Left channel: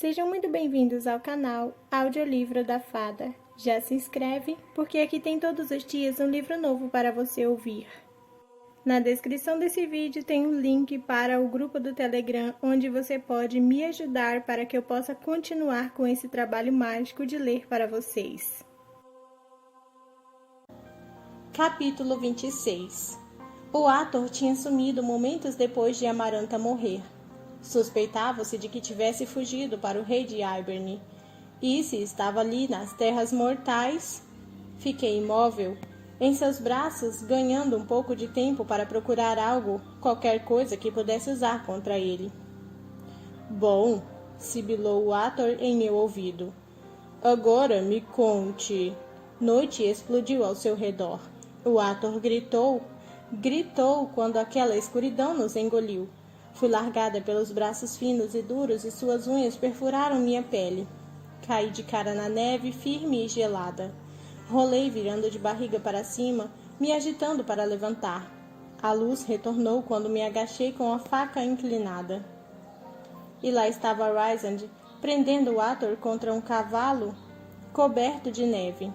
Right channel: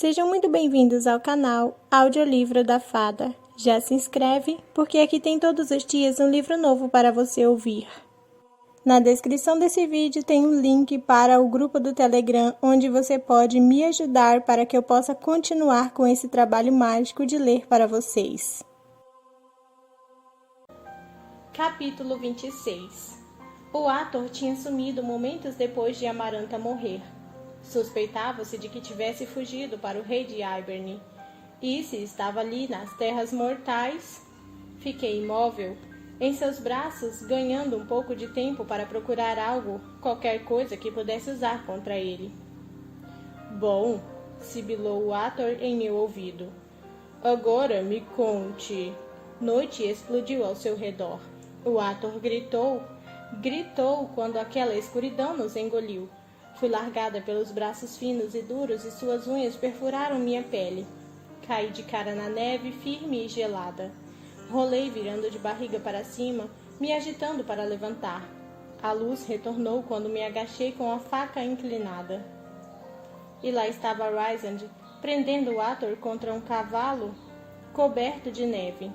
Sejam muito bem-vindos ao canal Audiolivro da Fada. Já se inscreve, porque aqui tem todos os dias um livro novo para você ouvir. Na descrição desse vídeo tem um link para o grupo do Telegram, onde você pode me ajudar para que eu possa continuar com esse trabalho mágico de ler para vocês. Capítulo 26. O Ator tinha sumido momentos depois de Amaranta morrer. Suspeitava-se de que tivesse fugido para o rei de Hiberne. E se estava ali nas terras mortais? Fiquei imóvel, em seus braços, ganhando um pouco de tempo para procurar algo, qualquer coisa que pudesse usar contra ele. Bom, sibilou o Ator em meu ouvido. Agora me conte. Noite explodiu ao seu redor. O Ator gritou quando aquela escuridão nos engoliu. Fui largada pelos braços finos e duros e suas unhas perfuraram minha pele. Caí de cara na neve, firme e gelada. Rolei virando de barriga para cima, me agitando para levantar. A luz retornou quando me agachei com a faca inclinada. E lá estava Rysand, prendendo o Ator contra um cavalo coberto de neve,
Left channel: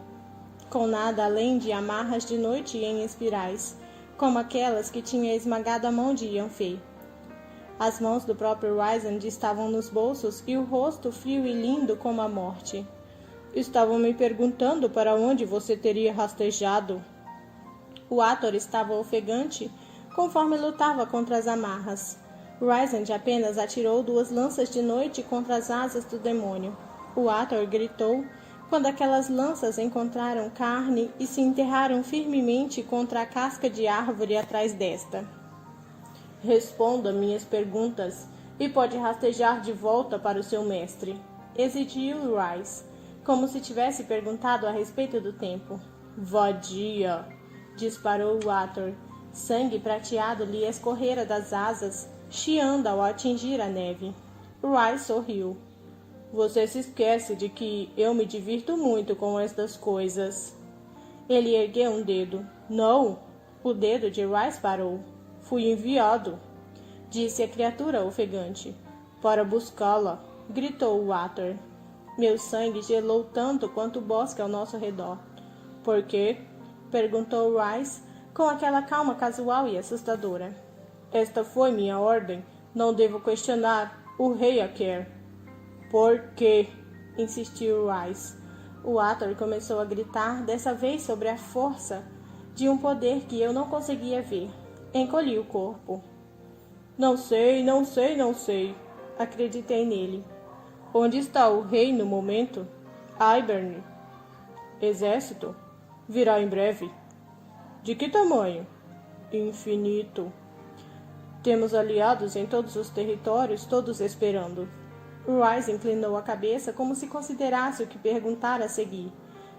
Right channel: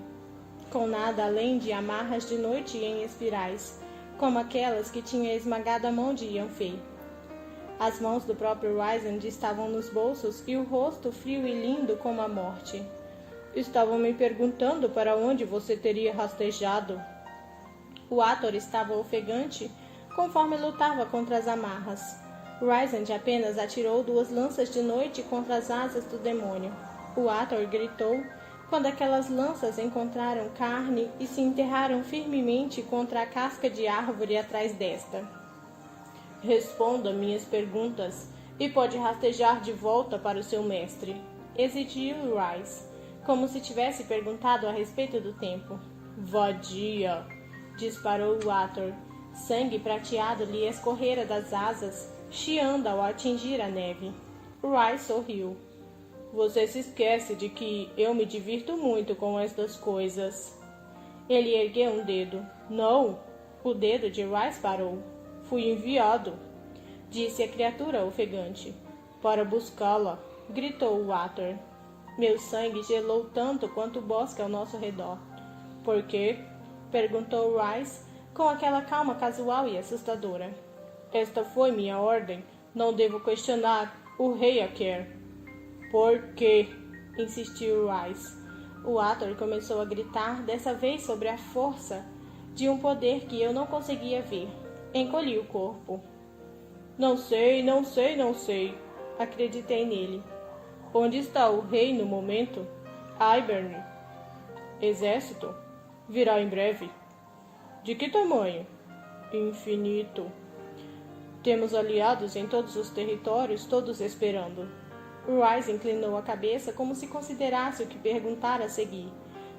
com nada além de amarras de noite em espirais, como aquelas que tinha esmagado a mão de Yanfei. As mãos do próprio Rysand estavam nos bolsos e o rosto frio e lindo como a morte. Estavam me perguntando para onde você teria rastejado. O Ator estava ofegante conforme lutava contra as amarras. Rysand apenas atirou 2 lanças de noite contra as asas do demônio. O Ator gritou quando aquelas lanças encontraram carne e se enterraram firmemente contra a casca de árvore atrás desta. Responda minhas perguntas e pode rastejar de volta para o seu mestre, exigiu Rhys, como se tivesse perguntado a respeito do tempo. Vadia, disparou o Ator. Sangue prateado lhe escorrera das asas, chiando ao atingir a neve. Rhys sorriu. Você se esquece de que eu me divirto muito com estas coisas. Ele ergueu um dedo. Não! O dedo de Rhys parou. Fui enviado, disse a criatura ofegante. Para buscá-la, gritou o Ator. Meu sangue gelou tanto quanto o bosque ao nosso redor. Por quê? Perguntou Rhys, com aquela calma casual e assustadora. Esta foi minha ordem. Não devo questionar. O rei a quer. Por quê? Insistiu Rhys. O Ator começou a gritar, dessa vez sobre a força de um poder que eu não conseguia ver. Encolhi o corpo. Não sei. Acreditei nele. Onde está o rei no momento? Hiberne. Exército? Virá em breve. De que tamanho? Infinito. Temos aliados em todos os territórios, todos esperando. Rhys inclinou a cabeça como se considerasse o que perguntar a seguir.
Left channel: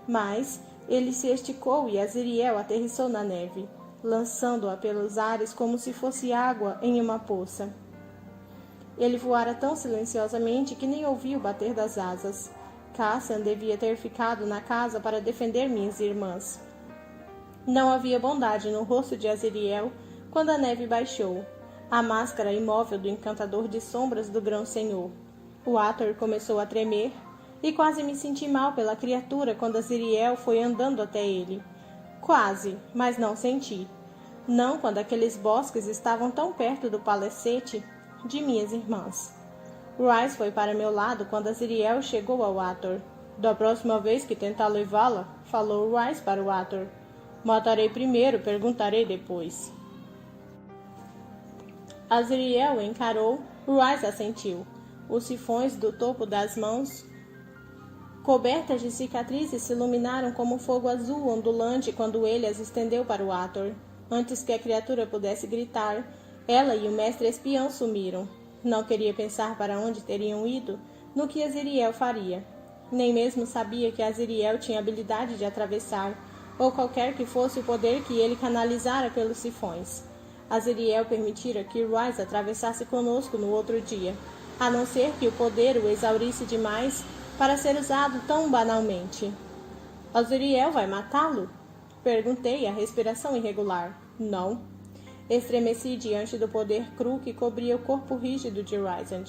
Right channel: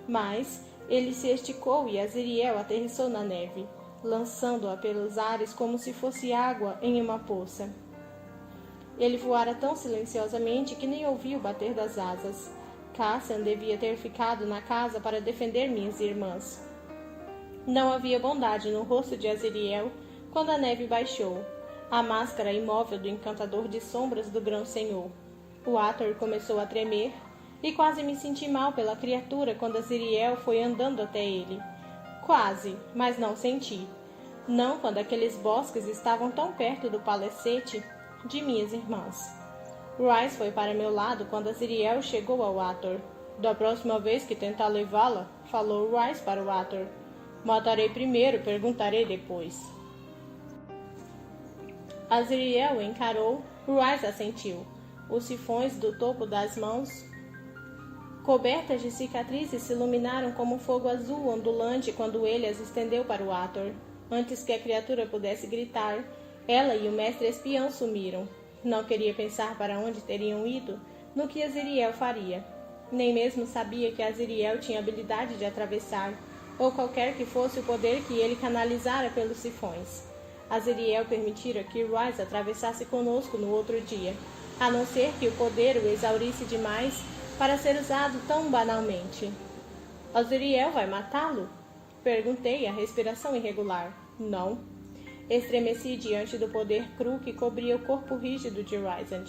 Mas ele se esticou e Aziriel aterrissou na neve, lançando-a pelos ares como se fosse água em uma poça. Ele voara tão silenciosamente que nem ouvi o bater das asas. Cassian devia ter ficado na casa para defender minhas irmãs. Não havia bondade no rosto de Aziriel quando a neve baixou, a máscara imóvel do encantador de sombras do Grão-Senhor. O Ator começou a tremer e quase me senti mal pela criatura quando Aziriel foi andando até ele. Quase, mas não senti. Não quando aqueles bosques estavam tão perto do palacete de minhas irmãs. Rhys foi para meu lado quando Aziriel chegou ao Ator. Da próxima vez que tentar levá-la, falou Rhys para o Ator. Matarei primeiro, perguntarei depois. Aziriel encarou, Rhys assentiu. Os sifões do topo das mãos, cobertas de cicatrizes, se iluminaram como fogo azul ondulante quando ele as estendeu para o Ator. Antes que a criatura pudesse gritar, ela e o mestre espião sumiram. Não queria pensar para onde teriam ido, no que Aziriel faria. Nem mesmo sabia que Aziriel tinha habilidade de atravessar, ou qualquer que fosse o poder que ele canalizara pelos sifões. Aziriel permitira que Rhys atravessasse conosco no outro dia, a não ser que o poder o exaurisse demais para ser usado tão banalmente. Aziriel vai matá-lo? Perguntei, a respiração irregular. Não. Estremeci diante do poder cru que cobria o corpo rígido de Rysand.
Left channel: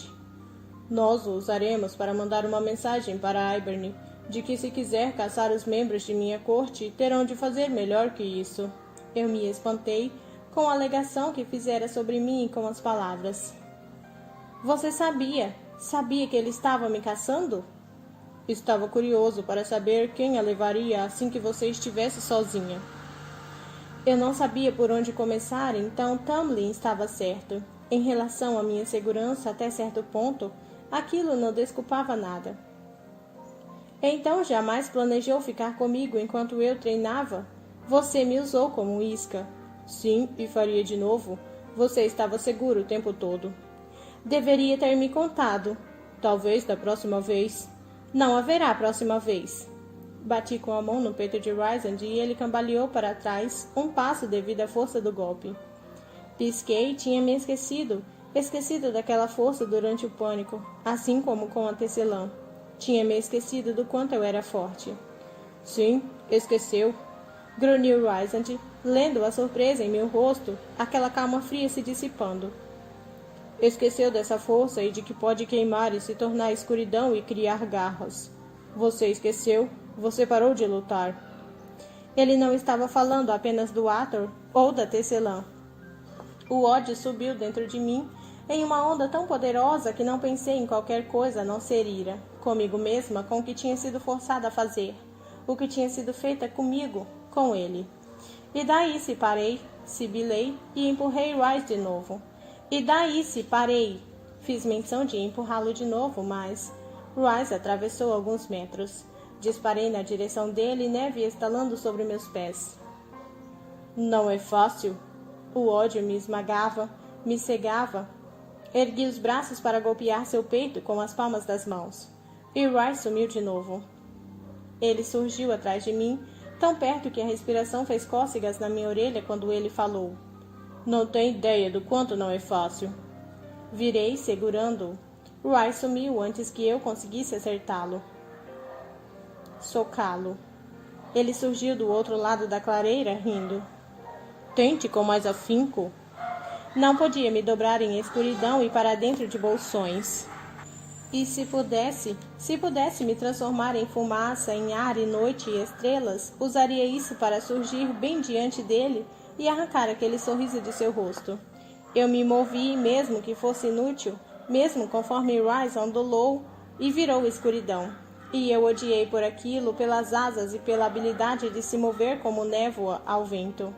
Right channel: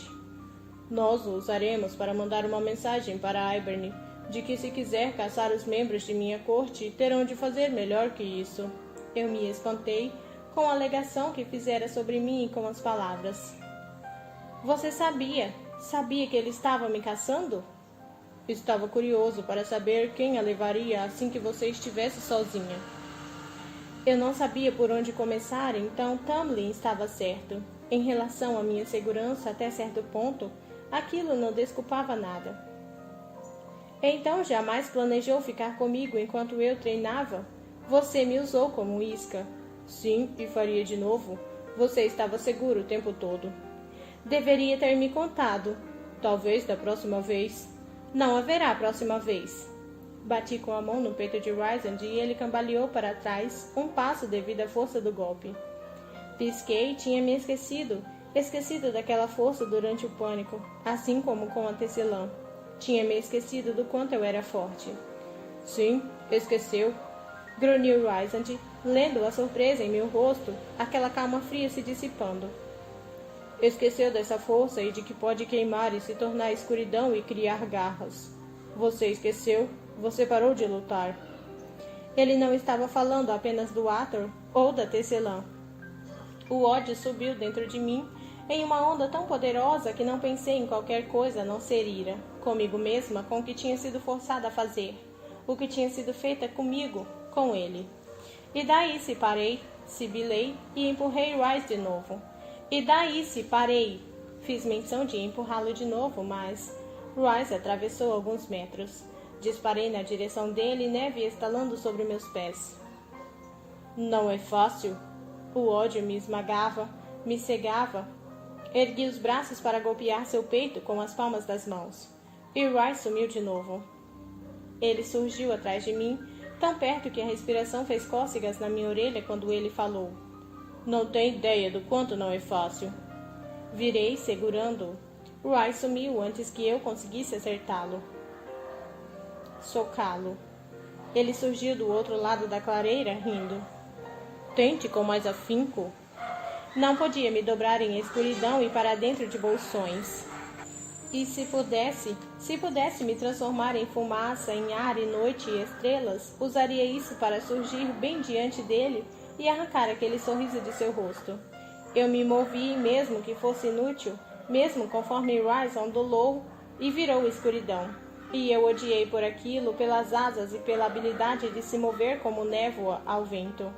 Nós o usaremos para mandar uma mensagem para Hiberne, de que se quiser caçar os membros de minha corte, terão de fazer melhor que isso. Eu me espantei com a alegação que fizera sobre mim com as palavras. Você sabia que ele estava me caçando? Estava curioso para saber quem a levaria assim que você estivesse sozinha. Eu não sabia por onde começar, então Tamlin estava certo. Em relação à minha segurança, até certo ponto, aquilo não desculpava nada. Então jamais planejou ficar comigo enquanto eu treinava? Você me usou como isca. Sim, e faria de novo. Você estava seguro o tempo todo. Deveria ter me contado. Talvez da próxima vez. Não haverá próxima vez. Bati com a mão no peito de Rysand e ele cambaleou para trás, um passo devido à força do golpe. Pisquei e tinha me esquecido daquela força durante o pânico, assim como com a tecelã. Tinha me esquecido do quanto eu era forte. Sim, esqueceu. Grunhiu Rysand, lendo a surpresa em meu rosto, aquela calma fria se dissipando. Esqueceu dessa força e de que pode queimar e se tornar escuridão e criar garras. Você esqueceu? Você parou de lutar. Ele não estava falando apenas do Ator ou da tecelã. O ódio subiu dentro de mim em uma onda tão poderosa que não pensei em qualquer coisa a não ser ira, comigo mesma, com o que tinha sido forçada a fazer, o que tinha sido feita comigo, com ele. E daí se parei, sibilei e empurrei Rhys de novo. E daí se parei. Fiz menção de empurrá-lo de novo, mas Rhys atravessou alguns metros. Disparei na direção dele, neve estalando sobre meus pés. Não é fácil. O ódio me esmagava, me cegava. Ergui os braços para golpear seu peito com as palmas das mãos. E Rhys sumiu de novo. Ele surgiu atrás de mim, tão perto que a respiração fez cócegas na minha orelha quando ele falou. Não tem ideia do quanto não é fácil. Virei, segurando-o. Rhys sumiu antes que eu conseguisse acertá-lo. Socá-lo. Ele surgiu do outro lado da clareira, rindo. Tente com mais afinco. Não podia me dobrar em escuridão e para dentro de bolsões. E se pudesse me transformar em fumaça, em ar e noite e estrelas, usaria isso para surgir bem diante dele e arrancar aquele sorriso de seu rosto. Eu me movi, mesmo que fosse inútil, mesmo conforme Rhys ondulou e virou escuridão. E eu odiei por aquilo, pelas asas e pela habilidade de se mover como névoa ao vento.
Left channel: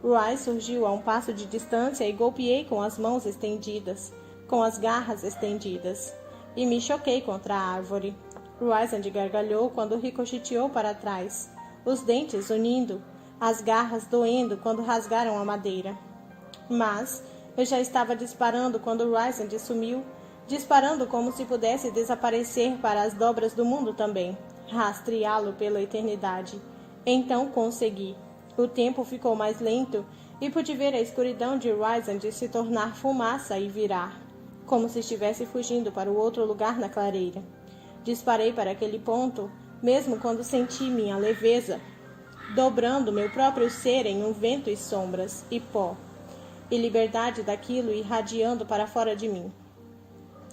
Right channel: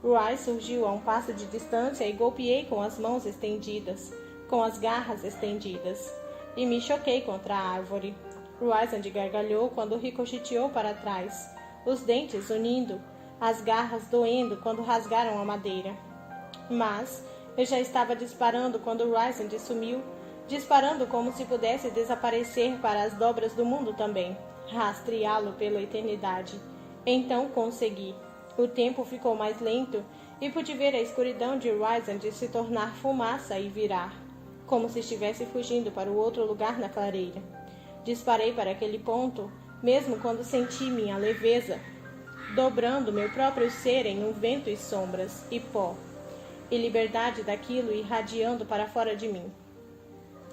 Rhys surgiu a um passo de distância e golpeei com as mãos estendidas, com as garras estendidas, e me choquei contra a árvore. Rysand gargalhou quando ricocheteou para trás, os dentes unindo, as garras doendo quando rasgaram a madeira. Mas eu já estava disparando quando Rysand sumiu, disparando como se pudesse desaparecer para as dobras do mundo também, rastreá-lo pela eternidade. Então consegui. O tempo ficou mais lento e pude ver a escuridão de Rysand se tornar fumaça e virar, como se estivesse fugindo para o outro lugar na clareira. Disparei para aquele ponto, mesmo quando senti minha leveza, dobrando meu próprio ser em um vento e sombras, e pó, e liberdade daquilo irradiando para fora de mim.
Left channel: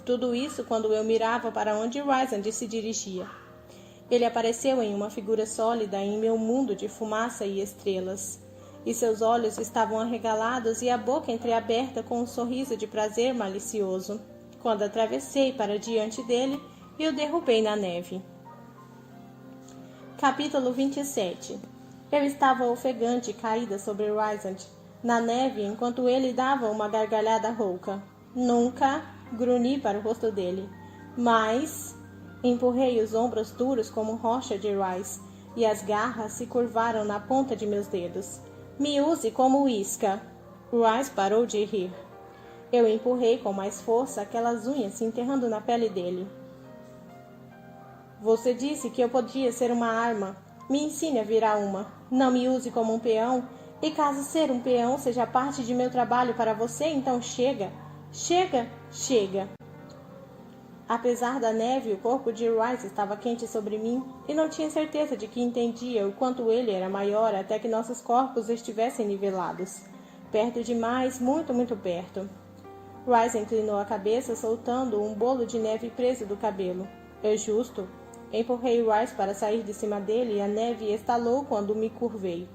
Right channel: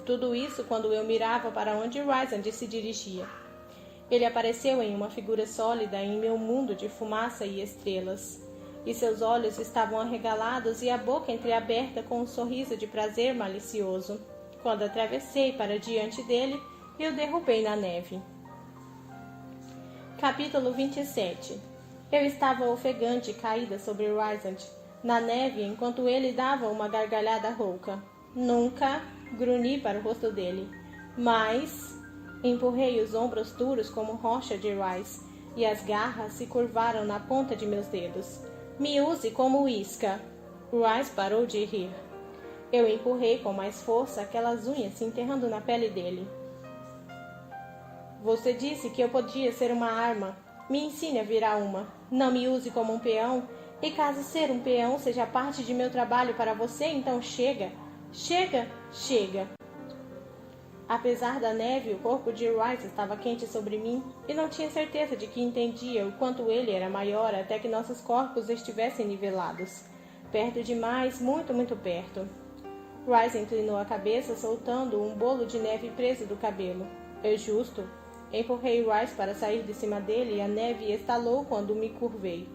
Tudo isso quando eu mirava para onde Rysand se dirigia. Ele apareceu em uma figura sólida em meu mundo de fumaça e estrelas, e seus olhos estavam arregalados e a boca entreaberta com um sorriso de prazer malicioso, quando atravessei para diante dele e o derrubei na neve. Capítulo 27. Eu estava ofegante, caída sobre Rysand, na neve, enquanto ele dava uma gargalhada rouca. Nunca grunhi para o rosto dele, mas empurrei os ombros duros como rocha de Rhys, e as garras se curvaram na ponta de meus dedos. Me use como isca. Rhys parou de rir. Eu empurrei com mais força aquelas unhas se enterrando na pele dele. Você disse que eu podia ser uma arma. Me ensine a virar uma. Não me use como um peão. E caso ser um peão seja parte de meu trabalho para você, então chega. Chega, chega. Apesar da neve, o corpo de Rhys estava quente sobre mim, e não tinha certeza de que entendia o quanto ele era maior até que nossos corpos estivessem nivelados. Perto demais, muito, muito perto. Rice inclinou a cabeça, soltando um bolo de neve preso do cabelo. É justo. Empurrei Rice para sair de cima dele e a neve estalou quando me curvei.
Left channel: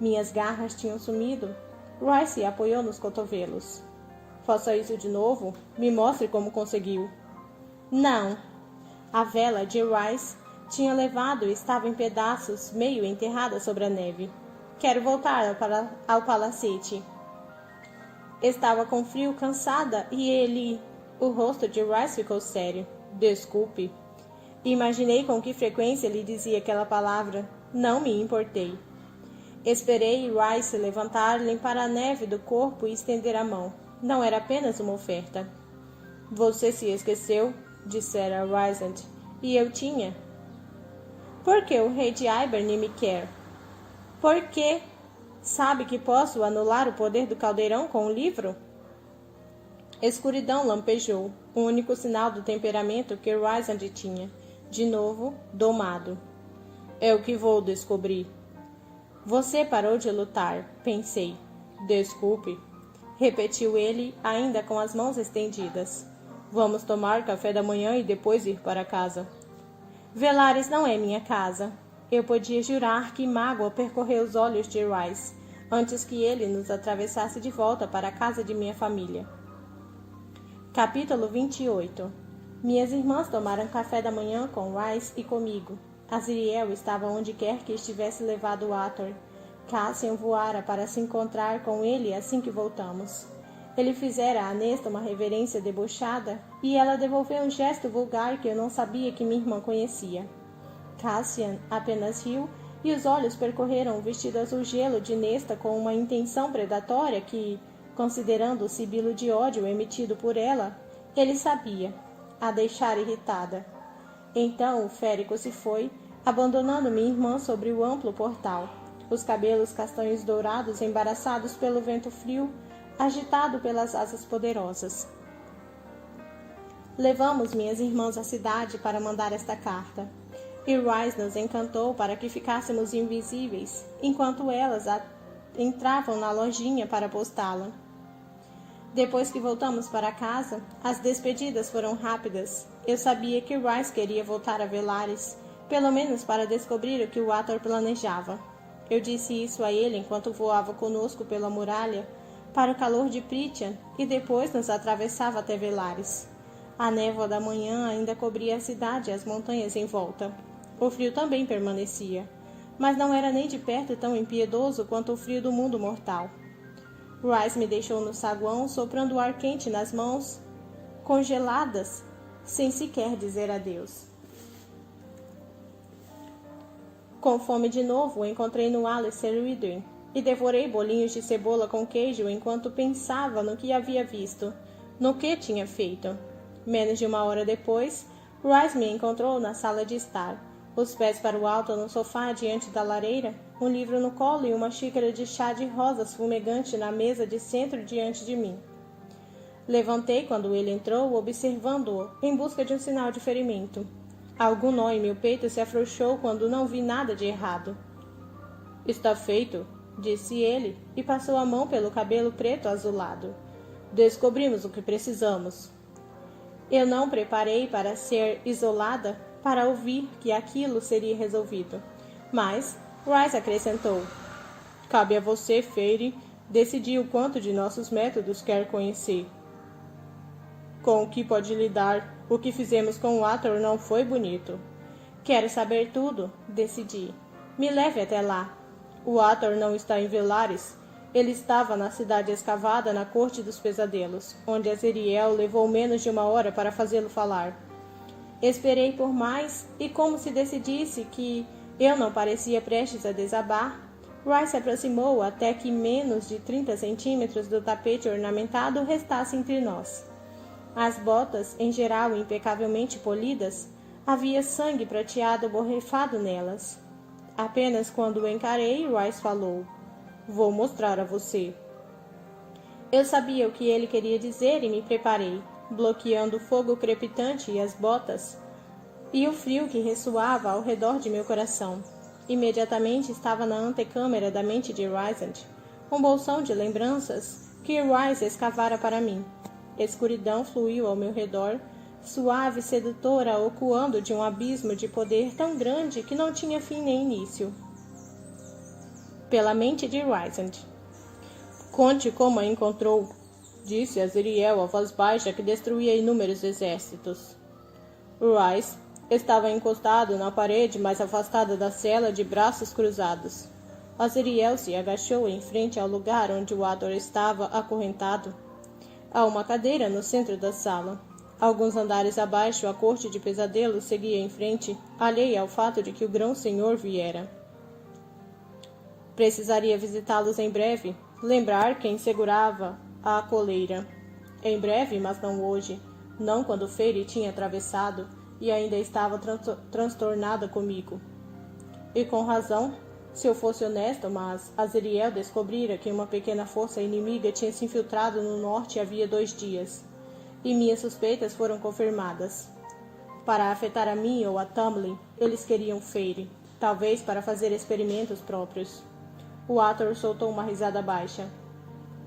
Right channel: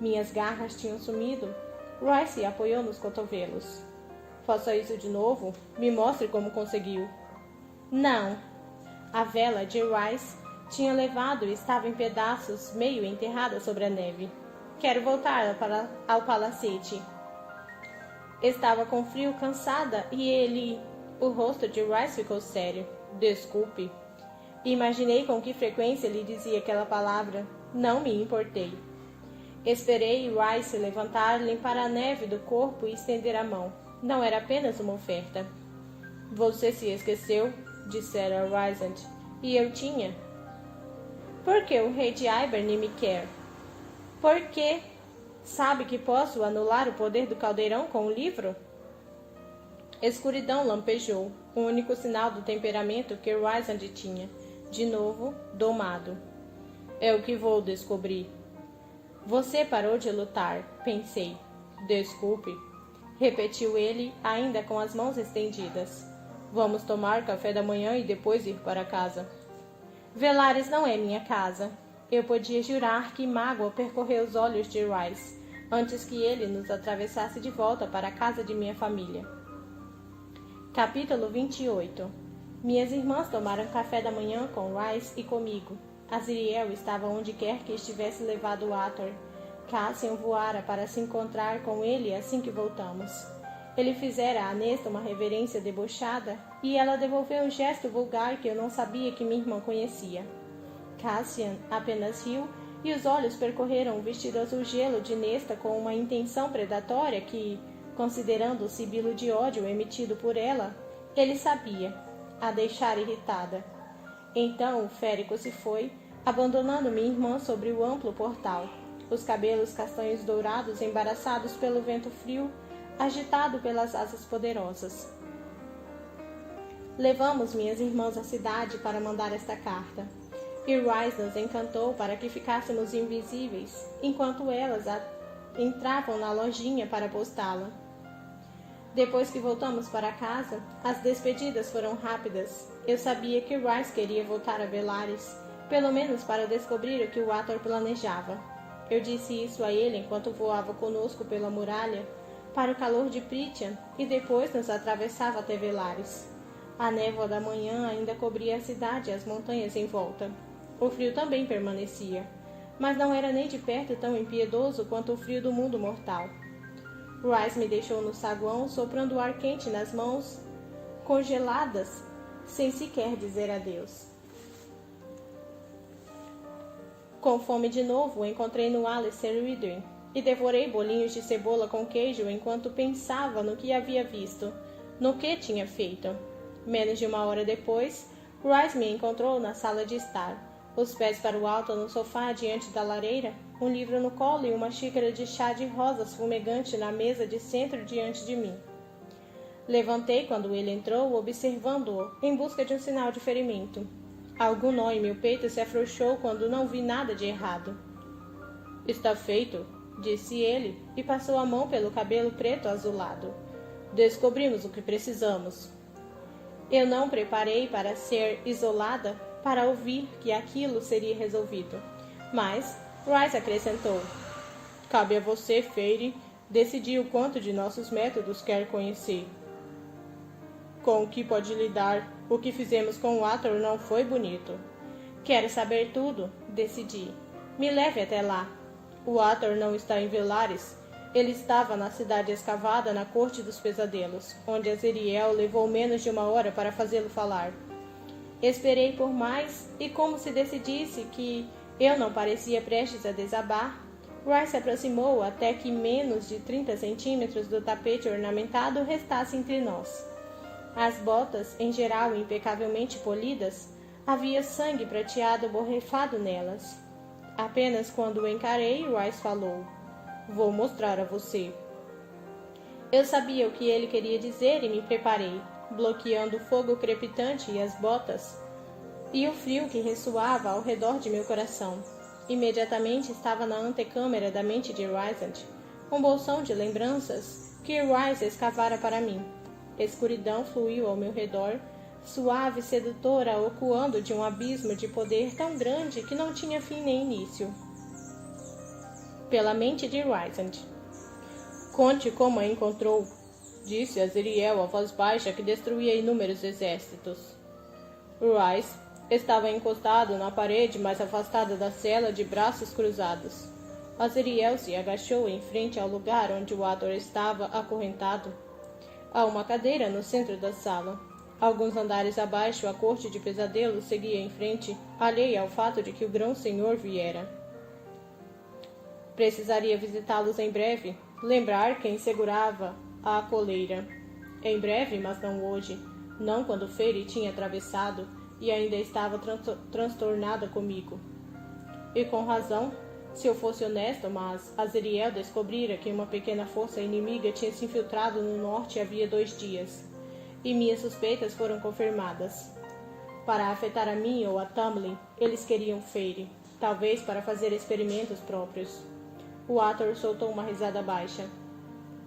Minhas garras tinham sumido. Rice se apoiou nos cotovelos. Faça isso de novo? Me mostre como conseguiu. Não. A vela de Rice tinha levado e estava em pedaços, meio enterrada sobre a neve. Quero voltar ao palacete. Estava com frio, cansada, e o rosto de Rice ficou sério. Desculpe. Imaginei com que frequência ele dizia aquela palavra. Não me importei. Esperei Rice levantar, limpar a neve do corpo e estender a mão. Não era apenas uma oferta. Você se esqueceu, dissera Rysand, e eu tinha. Por que o rei de Hibern me quer? Por que? Sabe que posso anular o poder do caldeirão com um livro? Escuridão lampejou, o único sinal do temperamento que Rysand tinha, de novo, domado. É o que vou descobrir. Você parou de lutar, pensei. Desculpe, repetiu ele, ainda com as mãos estendidas. Vamos tomar café da manhã e depois ir para casa. Velares não é minha casa. Eu podia jurar que mágoa percorreu os olhos de Rice, antes que ele nos atravessasse de volta para a casa de minha família. Capítulo 28. Minhas irmãs tomaram café da manhã com Rice e comigo. Azriel estava onde quer que estivesse levado Ator. Cassian voara para se encontrar com ele assim que voltamos. Ele fizera a Nesta uma reverência debochada, e ela devolveu um gesto vulgar que eu não sabia que minha irmã conhecia. Cassian apenas riu, e os olhos percorreram o vestido azul gelo de Nesta com uma intenção predatória que, considerando o sibilo de ódio emitido por ela, ele sabia, a deixar irritada. Então o férico se foi, abandonando minha irmã sobre o amplo portal, os cabelos castanhos dourados embaraçados pelo vento frio, agitado pelas asas poderosas. Levamos minhas irmãs à cidade para mandar esta carta, e Rice nos encantou para que ficássemos invisíveis, enquanto elas entravam na lojinha para postá-la. Depois que voltamos para casa, as despedidas foram rápidas. Eu sabia que Rice queria voltar a Velares, pelo menos para descobrir o que o Ator planejava. Eu disse isso a ele enquanto voava conosco pela muralha, para o calor de Prythian, e depois nos atravessava até Velares. A névoa da manhã ainda cobria a cidade e as montanhas em volta. O frio também permanecia, mas não era nem de perto tão impiedoso quanto o frio do mundo mortal. Rice me deixou no saguão, soprando o ar quente nas mãos, congeladas, sem sequer dizer adeus. Com fome de novo, encontrei no Alistair Ridwin e devorei bolinhos de cebola com queijo enquanto pensava no que havia visto, no que tinha feito. Menos de uma hora depois, Rice me encontrou na sala de estar, os pés para o alto no sofá diante da lareira, um livro no colo e uma xícara de chá de rosas fumegante na mesa de centro diante de mim. Levantei quando ele entrou, observando-o, em busca de um sinal de ferimento. Algum nó em meu peito se afrouxou quando não vi nada de errado. Está feito, disse ele, e passou a mão pelo cabelo preto azulado. Descobrimos o que precisamos. Eu não preparei para ser isolada, para ouvir que aquilo seria resolvido. Mas Rice acrescentou: cabe a você, Feyre, decidir o quanto de nossos métodos quer conhecer. Com o que pode lidar, o que fizemos com o Ator não foi bonito. Quero saber tudo, decidi. Me leve até lá. O Ator não está em Velares. Ele estava na cidade escavada na Corte dos Pesadelos, onde Azriel levou menos de uma hora para fazê-lo falar. Esperei por mais, e como se decidisse que eu não parecia prestes a desabar, Rice se aproximou até que menos de 30 centímetros do tapete ornamentado restasse entre nós. As botas, em geral impecavelmente polidas, havia sangue prateado borrifado nelas. Apenas quando o encarei, Rice falou: vou mostrar a você. Eu sabia o que ele queria dizer e me preparei, bloqueando o fogo crepitante e as botas, e o frio que ressoava ao redor de meu coração. Imediatamente estava na antecâmara da mente de Rysand, um bolsão de lembranças que Rice escavara para mim. Escuridão fluiu ao meu redor, suave e sedutora, ocoando de um abismo de poder tão grande que não tinha fim nem início. Pela mente de Rysand. Conte como a encontrou, disse Azriel a voz baixa que destruía inúmeros exércitos. Rhys estava encostado na parede mais afastada da cela, de braços cruzados. Azriel se agachou em frente ao lugar onde o Ator estava acorrentado. Há uma cadeira no centro da sala. Alguns andares abaixo, a corte de pesadelos seguia em frente, alheia ao fato de que o grão-senhor viera. Precisaria visitá-los em breve, lembrar quem segurava a coleira. Em breve, mas não hoje, não quando Feyre tinha atravessado e ainda estava transtornada comigo. E com razão, se eu fosse honesto, mas Azriel descobrira que uma pequena força inimiga tinha se infiltrado no norte havia 2 dias, e minhas suspeitas foram confirmadas. Para afetar a mim ou a Tamlin, eles queriam Feyre, talvez para fazer experimentos próprios. O Ator soltou uma risada baixa.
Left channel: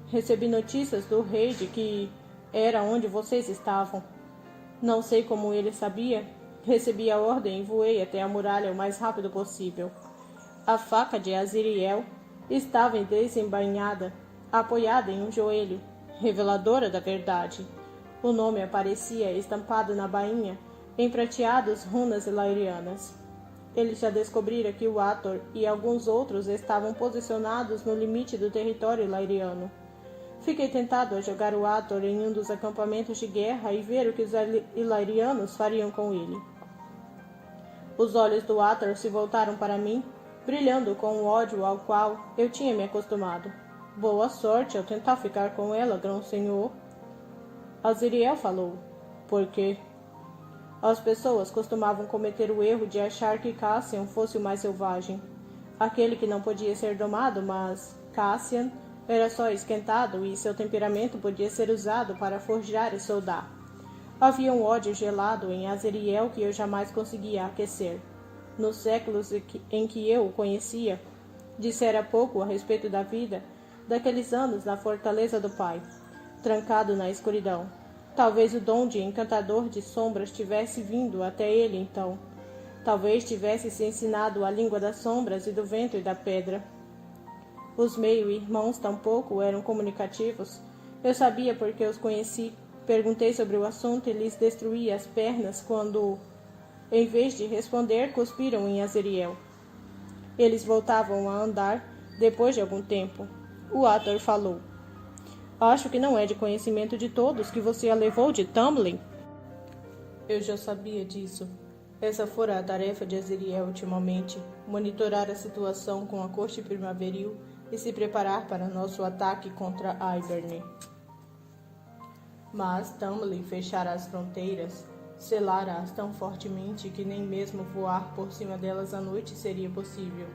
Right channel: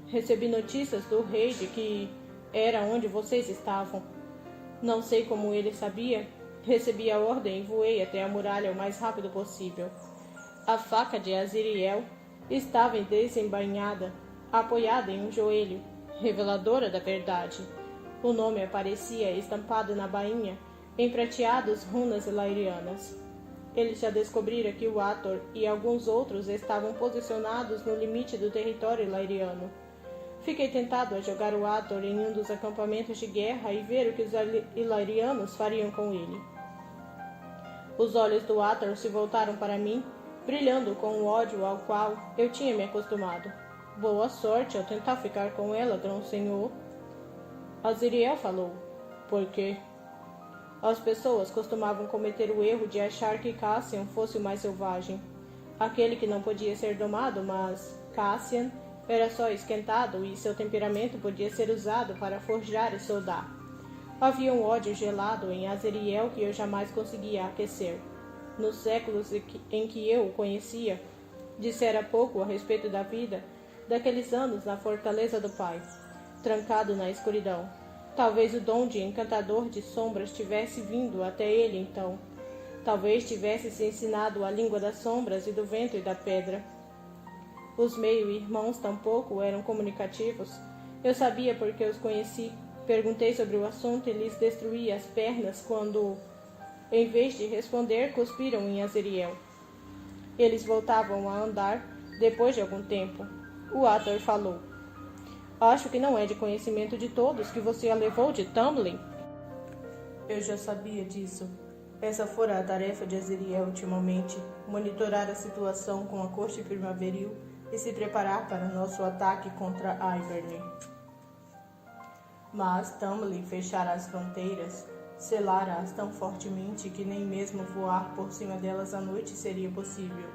Recebi notícias do rei de que era onde vocês estavam. Não sei como ele sabia. Recebi a ordem e voei até a muralha o mais rápido possível. A faca de Azriel estava desembainhada, apoiada em um joelho, reveladora da verdade. O nome aparecia estampado na bainha, em prateadas runas lairianas. Ele já descobrira que o Ator e alguns outros estavam posicionados no limite do território lairiano. Fiquei tentado a jogar o Ator em um dos acampamentos de guerra e ver o que os Illyrianos fariam com ele. Os olhos do Ator se voltaram para mim, brilhando com o ódio ao qual eu tinha me acostumado. Boa sorte ao tentar ficar com ela, grão-senhor. Azriel falou. Por quê? As pessoas costumavam cometer o erro de achar que Cassian fosse o mais selvagem, aquele que não podia ser domado, mas Cassian era só esquentado e seu temperamento podia ser usado para forjar e soldar. Havia um ódio gelado em Azriel que eu jamais conseguia aquecer. Nos séculos em que eu o conhecia, dissera pouco a respeito da vida daqueles anos na fortaleza do pai, trancado na escuridão. Talvez o dom de encantador de sombras tivesse vindo até ele então. Talvez tivesse se ensinado a língua das sombras e do vento e da pedra. Os meio-irmãos tampouco eram comunicativos. Eu sabia porque os conheci. Perguntei sobre o assunto e lhes destruí as pernas quando, em vez de responder, cuspiram em Azriel. Eles voltavam a andar depois de algum tempo. O Ator falou. Acho que não é de conhecimento de todos que você a levou de Tamlin. Eu já sabia disso. Essa fora a tarefa de Azriel ultimamente, monitorar a situação com a corte primaveril e se preparar para nosso ataque contra Yberne. Mas Tamlin fechara as fronteiras, selara-as tão fortemente que nem mesmo voar por cima delas à noite seria possível,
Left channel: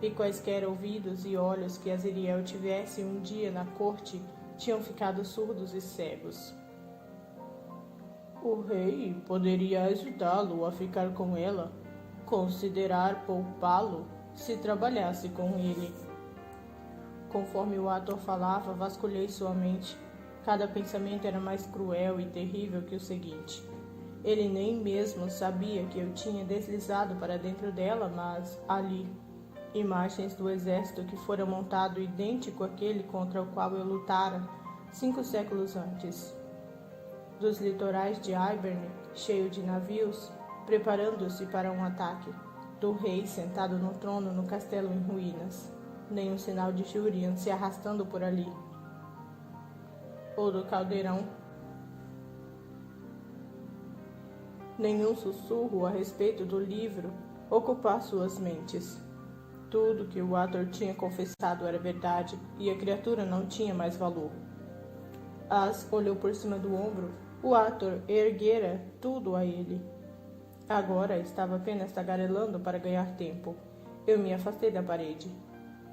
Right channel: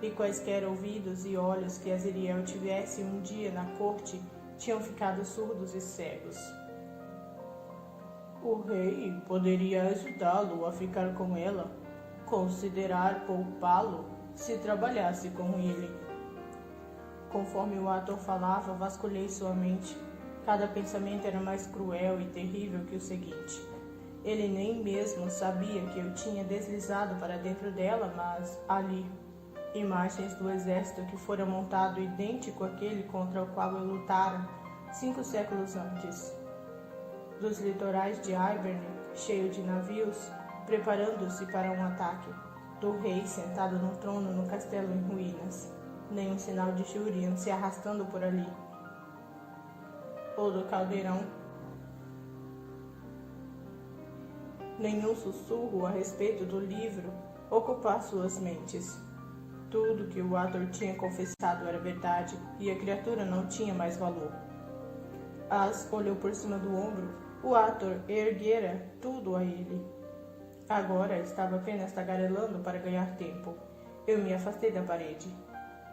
e quaisquer ouvidos e olhos que Azriel tivesse um dia na corte tinham ficado surdos e cegos. O rei poderia ajudá-lo a ficar com ela, considerar poupá-lo se trabalhasse com ele. Conforme o Ator falava, vasculhei sua mente. Cada pensamento era mais cruel e terrível que o seguinte. Ele nem mesmo sabia que eu tinha deslizado para dentro dela, mas ali, imagens do exército que fora montado idêntico àquele contra o qual eu lutara 5 séculos antes. Dos litorais de Yberne, cheio de navios, preparando-se para um ataque. Do rei sentado no trono no castelo em ruínas. Nenhum sinal de Júrian se arrastando por ali. Ou do caldeirão. Nenhum sussurro a respeito do livro ocupar suas mentes. Tudo que o Ator tinha confessado era verdade, e a criatura não tinha mais valor. As olhou por cima do ombro. O Ator erguera tudo a ele. Agora estava apenas tagarelando para ganhar tempo. Eu me afastei da parede.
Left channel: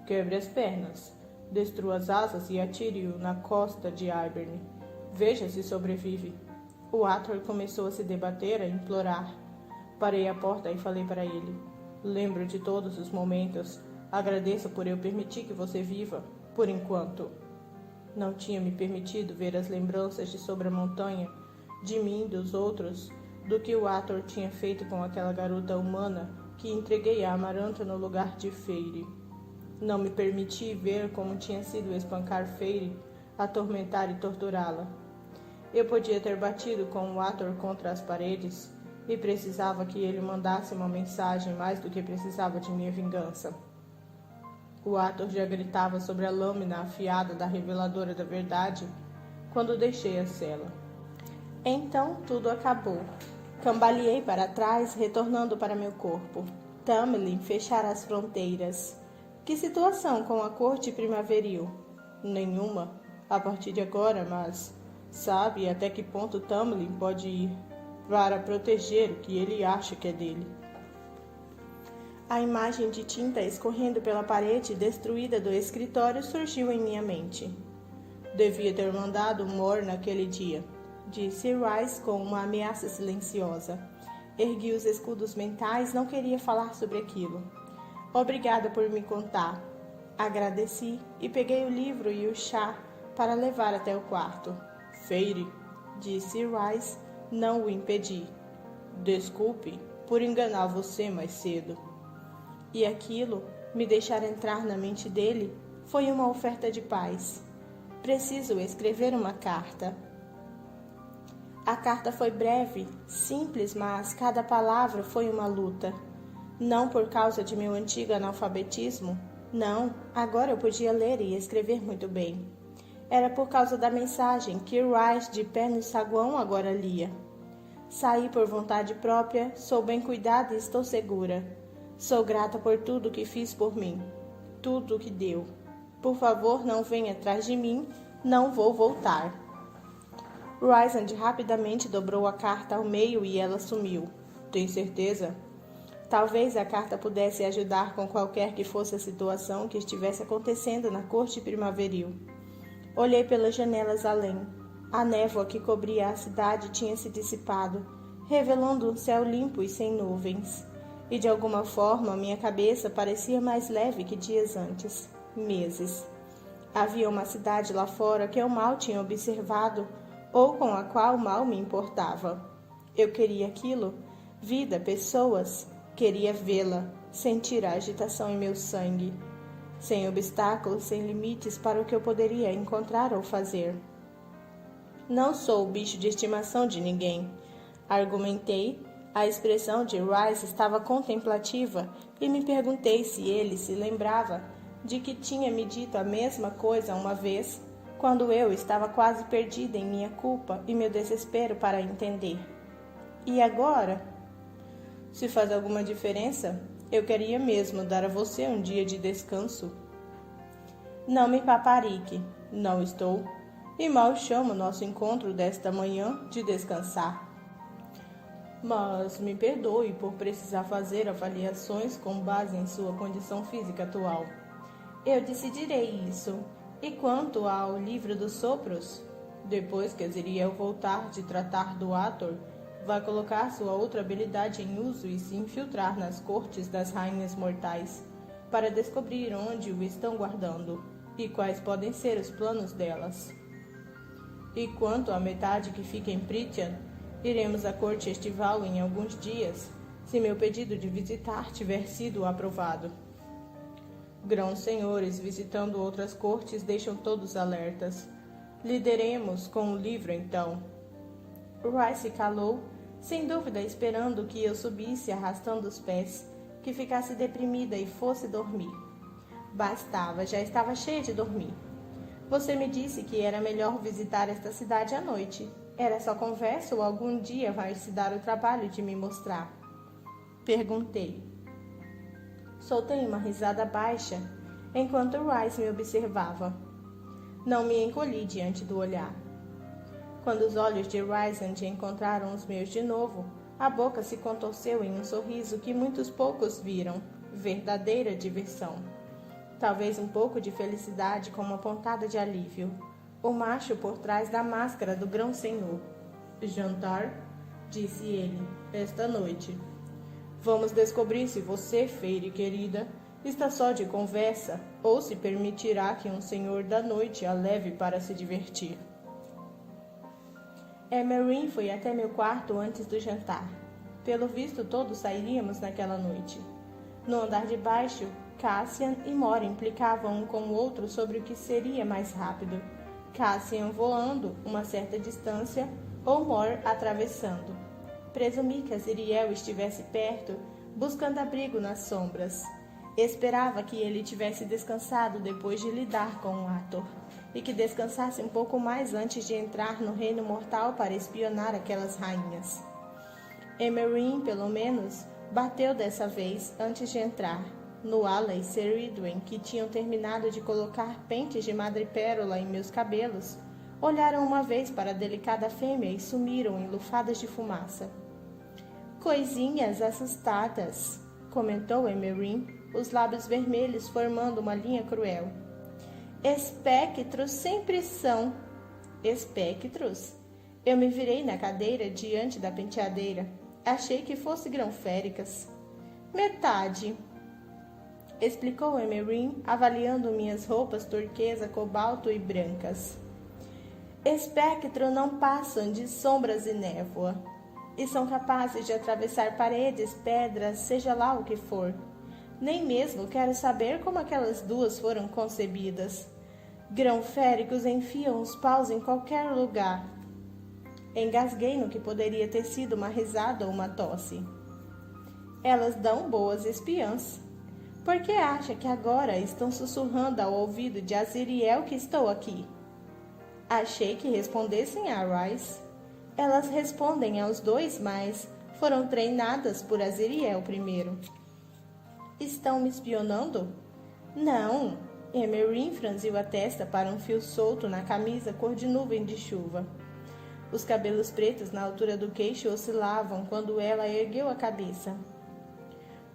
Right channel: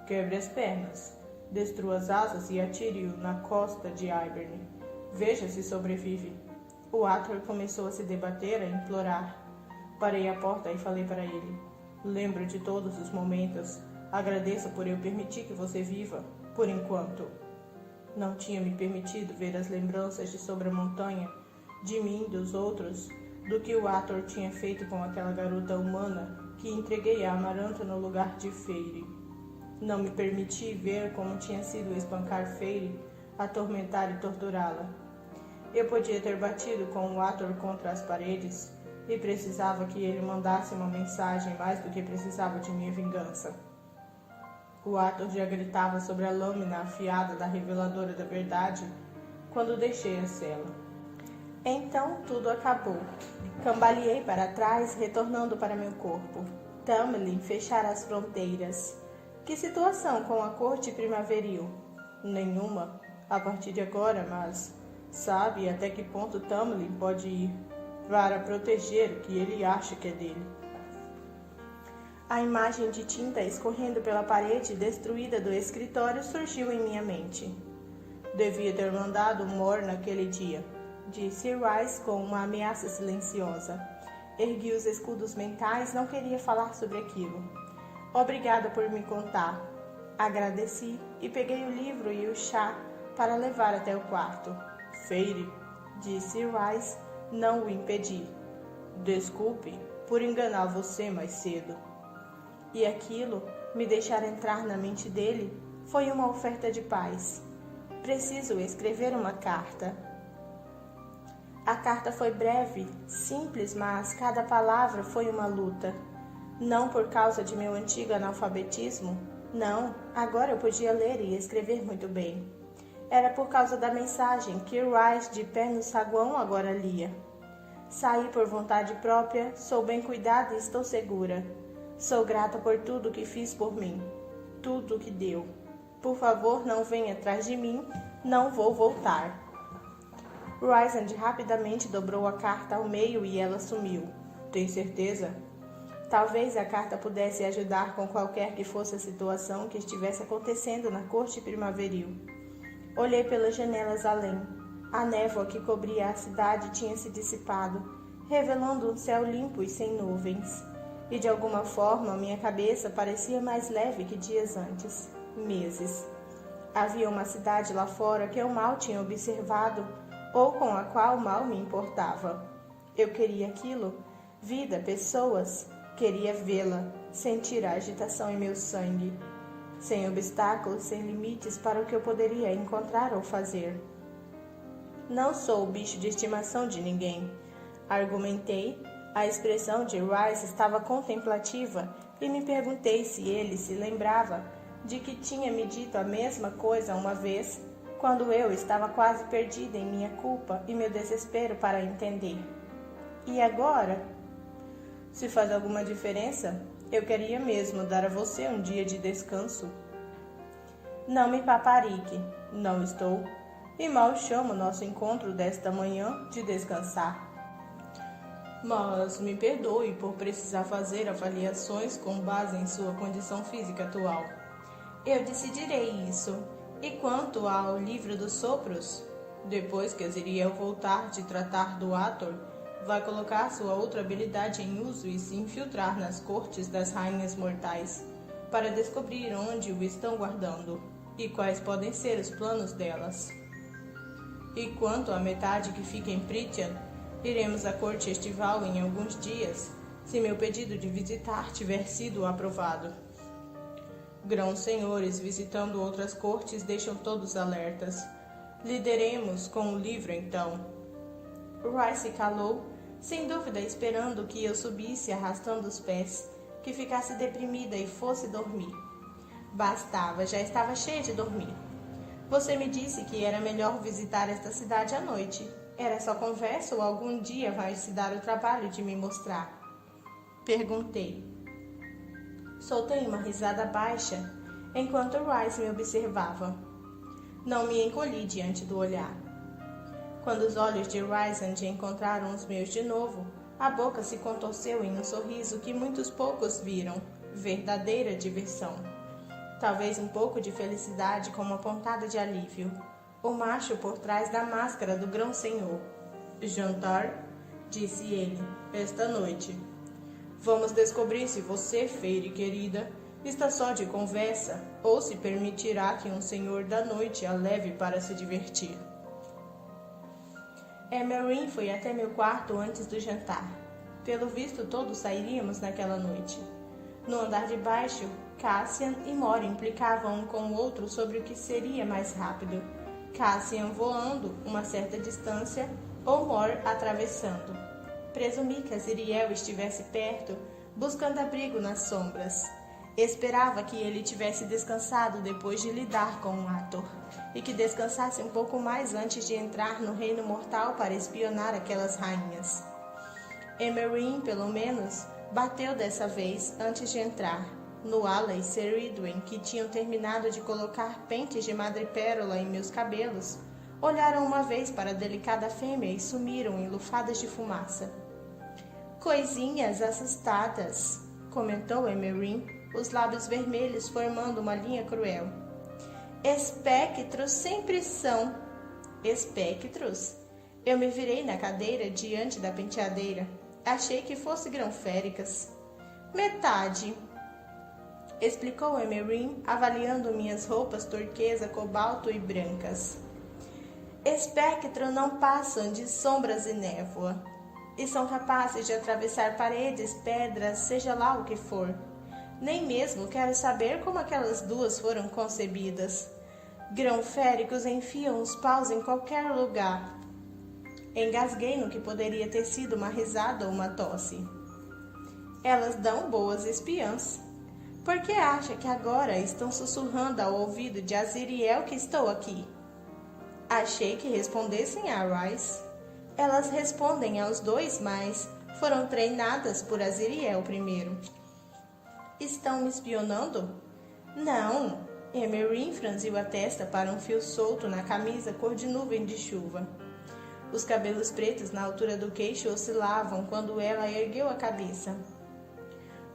Quebre as pernas, destrua as asas e atire-o na costa de Yberne. Veja se sobrevive. O Ator começou a se debater, a implorar. Parei à porta e falei para ele. Lembro de todos os momentos. Agradeço por eu permitir que você viva, por enquanto. Não tinha me permitido ver as lembranças de sobre a montanha, de mim e dos outros, do que o Ator tinha feito com aquela garota humana que entreguei a Amaranta no lugar de Feire. Não me permiti ver como tinha sido espancar Feire, atormentar e torturá-la. Eu podia ter batido com o Ator contra as paredes e precisava que ele mandasse uma mensagem mais do que precisava de minha vingança. O Ator já gritava sobre a lâmina afiada da reveladora da verdade quando deixei a cela. Então tudo acabou. Cambaleei para trás, retornando para meu corpo. Tamlin fechara as fronteiras. Que situação com a corte primaveril? Nenhuma, a partir de agora, mas sabe até que ponto Tamlin pode ir para proteger o que ele acha que é dele. A imagem de tinta escorrendo pela parede destruída do escritório surgiu em minha mente. Devia ter mandado Mor naquele dia, disse Rice com uma ameaça silenciosa. Ergui os escudos mentais, não queria falar sobre aquilo. Obrigada por me contar. Agradeci e peguei o livro e o chá para levar até o quarto. Feire, disse Rice, não o impedi. Desculpe por enganar você mais cedo. E aquilo, me deixar entrar na mente dele, foi uma oferta de paz. Preciso escrever uma carta. A carta foi breve, simples, mas cada palavra foi uma luta. Não por causa de meu antigo analfabetismo, não, agora eu podia ler e escrever muito bem. Era por causa da mensagem que Rice, de pé no saguão, agora lia. Saí por vontade própria, sou bem cuidada e estou segura. Sou grata por tudo que fiz por mim, tudo que deu. Por favor, não venha atrás de mim, não vou voltar. Rysand rapidamente dobrou a carta ao meio e ela sumiu. Tem certeza? Talvez a carta pudesse ajudar com qualquer que fosse a situação que estivesse acontecendo na corte primaveril. Olhei pelas janelas além. A névoa que cobria a cidade tinha se dissipado, revelando um céu limpo e sem nuvens. E de alguma forma minha cabeça parecia mais leve que dias antes, meses. Havia uma cidade lá fora que eu mal tinha observado ou com a qual mal me importava. Eu queria aquilo, vida, pessoas, queria vê-la, sentir a agitação em meu sangue, sem obstáculos, sem limites para o que eu poderia encontrar ou fazer. Não sou o bicho de estimação de ninguém, argumentei. A expressão de Rice estava contemplativa e me perguntei se ele se lembrava de que tinha me dito a mesma coisa uma vez, quando eu estava quase perdida em minha culpa e meu desespero para entender. E agora? Se faz alguma diferença, eu queria mesmo dar a você um dia de descanso. Não me paparique, não estou, e mal chamo nosso encontro desta manhã de descansar. Mas me perdoe por precisar fazer avaliações com base em sua condição física atual. Eu decidirei isso. E quanto ao livro dos sopros? Depois que Aziriel voltar de tratar do Ator, vai colocar sua outra habilidade em uso e se infiltrar nas cortes das rainhas mortais, para descobrir onde o estão guardando e quais podem ser os planos delas. E quanto à metade que fica em Prythian, iremos à corte estival em alguns dias, se meu pedido de visitar tiver sido aprovado. Grãos senhores visitando outras cortes deixam todos alertas. Lideremos com o livro, então. Rice calou, sem dúvida esperando que eu subisse arrastando os pés, que ficasse deprimida e fosse dormir. Bastava, já estava cheia de dormir. Você me disse que era melhor visitar esta cidade à noite. Era só conversa ou algum dia vai se dar o trabalho de me mostrar? Perguntei. Soltei uma risada baixa, enquanto Rice me observava. Não me encolhi diante do olhar. Quando os olhos de Rysand encontraram os meus de novo, a boca se contorceu em um sorriso que muitos poucos viram, verdadeira diversão. Talvez um pouco de felicidade com uma pontada de alívio. O macho por trás da máscara do grão-senhor. Jantar, disse ele, esta noite. Vamos descobrir se você, Feire querida, Está só de conversa, ou se permitirá que um senhor da noite a leve para se divertir? Emerin foi até meu quarto antes do jantar. Pelo visto, todos sairíamos naquela noite. No andar de baixo, Cassian e Mor implicavam um com o outro sobre o que seria mais rápido. Cassian voando uma certa distância ou Mor atravessando. Presumi que Aziriel estivesse perto, buscando abrigo nas sombras. Esperava que ele tivesse descansado depois de lidar com o Ator, e que descansasse um pouco mais antes de entrar no reino mortal para espionar aquelas rainhas. Emerin, pelo menos, bateu dessa vez antes de entrar. Nuala e Ceridwen, que tinham terminado de colocar pentes de madrepérola em meus cabelos, olharam uma vez para a delicada fêmea e sumiram em lufadas de fumaça. Coisinhas assustadas, comentou Emerin, os lábios vermelhos formando uma linha cruel. Espectros sempre são. Espectros? Eu me virei na cadeira diante da penteadeira. Achei que fosse grão-féricas. Metade, explicou Emerin, avaliando minhas roupas turquesa, cobalto e brancas. Espectros não passam de sombras e névoa, e são capazes de atravessar paredes, pedras, seja lá o que for. Nem mesmo quero saber como aquelas duas foram concebidas. Grão-féricos enfiam os paus em qualquer lugar. Engasguei no que poderia ter sido uma risada ou uma tosse. Elas dão boas espiãs. Por que acha que agora estão sussurrando ao ouvido de Aziriel que estou aqui? Achei que respondessem a Rice. Elas respondem aos dois, mas foram treinadas por Aziriel primeiro. Estão me espionando? Não. Emerin franziu a testa para um fio solto na camisa cor de nuvem de chuva. Os cabelos pretos na altura do queixo oscilavam quando ela ergueu a cabeça.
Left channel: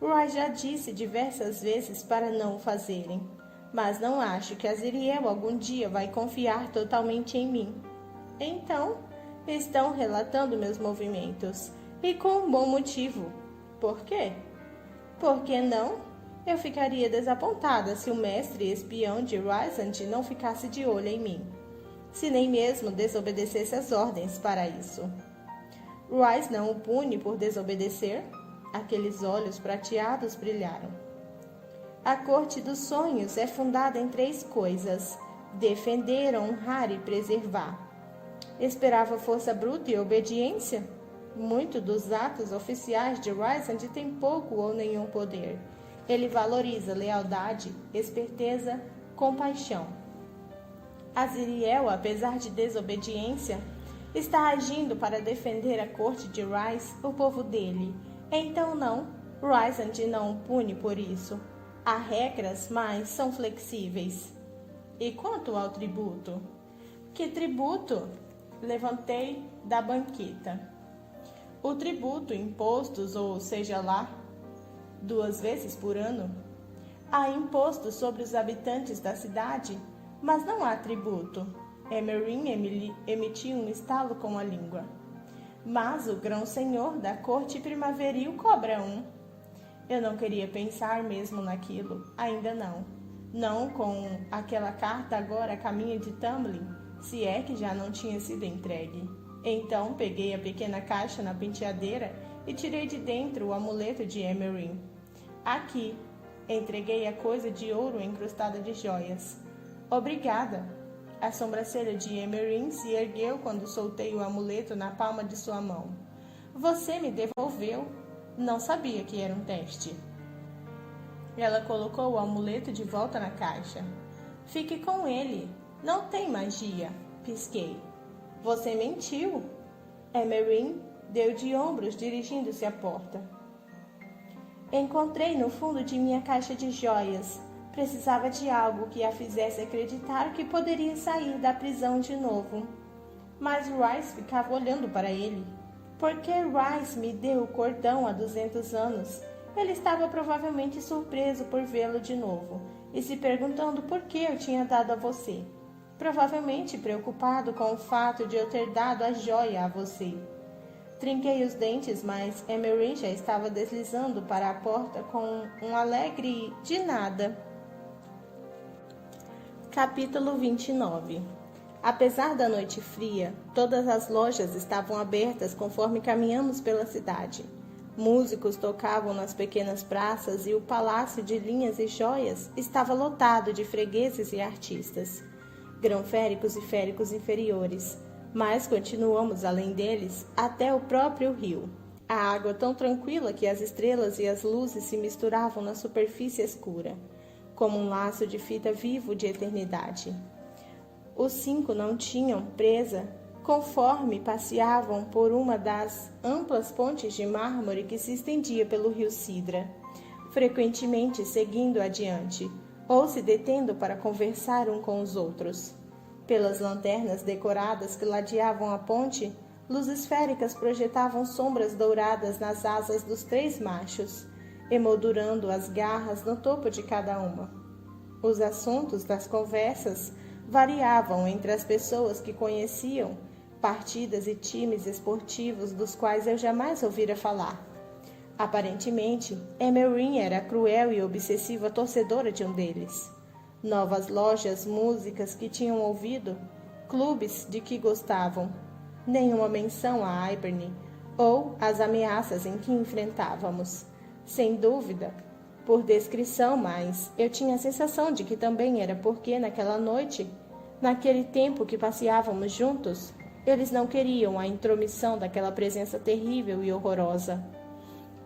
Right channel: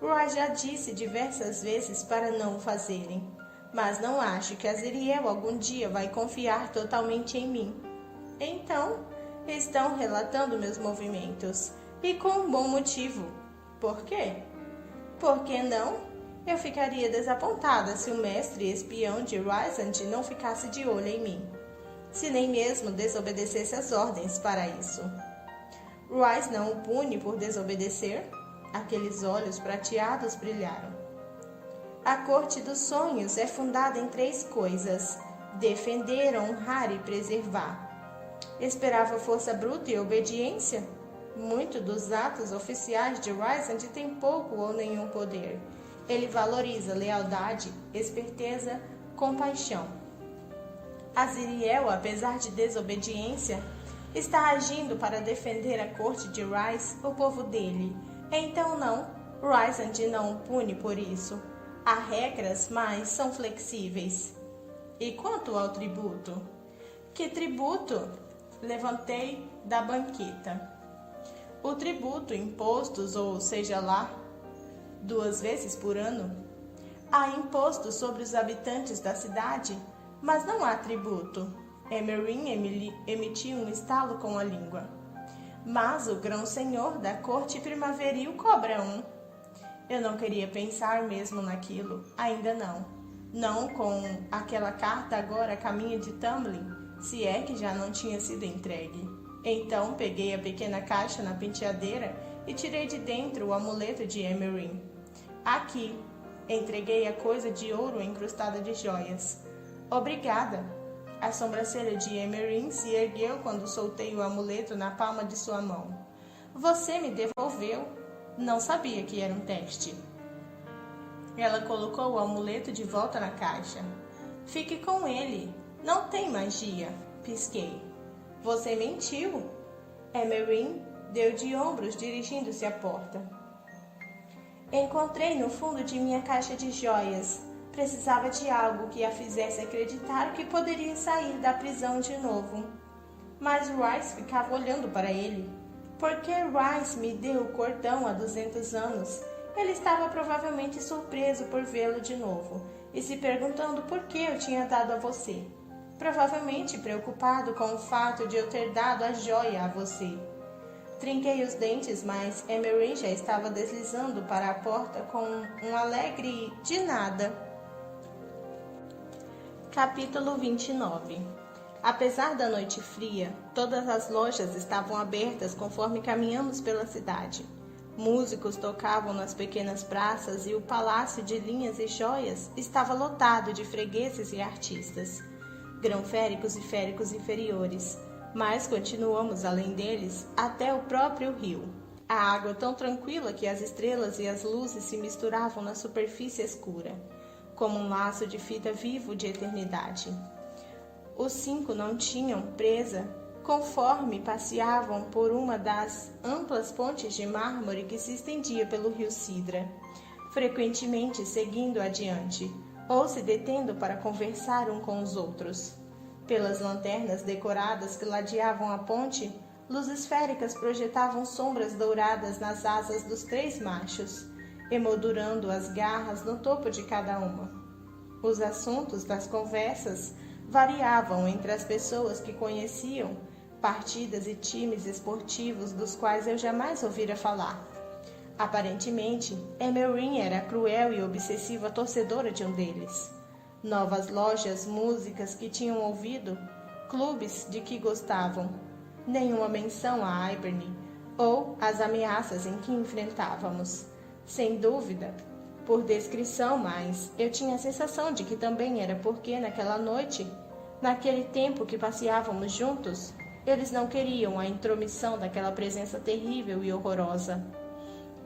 Roy já disse diversas vezes para não o fazerem, mas não acho que Aziriel algum dia vai confiar totalmente em mim. Então, estão relatando meus movimentos, e com um bom motivo. Por quê? Por que não? Eu ficaria desapontada se o mestre espião de Rysand não ficasse de olho em mim, se nem mesmo desobedecesse as ordens para isso. Rhys não o pune por desobedecer? Aqueles olhos prateados brilharam. A corte dos sonhos é fundada em 3 coisas: defender, honrar e preservar. Esperava força bruta e obediência? Muito dos atos oficiais de Rysand tem pouco ou nenhum poder. Ele valoriza lealdade, esperteza, compaixão. Aziriel, apesar de desobediência, está agindo para defender a corte de Rhys, o povo dele. Então não, Rysand não o pune por isso. Há regras, mas são flexíveis. E quanto ao tributo? Que tributo? Levantei da banqueta. O tributo, impostos, ou seja lá, 2 vezes por ano. Há imposto sobre os habitantes da cidade, mas não há tributo. Emerin emitiu um estalo com a língua. Mas o grão-senhor da corte primaveril cobra 1. Eu não queria pensar mesmo naquilo, ainda não. Não com aquela carta agora a caminho de Tamlin, se é que já não tinha sido entregue. Então peguei a pequena caixa na penteadeira e tirei de dentro o amuleto de Emerin. Aqui, entreguei a coisa de ouro encrustada de joias. Obrigada. A sobrancelha de Emerin se ergueu quando soltei o amuleto na palma de sua mão. Você me devolveu. Não sabia que era um teste. Ela colocou o amuleto de volta na caixa. Fique com ele. Não tem magia. Pisquei. Você mentiu. Emerin deu de ombros, dirigindo-se à porta. Encontrei no fundo de minha caixa de joias. Precisava de algo que a fizesse acreditar que poderia sair da prisão de novo. Mas Rhys ficava olhando para ele. Por que Rhys me deu o cordão há 200 anos? Ele estava provavelmente surpreso por vê-lo de novo e se perguntando por que eu tinha dado a você. Provavelmente preocupado com o fato de eu ter dado a joia a você. Trinquei os dentes, mas Emery já estava deslizando para a porta com um alegre de nada. Capítulo 29. Apesar da noite fria, todas as lojas estavam abertas conforme caminhamos pela cidade. Músicos tocavam nas pequenas praças e o palácio de linhas e joias estava lotado de fregueses e artistas, grão-féricos e féricos inferiores, mas continuamos além deles até o próprio rio. A água tão tranquila que as estrelas e as luzes se misturavam na superfície escura, como um laço de fita vivo de eternidade. Os 5 não tinham presa conforme passeavam por uma das amplas pontes de mármore que se estendia pelo rio Sidra, frequentemente seguindo adiante, ou se detendo para conversar um com os outros. Pelas lanternas decoradas que ladeavam a ponte, luzes féricas projetavam sombras douradas nas asas dos 3 machos, emoldurando as garras no topo de cada uma. Os assuntos das conversas variavam entre as pessoas que conheciam partidas e times esportivos dos quais eu jamais ouvira falar. Aparentemente, Emery era a cruel e obsessiva torcedora de um deles. Novas lojas, músicas que tinham ouvido, clubes de que gostavam, nenhuma menção a Hiberny ou as ameaças em que enfrentávamos. Sem dúvida, por descrição, mas eu tinha a sensação de que também era porque naquela noite, naquele tempo que passeávamos juntos, eles não queriam a intromissão daquela presença terrível e horrorosa.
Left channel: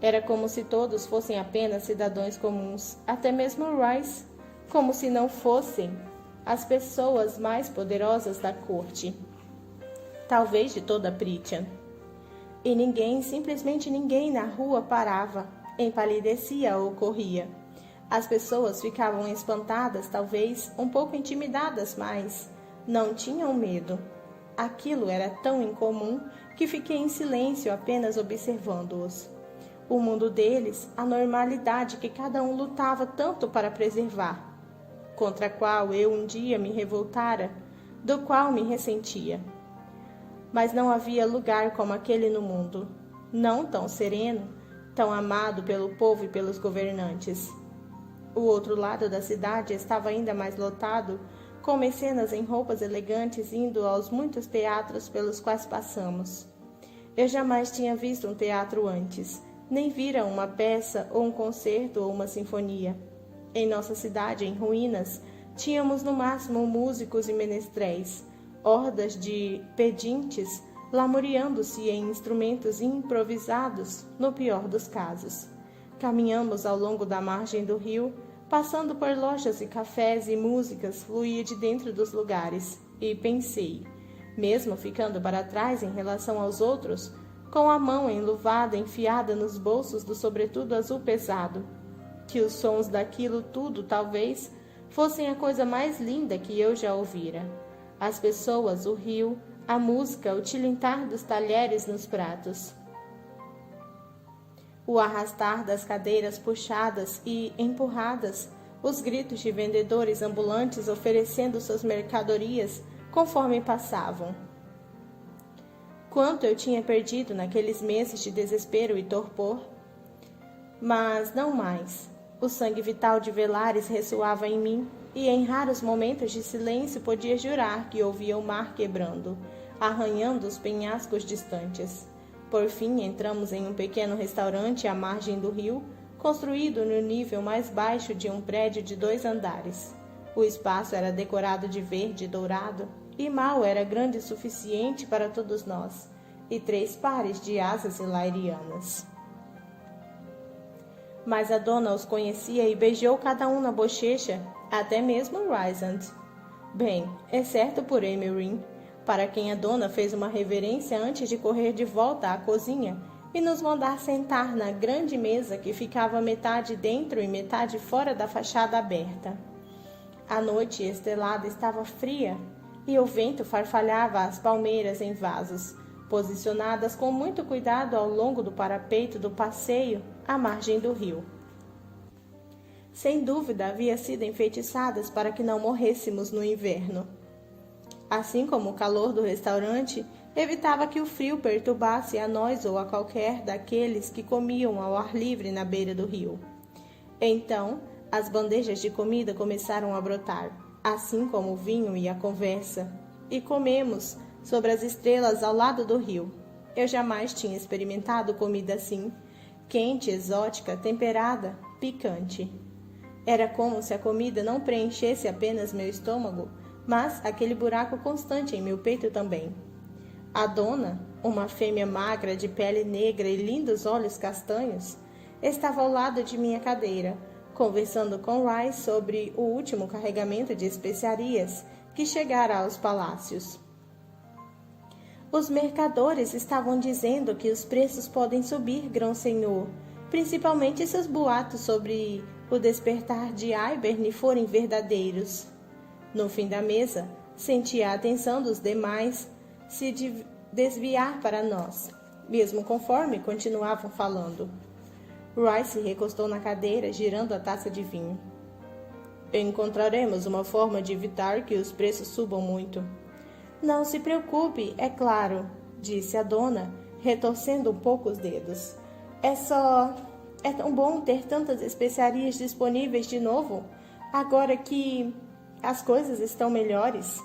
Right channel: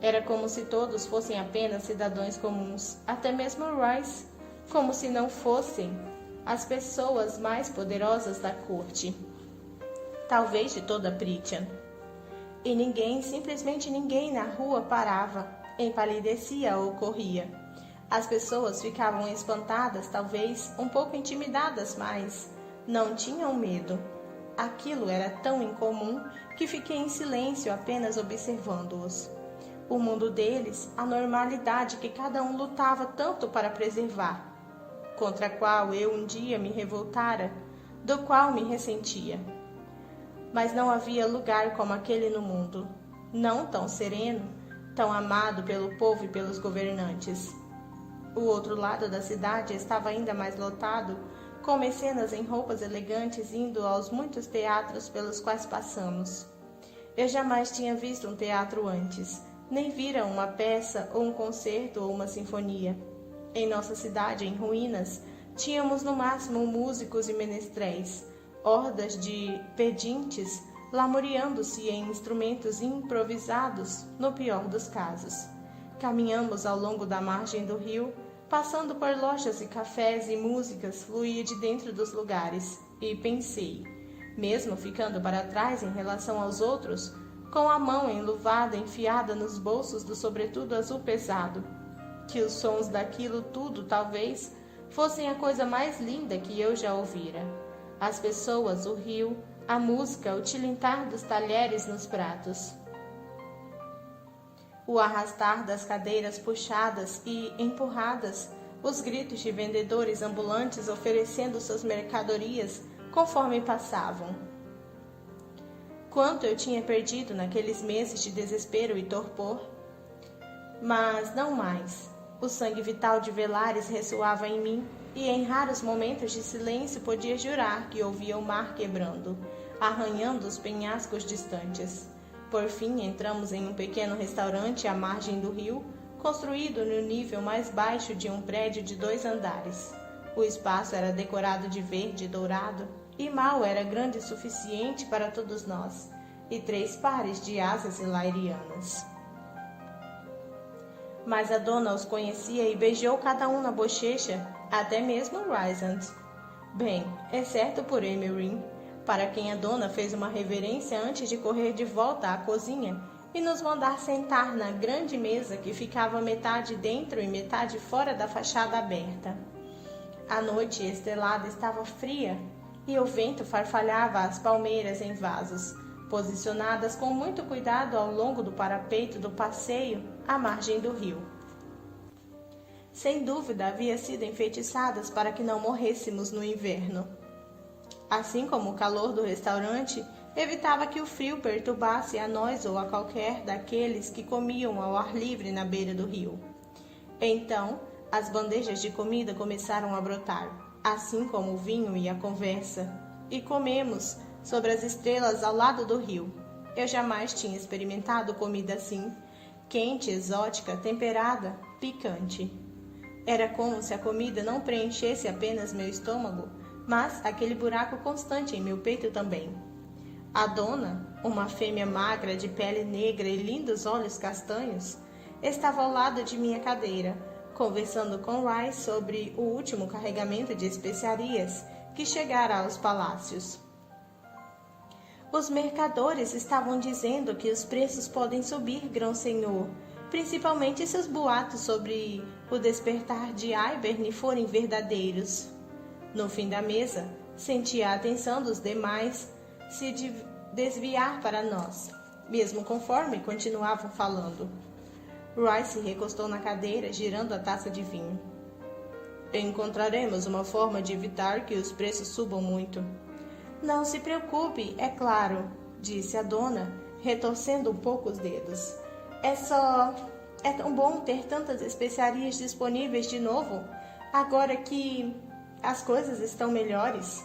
Era como se todos fossem apenas cidadãos comuns, até mesmo Rice, como se não fossem as pessoas mais poderosas da corte, talvez de toda Prythian. E ninguém, simplesmente ninguém na rua parava, empalidecia ou corria. As pessoas ficavam espantadas, talvez um pouco intimidadas, mas não tinham medo. Aquilo era tão incomum que fiquei em silêncio apenas observando-os. O mundo deles, a normalidade que cada um lutava tanto para preservar, contra a qual eu um dia me revoltara, do qual me ressentia. Mas não havia lugar como aquele no mundo, não tão sereno, tão amado pelo povo e pelos governantes. O outro lado da cidade estava ainda mais lotado, com mecenas em roupas elegantes indo aos muitos teatros pelos quais passamos. Eu jamais tinha visto um teatro antes, nem vira uma peça ou um concerto ou uma sinfonia. Em nossa cidade, em ruínas, tínhamos no máximo músicos e menestréis, hordas de pedintes lamuriando-se em instrumentos improvisados, no pior dos casos. Caminhamos ao longo da margem do rio, passando por lojas e cafés e músicas fluía de dentro dos lugares, e pensei, mesmo ficando para trás em relação aos outros, com a mão enluvada enfiada nos bolsos do sobretudo azul pesado, que os sons daquilo tudo talvez fossem a coisa mais linda que eu já ouvira. As pessoas, o rio, a música, o tilintar dos talheres nos pratos, o arrastar das cadeiras puxadas e empurradas, os gritos de vendedores ambulantes oferecendo suas mercadorias conforme passavam. Quanto eu tinha perdido naqueles meses de desespero e torpor! Mas não mais. O sangue vital de Velaris ressoava em mim, e em raros momentos de silêncio podia jurar que ouvia o mar quebrando, arranhando os penhascos distantes. Por fim, entramos em um pequeno restaurante à margem do rio, construído no nível mais baixo de um prédio de 2 andares. O espaço era decorado de verde e dourado, e mal era grande o suficiente para todos nós, e 3 pares de asas hilairianas. Mas a dona os conhecia e beijou cada um na bochecha, até mesmo Rysand. Bem, exceto por Emery, para quem a dona fez uma reverência antes de correr de volta à cozinha e nos mandar sentar na grande mesa que ficava metade dentro e metade fora da fachada aberta. A noite estrelada estava fria e o vento farfalhava as palmeiras em vasos, posicionadas com muito cuidado ao longo do parapeito do passeio à margem do rio. Sem dúvida havia sido enfeitiçadas para que não morrêssemos no inverno. Assim como o calor do restaurante evitava que o frio perturbasse a nós ou a qualquer daqueles que comiam ao ar livre na beira do rio. Então, as bandejas de comida começaram a brotar, assim como o vinho e a conversa, e comemos sobre as estrelas ao lado do rio. Eu jamais tinha experimentado comida assim, quente, exótica, temperada, picante. Era como se a comida não preenchesse apenas meu estômago, mas aquele buraco constante em meu peito também. A dona, uma fêmea magra de pele negra e lindos olhos castanhos, estava ao lado de minha cadeira, conversando com Rice sobre o último carregamento de especiarias que chegara aos palácios. Os mercadores estavam dizendo que os preços podem subir, grão-senhor, principalmente se os boatos sobre o despertar de Hibern forem verdadeiros. No fim da mesa, senti a atenção dos demais se desviar para nós, mesmo conforme continuavam falando. Rice se recostou na cadeira, girando a taça de vinho. Encontraremos uma forma de evitar que os preços subam muito. Não se preocupe, é claro, disse a dona, retorcendo um pouco os dedos. É tão bom ter tantas especiarias disponíveis de novo, agora que as coisas estão melhores.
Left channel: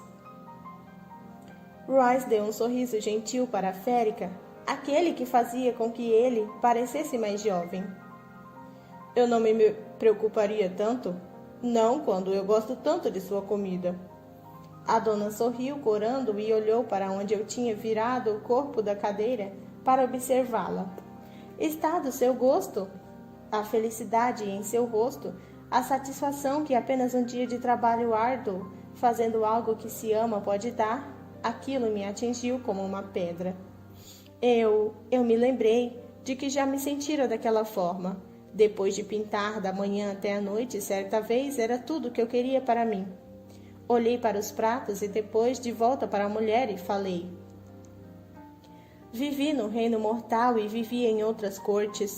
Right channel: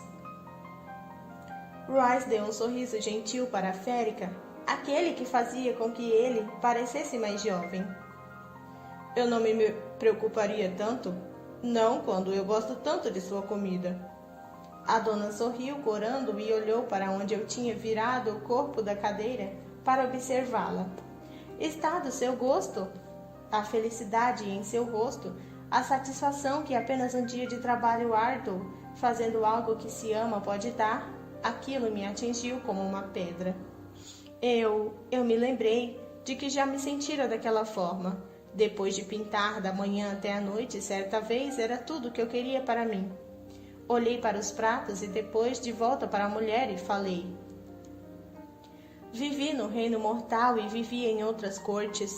Rice deu um sorriso gentil para a férica, aquele que fazia com que ele parecesse mais jovem. Eu não me preocuparia tanto, não quando eu gosto tanto de sua comida. A dona sorriu, corando, e olhou para onde eu tinha virado o corpo da cadeira para observá-la. Está do seu gosto? A felicidade em seu rosto, a satisfação que apenas um dia de trabalho árduo, fazendo algo que se ama, pode dar, aquilo me atingiu como uma pedra. Eu me lembrei de que já me sentira daquela forma. Depois de pintar da manhã até a noite, certa vez, era tudo o que eu queria para mim. Olhei para os pratos e depois de volta para a mulher e falei. Vivi no reino mortal e vivi em outras cortes,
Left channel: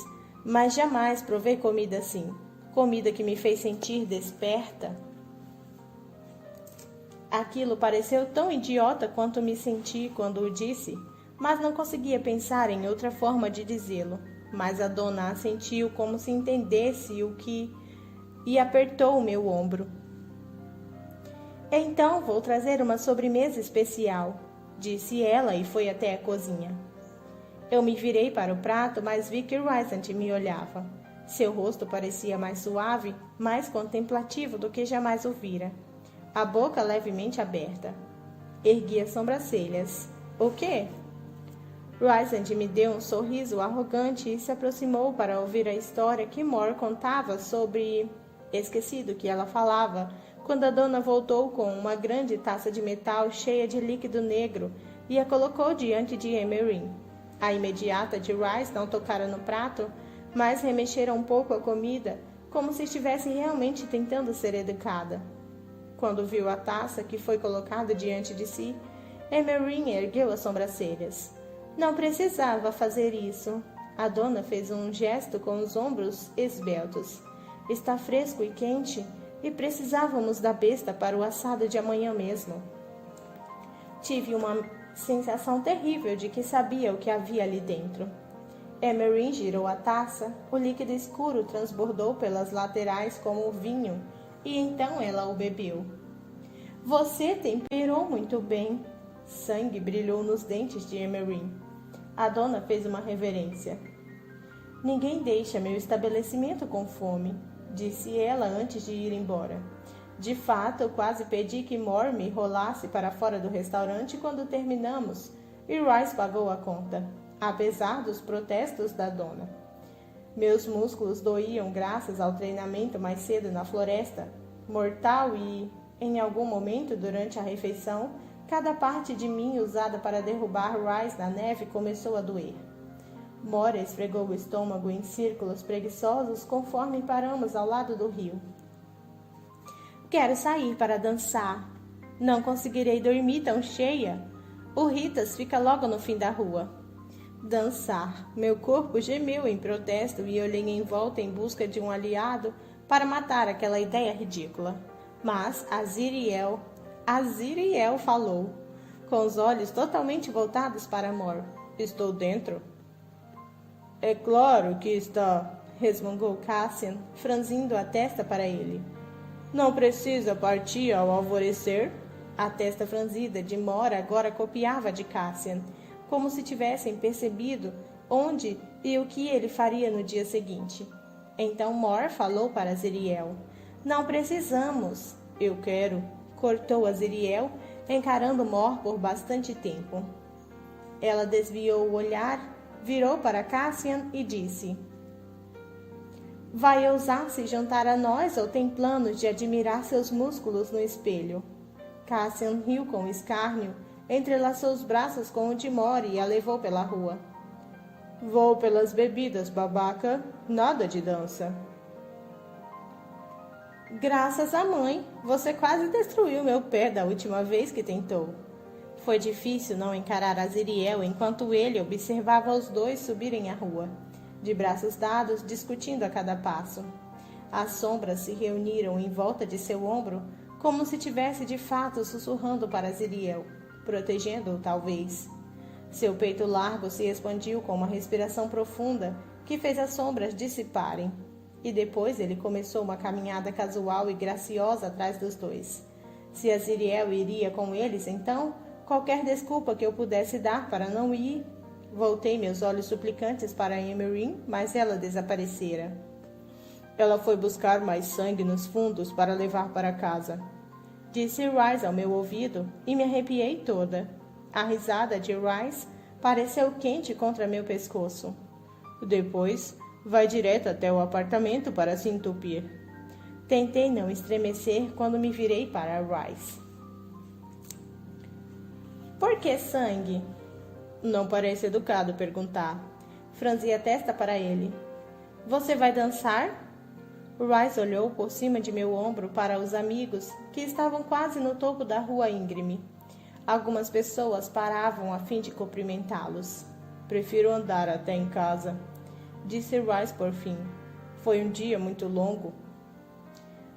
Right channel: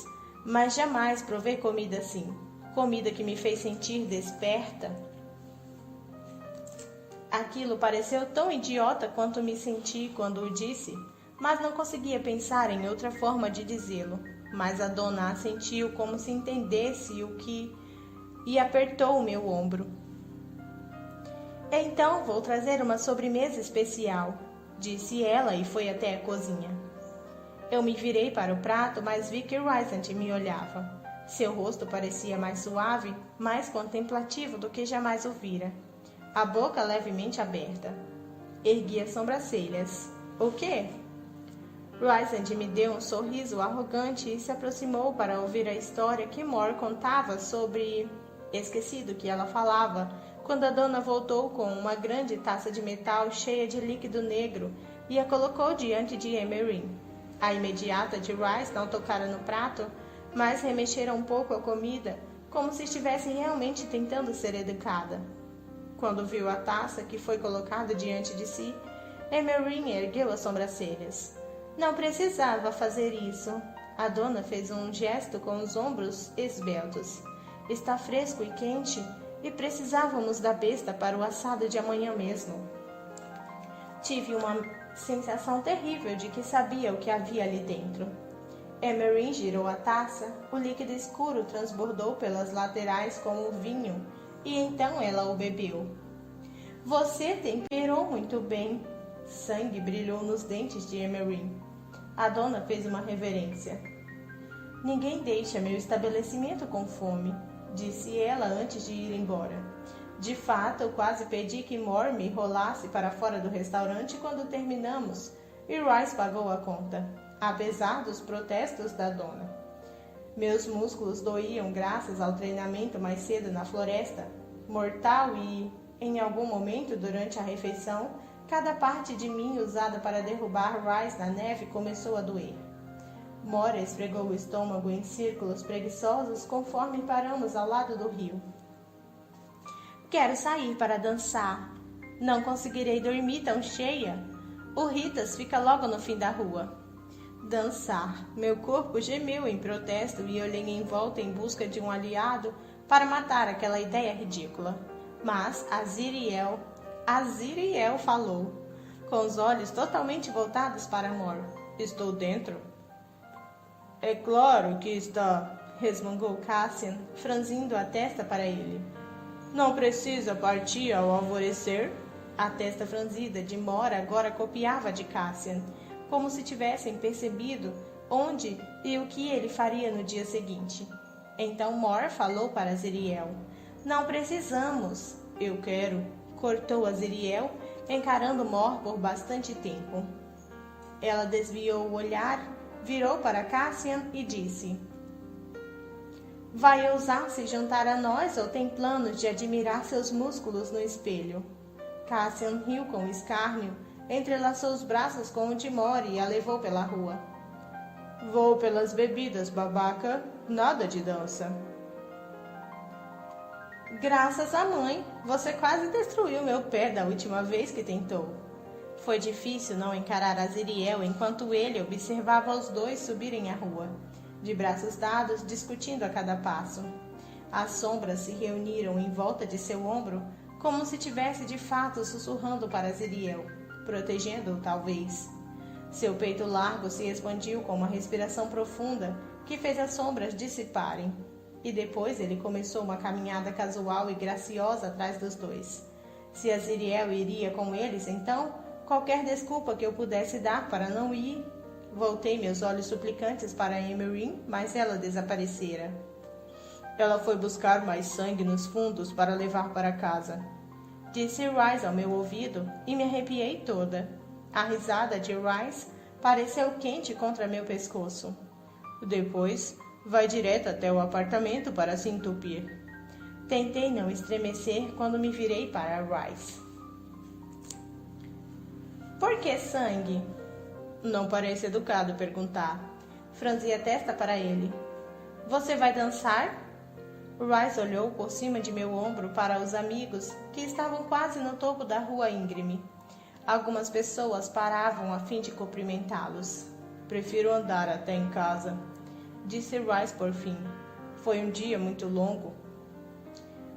mas jamais provei comida assim. Comida que me fez sentir desperta. Aquilo pareceu tão idiota quanto me senti quando o disse, mas não conseguia pensar em outra forma de dizê-lo. Mas a dona assentiu como se entendesse o que e apertou o meu ombro. Então vou trazer uma sobremesa especial, disse ela e foi até a cozinha. Eu me virei para o prato, mas vi que Rysand me olhava. Seu rosto parecia mais suave, mais contemplativo do que jamais o vira. A boca levemente aberta. Ergui as sobrancelhas. O quê? Rysand me deu um sorriso arrogante e se aproximou para ouvir a história que Mor contava sobre... Esqueci do que ela falava, quando a dona voltou com uma grande taça de metal cheia de líquido negro e a colocou diante de Emerin. A imediata de Rice não tocara no prato, mas remexera um pouco a comida, como se estivesse realmente tentando ser educada. Quando viu a taça que foi colocada diante de si, Emerin ergueu as sobrancelhas. Não precisava fazer isso. A dona fez um gesto com os ombros esbeltos. Está fresco e quente, e precisávamos da besta para o assado de amanhã mesmo. Tive uma sensação terrível de que sabia o que havia ali dentro. Emerin girou a taça, o líquido escuro transbordou pelas laterais como vinho, e então ela o bebeu. Você temperou muito bem. Sangue brilhou nos dentes de Emerin. A dona fez uma reverência. Ninguém deixa meu estabelecimento com fome, disse ela antes de ir embora. De fato, quase pedi que Mor me rolasse para fora do restaurante quando terminamos, e Rice pagou a conta, apesar dos protestos da dona. Meus músculos doíam graças ao treinamento mais cedo na floresta, mortal e, em algum momento durante a refeição, cada parte de mim usada para derrubar Rice na neve começou a doer. Mor esfregou o estômago em círculos preguiçosos conforme paramos ao lado do rio. Quero sair para dançar. Não conseguirei dormir tão cheia. O Ritas fica logo no fim da rua. Dançar. Meu corpo gemeu em protesto e olhei em volta em busca de um aliado para matar aquela ideia ridícula. Mas Aziriel falou. com os olhos totalmente voltados para Mor. Estou dentro? É claro que está, resmungou Cassian, franzindo a testa para ele. Não precisa partir ao alvorecer? A testa franzida de Mor agora copiava a de Cassian, como se tivessem percebido onde e o que ele faria no dia seguinte. Então Mor falou para Aziriel. Não precisamos. Eu quero, cortou Aziriel, encarando Mor por bastante tempo. Ela desviou o olhar, virou para Cassian e disse: Vai ousar se juntar a nós ou tem planos de admirar seus músculos no espelho? Cassian riu com escárnio, entrelaçou os braços com o de Mor e a levou pela rua. Vou pelas bebidas, babaca, nada de dança. Graças à mãe, você quase destruiu meu pé da última vez que tentou. Foi difícil não encarar Aziriel enquanto ele observava os dois subirem a rua, de braços dados, discutindo a cada passo. As sombras se reuniram em volta de seu ombro, como se tivesse de fato sussurrando para Aziriel, protegendo-o talvez. Seu peito largo se expandiu com uma respiração profunda que fez as sombras dissiparem. E depois ele começou uma caminhada casual e graciosa atrás dos dois. Se Aziriel iria com eles, então, qualquer desculpa que eu pudesse dar para não ir. Voltei meus olhos suplicantes para Emerin, mas ela desaparecera. Ela foi buscar mais sangue nos fundos para levar para casa. Disse Rice ao meu ouvido e me arrepiei toda. A risada de Rice pareceu quente contra meu pescoço. Depois, vai direto até o apartamento para se entupir. Tentei não estremecer quando me virei para Rice. Por que sangue? Não parece educado perguntar. Franzi a testa para ele. Você vai dançar? Rice olhou por cima de meu ombro para os amigos que estavam quase no topo da rua íngreme. Algumas pessoas paravam a fim de cumprimentá-los. Prefiro andar até em casa, disse Rice por fim. Foi um dia muito longo.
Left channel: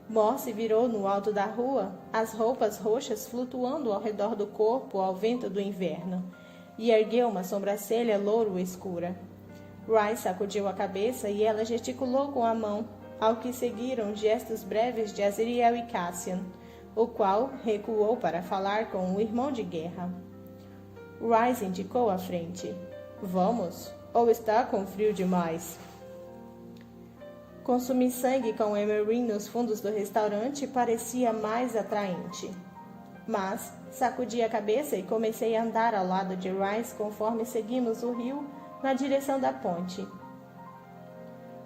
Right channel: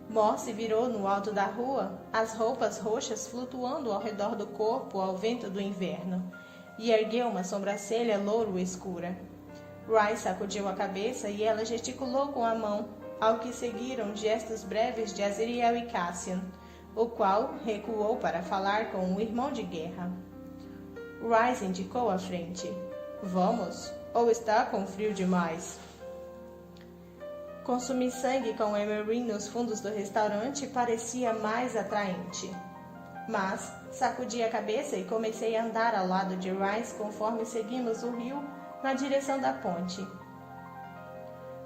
Mor se virou no alto da rua, as roupas roxas flutuando ao redor do corpo ao vento do inverno, e ergueu uma sobrancelha louro escura. Rice sacudiu a cabeça e ela gesticulou com a mão, ao que seguiram gestos breves de Aziriel e Cassian, o qual recuou para falar com o irmão de guerra. Rice indicou à frente. Vamos, ou está com frio demais? Consumir sangue com Emerin nos fundos do restaurante parecia mais atraente. Mas sacudi a cabeça e comecei a andar ao lado de Rice conforme seguimos o rio na direção da ponte.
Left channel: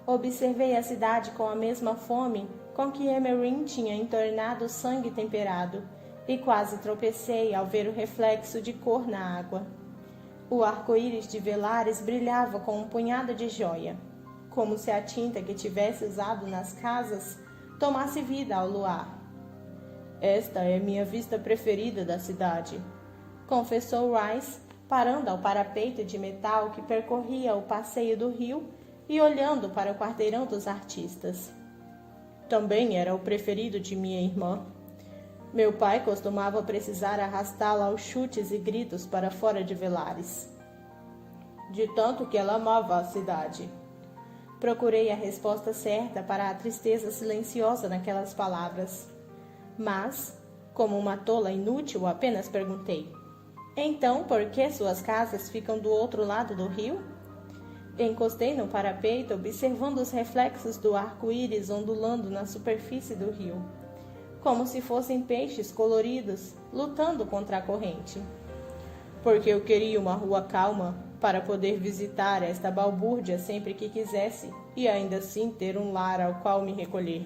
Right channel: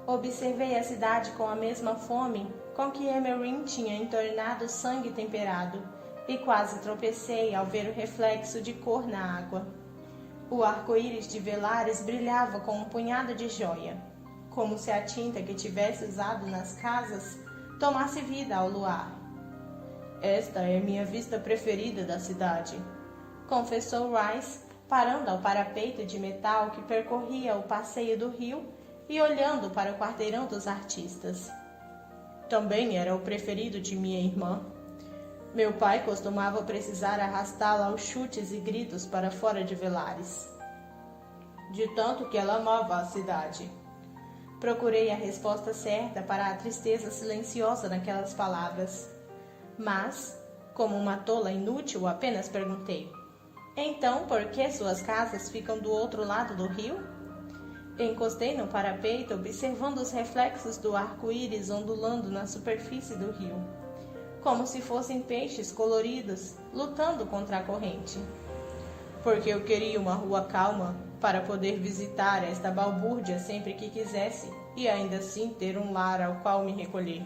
Observei a cidade com a mesma fome com que Emerin tinha entornado sangue temperado e quase tropecei ao ver o reflexo de cor na água. O arco-íris de Velares brilhava com um punhado de joia, como se a tinta que tivesse usado nas casas tomasse vida ao luar. Esta é minha vista preferida da cidade, confessou Rice, parando ao parapeito de metal que percorria o passeio do rio e olhando para o quarteirão dos artistas. Também era o preferido de minha irmã. Meu pai costumava precisar arrastá-la aos chutes e gritos para fora de Velares, de tanto que ela amava a cidade. Procurei a resposta certa para a tristeza silenciosa naquelas palavras. Mas, como uma tola inútil, apenas perguntei: então, por que suas casas ficam do outro lado do rio? Encostei no parapeito, observando os reflexos do arco-íris ondulando na superfície do rio, como se fossem peixes coloridos lutando contra a corrente. Porque eu queria uma rua calma para poder visitar esta balbúrdia sempre que quisesse e ainda assim ter um lar ao qual me recolher.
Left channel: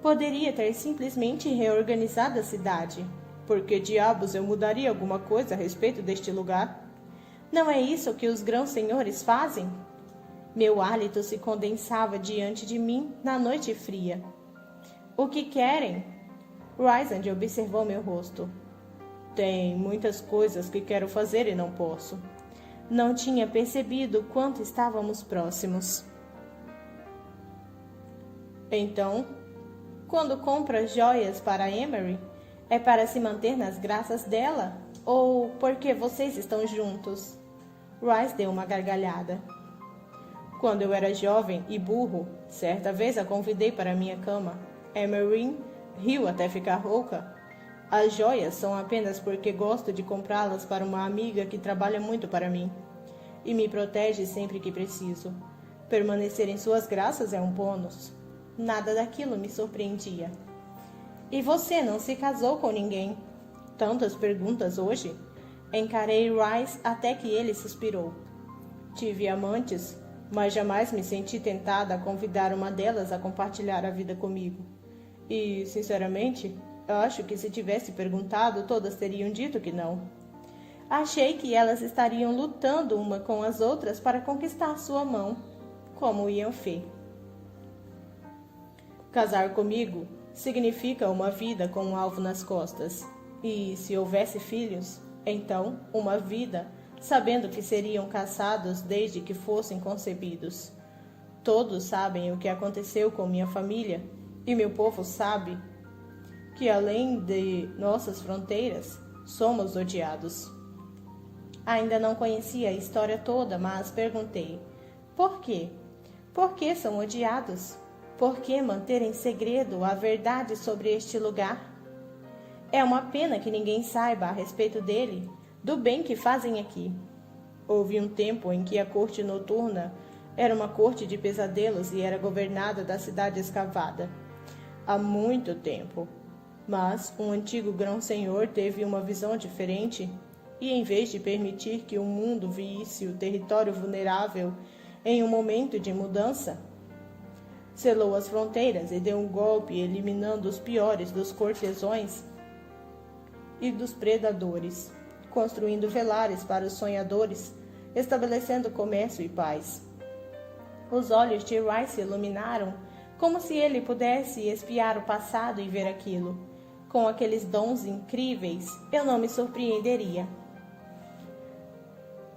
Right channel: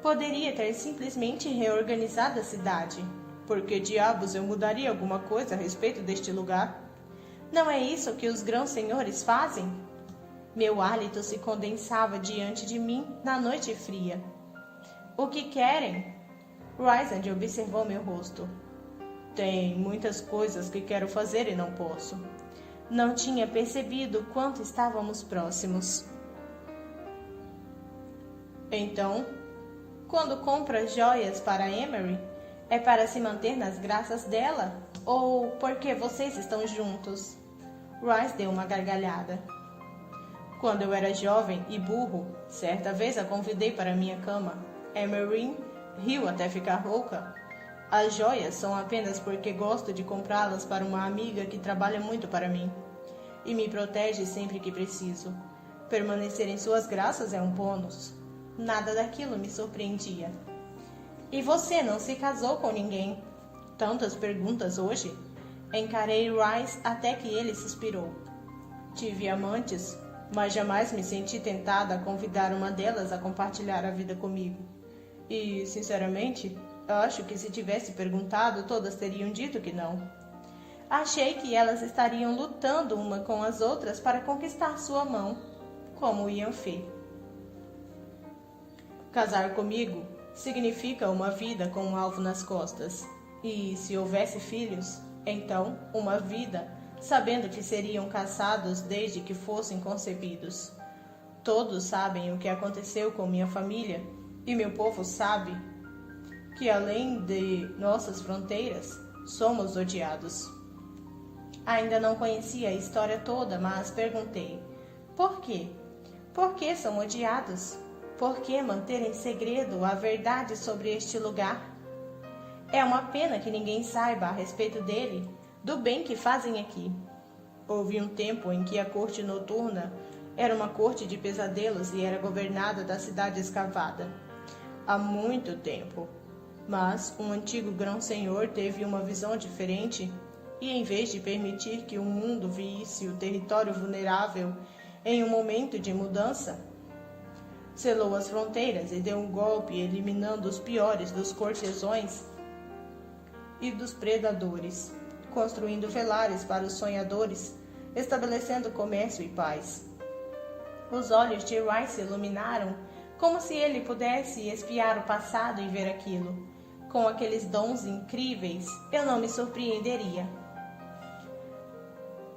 Poderia ter simplesmente reorganizado a cidade. Por que diabos eu mudaria alguma coisa a respeito deste lugar? Não é isso que os grãos senhores fazem? Meu hálito se condensava diante de mim na noite fria. O que querem? Rysand observou meu rosto. Tem muitas coisas que quero fazer e não posso. Não tinha percebido quanto estávamos próximos. Então, quando compra joias para Emery, É para se manter nas graças dela? Ou porque vocês estão juntos? Rice deu uma gargalhada. Quando eu era jovem e burro, certa vez a convidei para minha cama. Emery riu até ficar rouca. As joias são apenas porque gosto de comprá-las para uma amiga que trabalha muito para mim e me protege sempre que preciso. Permanecer em suas graças é um bônus. Nada daquilo me surpreendia. E você não se casou com ninguém? Tantas perguntas hoje. Encarei Rice até que ele suspirou. Tive amantes, mas jamais me senti tentada a convidar uma delas a compartilhar a vida comigo. E, sinceramente, eu acho que se tivesse perguntado, todas teriam dito que não. Achei que elas estariam lutando uma com as outras para conquistar sua mão, como Ian Fay. Casar comigo significa uma vida com um alvo nas costas. E, se houvesse filhos, então uma vida sabendo que seriam caçados desde que fossem concebidos. Todos sabem o que aconteceu com minha família, e meu povo sabe que, além de nossas fronteiras, somos odiados. Ainda não conhecia a história toda, mas perguntei: por quê? Por que são odiados? Por que manter em segredo a verdade sobre este lugar? É uma pena que ninguém saiba a respeito dele, do bem que fazem aqui. Houve um tempo em que a corte noturna era uma corte de pesadelos e era governada da cidade escavada. Há muito tempo. Mas um antigo grão-senhor teve uma visão diferente e, em vez de permitir que o mundo visse o território vulnerável em um momento de mudança, selou as fronteiras e deu um golpe eliminando os piores dos cortesões e dos predadores, construindo velares para os sonhadores, estabelecendo comércio e paz. Os olhos de Rice se iluminaram, como se ele pudesse espiar o passado e ver aquilo. Com aqueles dons incríveis, eu não me surpreenderia.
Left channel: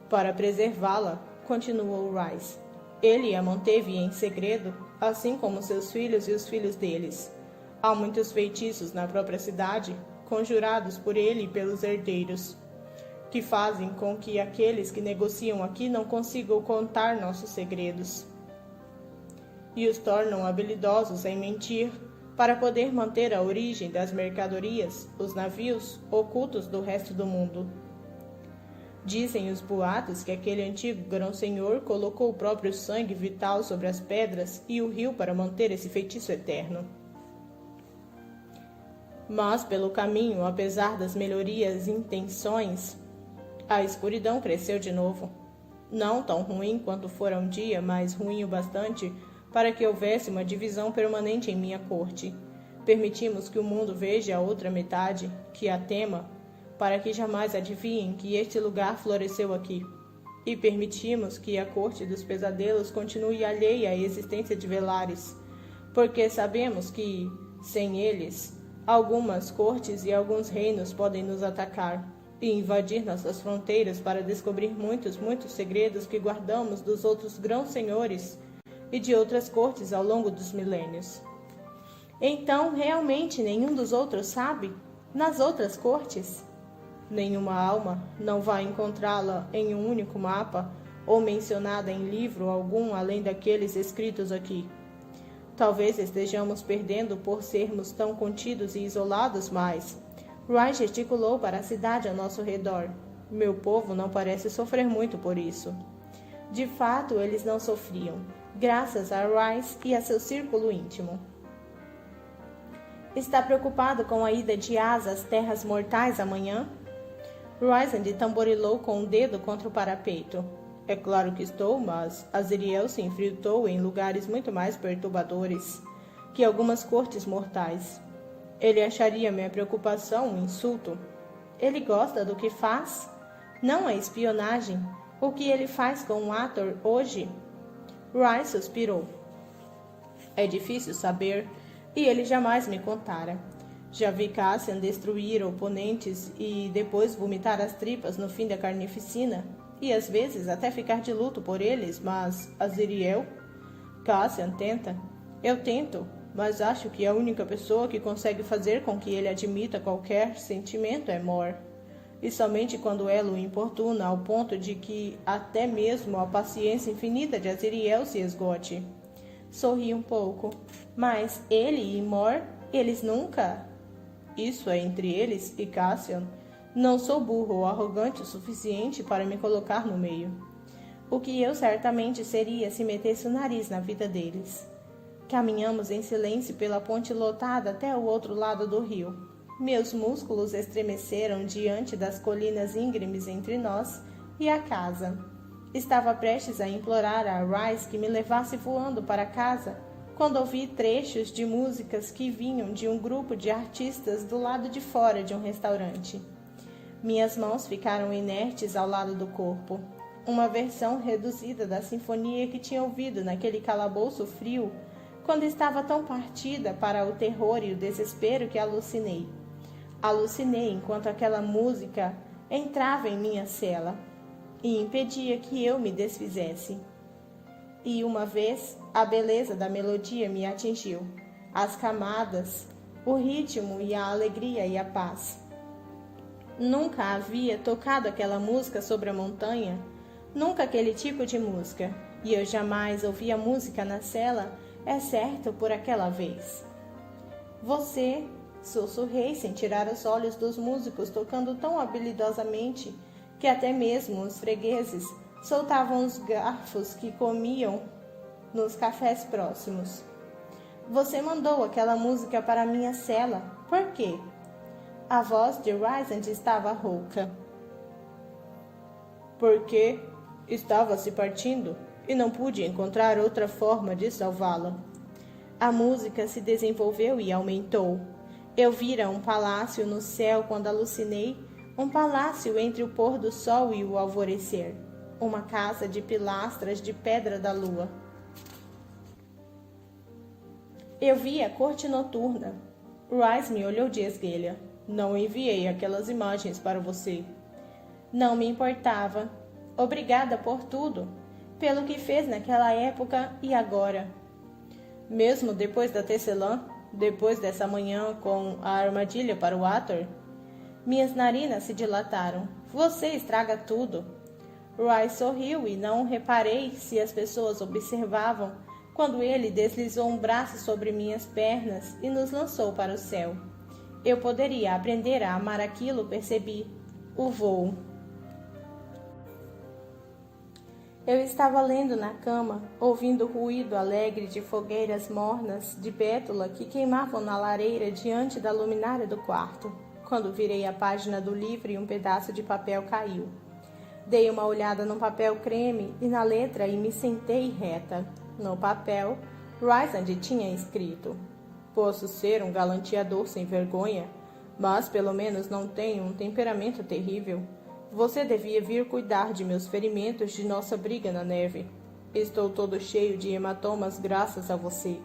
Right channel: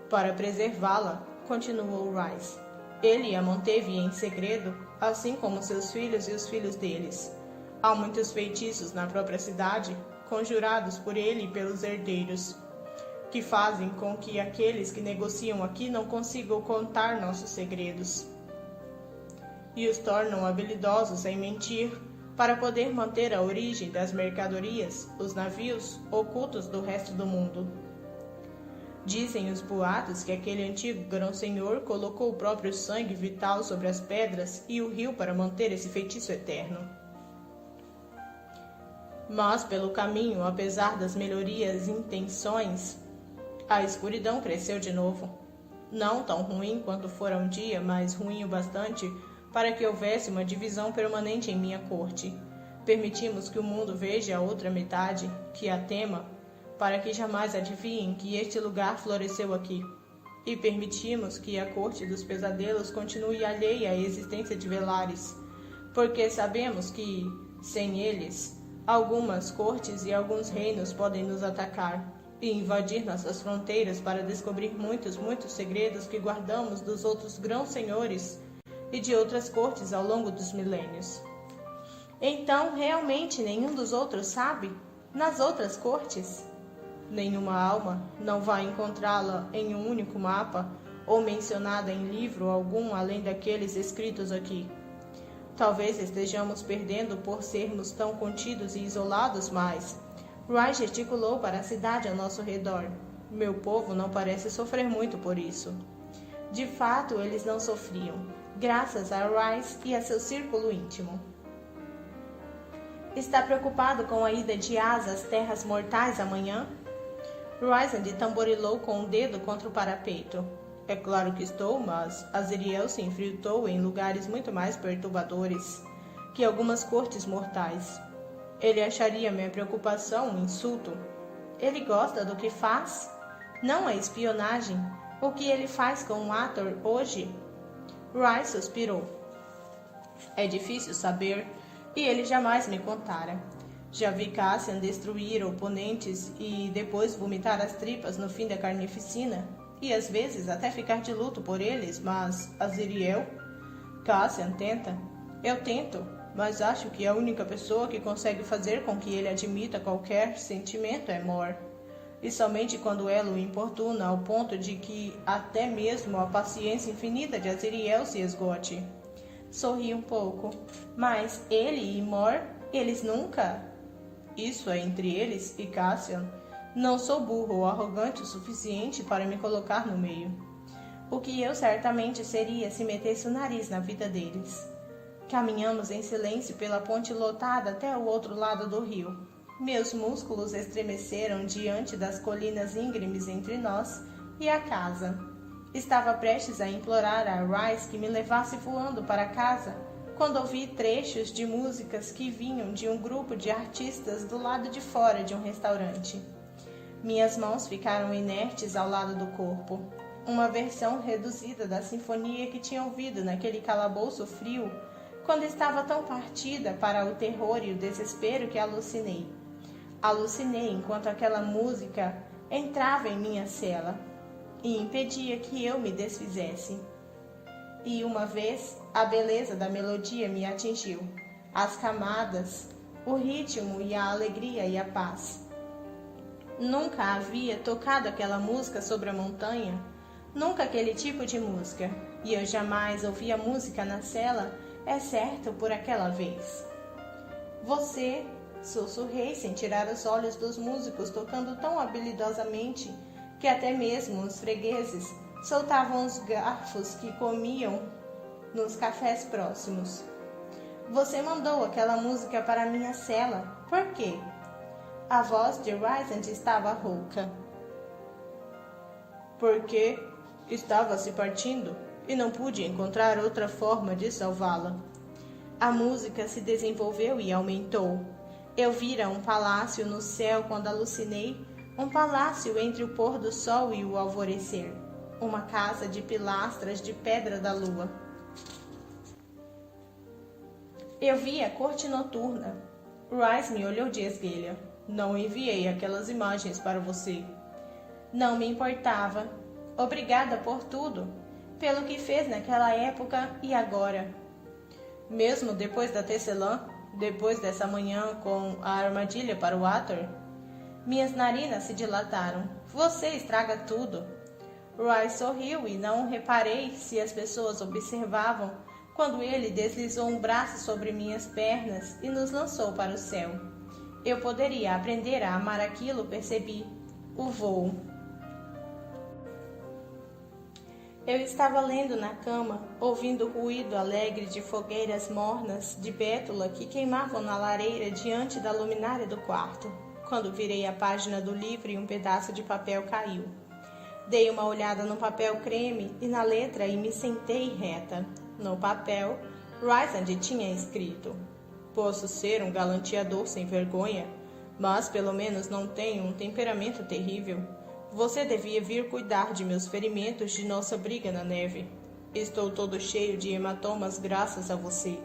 Para preservá-la, continuou Rice, ele a manteve em segredo, assim como seus filhos e os filhos deles. Há muitos feitiços na própria cidade, conjurados por ele e pelos herdeiros, que fazem com que aqueles que negociam aqui não consigam contar nossos segredos, e os tornam habilidosos em mentir para poder manter a origem das mercadorias, os navios, ocultos do resto do mundo. Dizem os boatos que aquele antigo grão-senhor colocou o próprio sangue vital sobre as pedras e o rio para manter esse feitiço eterno. Mas, pelo caminho, apesar das melhorias e intenções, a escuridão cresceu de novo. Não tão ruim quanto fora um dia, mas ruim o bastante para que houvesse uma divisão permanente em minha corte. Permitimos que o mundo veja a outra metade, que a tema, para que jamais adivinhem que este lugar floresceu aqui. E permitimos que a corte dos pesadelos continue alheia à existência de Velares, porque sabemos que, sem eles, algumas cortes e alguns reinos podem nos atacar e invadir nossas fronteiras para descobrir muitos segredos que guardamos dos outros grãos-senhores e de outras cortes ao longo dos milênios. Então, realmente nenhum dos outros sabe? Nas outras cortes? Nenhuma alma não vai encontrá-la em um único mapa ou mencionada em livro algum além daqueles escritos aqui. Talvez estejamos perdendo por sermos tão contidos e isolados, mas... Roy gesticulou para a cidade ao nosso redor. Meu povo não parece sofrer muito por isso. De fato, eles não sofriam, graças a Rice e a seu círculo íntimo. Está preocupado com a ida de Asa às terras mortais amanhã? Rysand tamborilou com o dedo contra o parapeito. É claro que estou, mas Azriel se infiltrou em lugares muito mais perturbadores que algumas cortes mortais. Ele acharia minha preocupação um insulto. Ele gosta do que faz? Não a espionagem. O que ele faz com o Ator hoje? Rice suspirou. É difícil saber, e ele jamais me contara. Já vi Cassian destruir oponentes e depois vomitar as tripas no fim da carnificina, e às vezes até ficar de luto por eles, mas Azriel? Cassian tenta. Eu tento. mas acho que a única pessoa que consegue fazer com que ele admita qualquer sentimento é Mor. E somente quando ela o importuna ao ponto de que até mesmo a paciência infinita de Aziriel se esgote. Sorri um pouco. Mas ele e Mor, eles nunca... Isso é entre eles e Cassian. Não sou burro ou arrogante o suficiente para me colocar no meio. O que eu certamente seria se metesse o nariz na vida deles. Caminhamos em silêncio pela ponte lotada até o outro lado do rio. Meus músculos estremeceram diante das colinas íngremes entre nós e a casa. Estava prestes a implorar a Rice que me levasse voando para casa, quando ouvi trechos de músicas que vinham de um grupo de artistas do lado de fora de um restaurante. Minhas mãos ficaram inertes ao lado do corpo. Uma versão reduzida da sinfonia que tinha ouvido naquele calabouço frio, quando estava tão partida para o terror e o desespero que alucinei. Alucinei enquanto aquela música entrava em minha cela e impedia que eu me desfizesse. E uma vez, a beleza da melodia me atingiu, as camadas, o ritmo e a alegria e a paz. Nunca havia tocado aquela música sobre a montanha, nunca aquele tipo de música, e eu jamais ouvi a música na cela, exceto por aquela vez. Você, sussurrei sem tirar os olhos dos músicos tocando tão habilidosamente que até mesmo os fregueses soltavam os garfos que comiam nos cafés próximos. Você mandou aquela música para minha cela. Por quê? A voz de Rysand estava rouca. Porque estava se partindo e não pude encontrar outra forma de salvá-la. A música se desenvolveu e aumentou. Eu vira um palácio no céu quando alucinei, um palácio entre o pôr do sol e o alvorecer. Uma casa de pilastras de pedra da lua. Eu vi a corte noturna. Rice me olhou de esguelha. Não enviei aquelas imagens para você. Não me importava. Obrigada por tudo. Pelo que fez naquela época e agora. Mesmo depois da tecelã, depois dessa manhã com a armadilha para o Ator, minhas narinas se dilataram. Você estraga tudo. Rice sorriu e não reparei se as pessoas observavam quando ele deslizou um braço sobre minhas pernas e nos lançou para o céu. Eu poderia aprender a amar aquilo, percebi. O voo. Eu estava lendo na cama, ouvindo o ruído alegre de fogueiras mornas de bétula que queimavam na lareira diante da luminária do quarto, quando virei a página do livro e um pedaço de papel caiu. Dei uma olhada no papel creme e na letra e me sentei reta. No papel, Rysand tinha escrito: Posso ser um galanteador sem vergonha, mas pelo menos não tenho um temperamento terrível. Você devia vir cuidar de meus ferimentos de nossa briga na neve. Estou todo cheio de hematomas graças a você.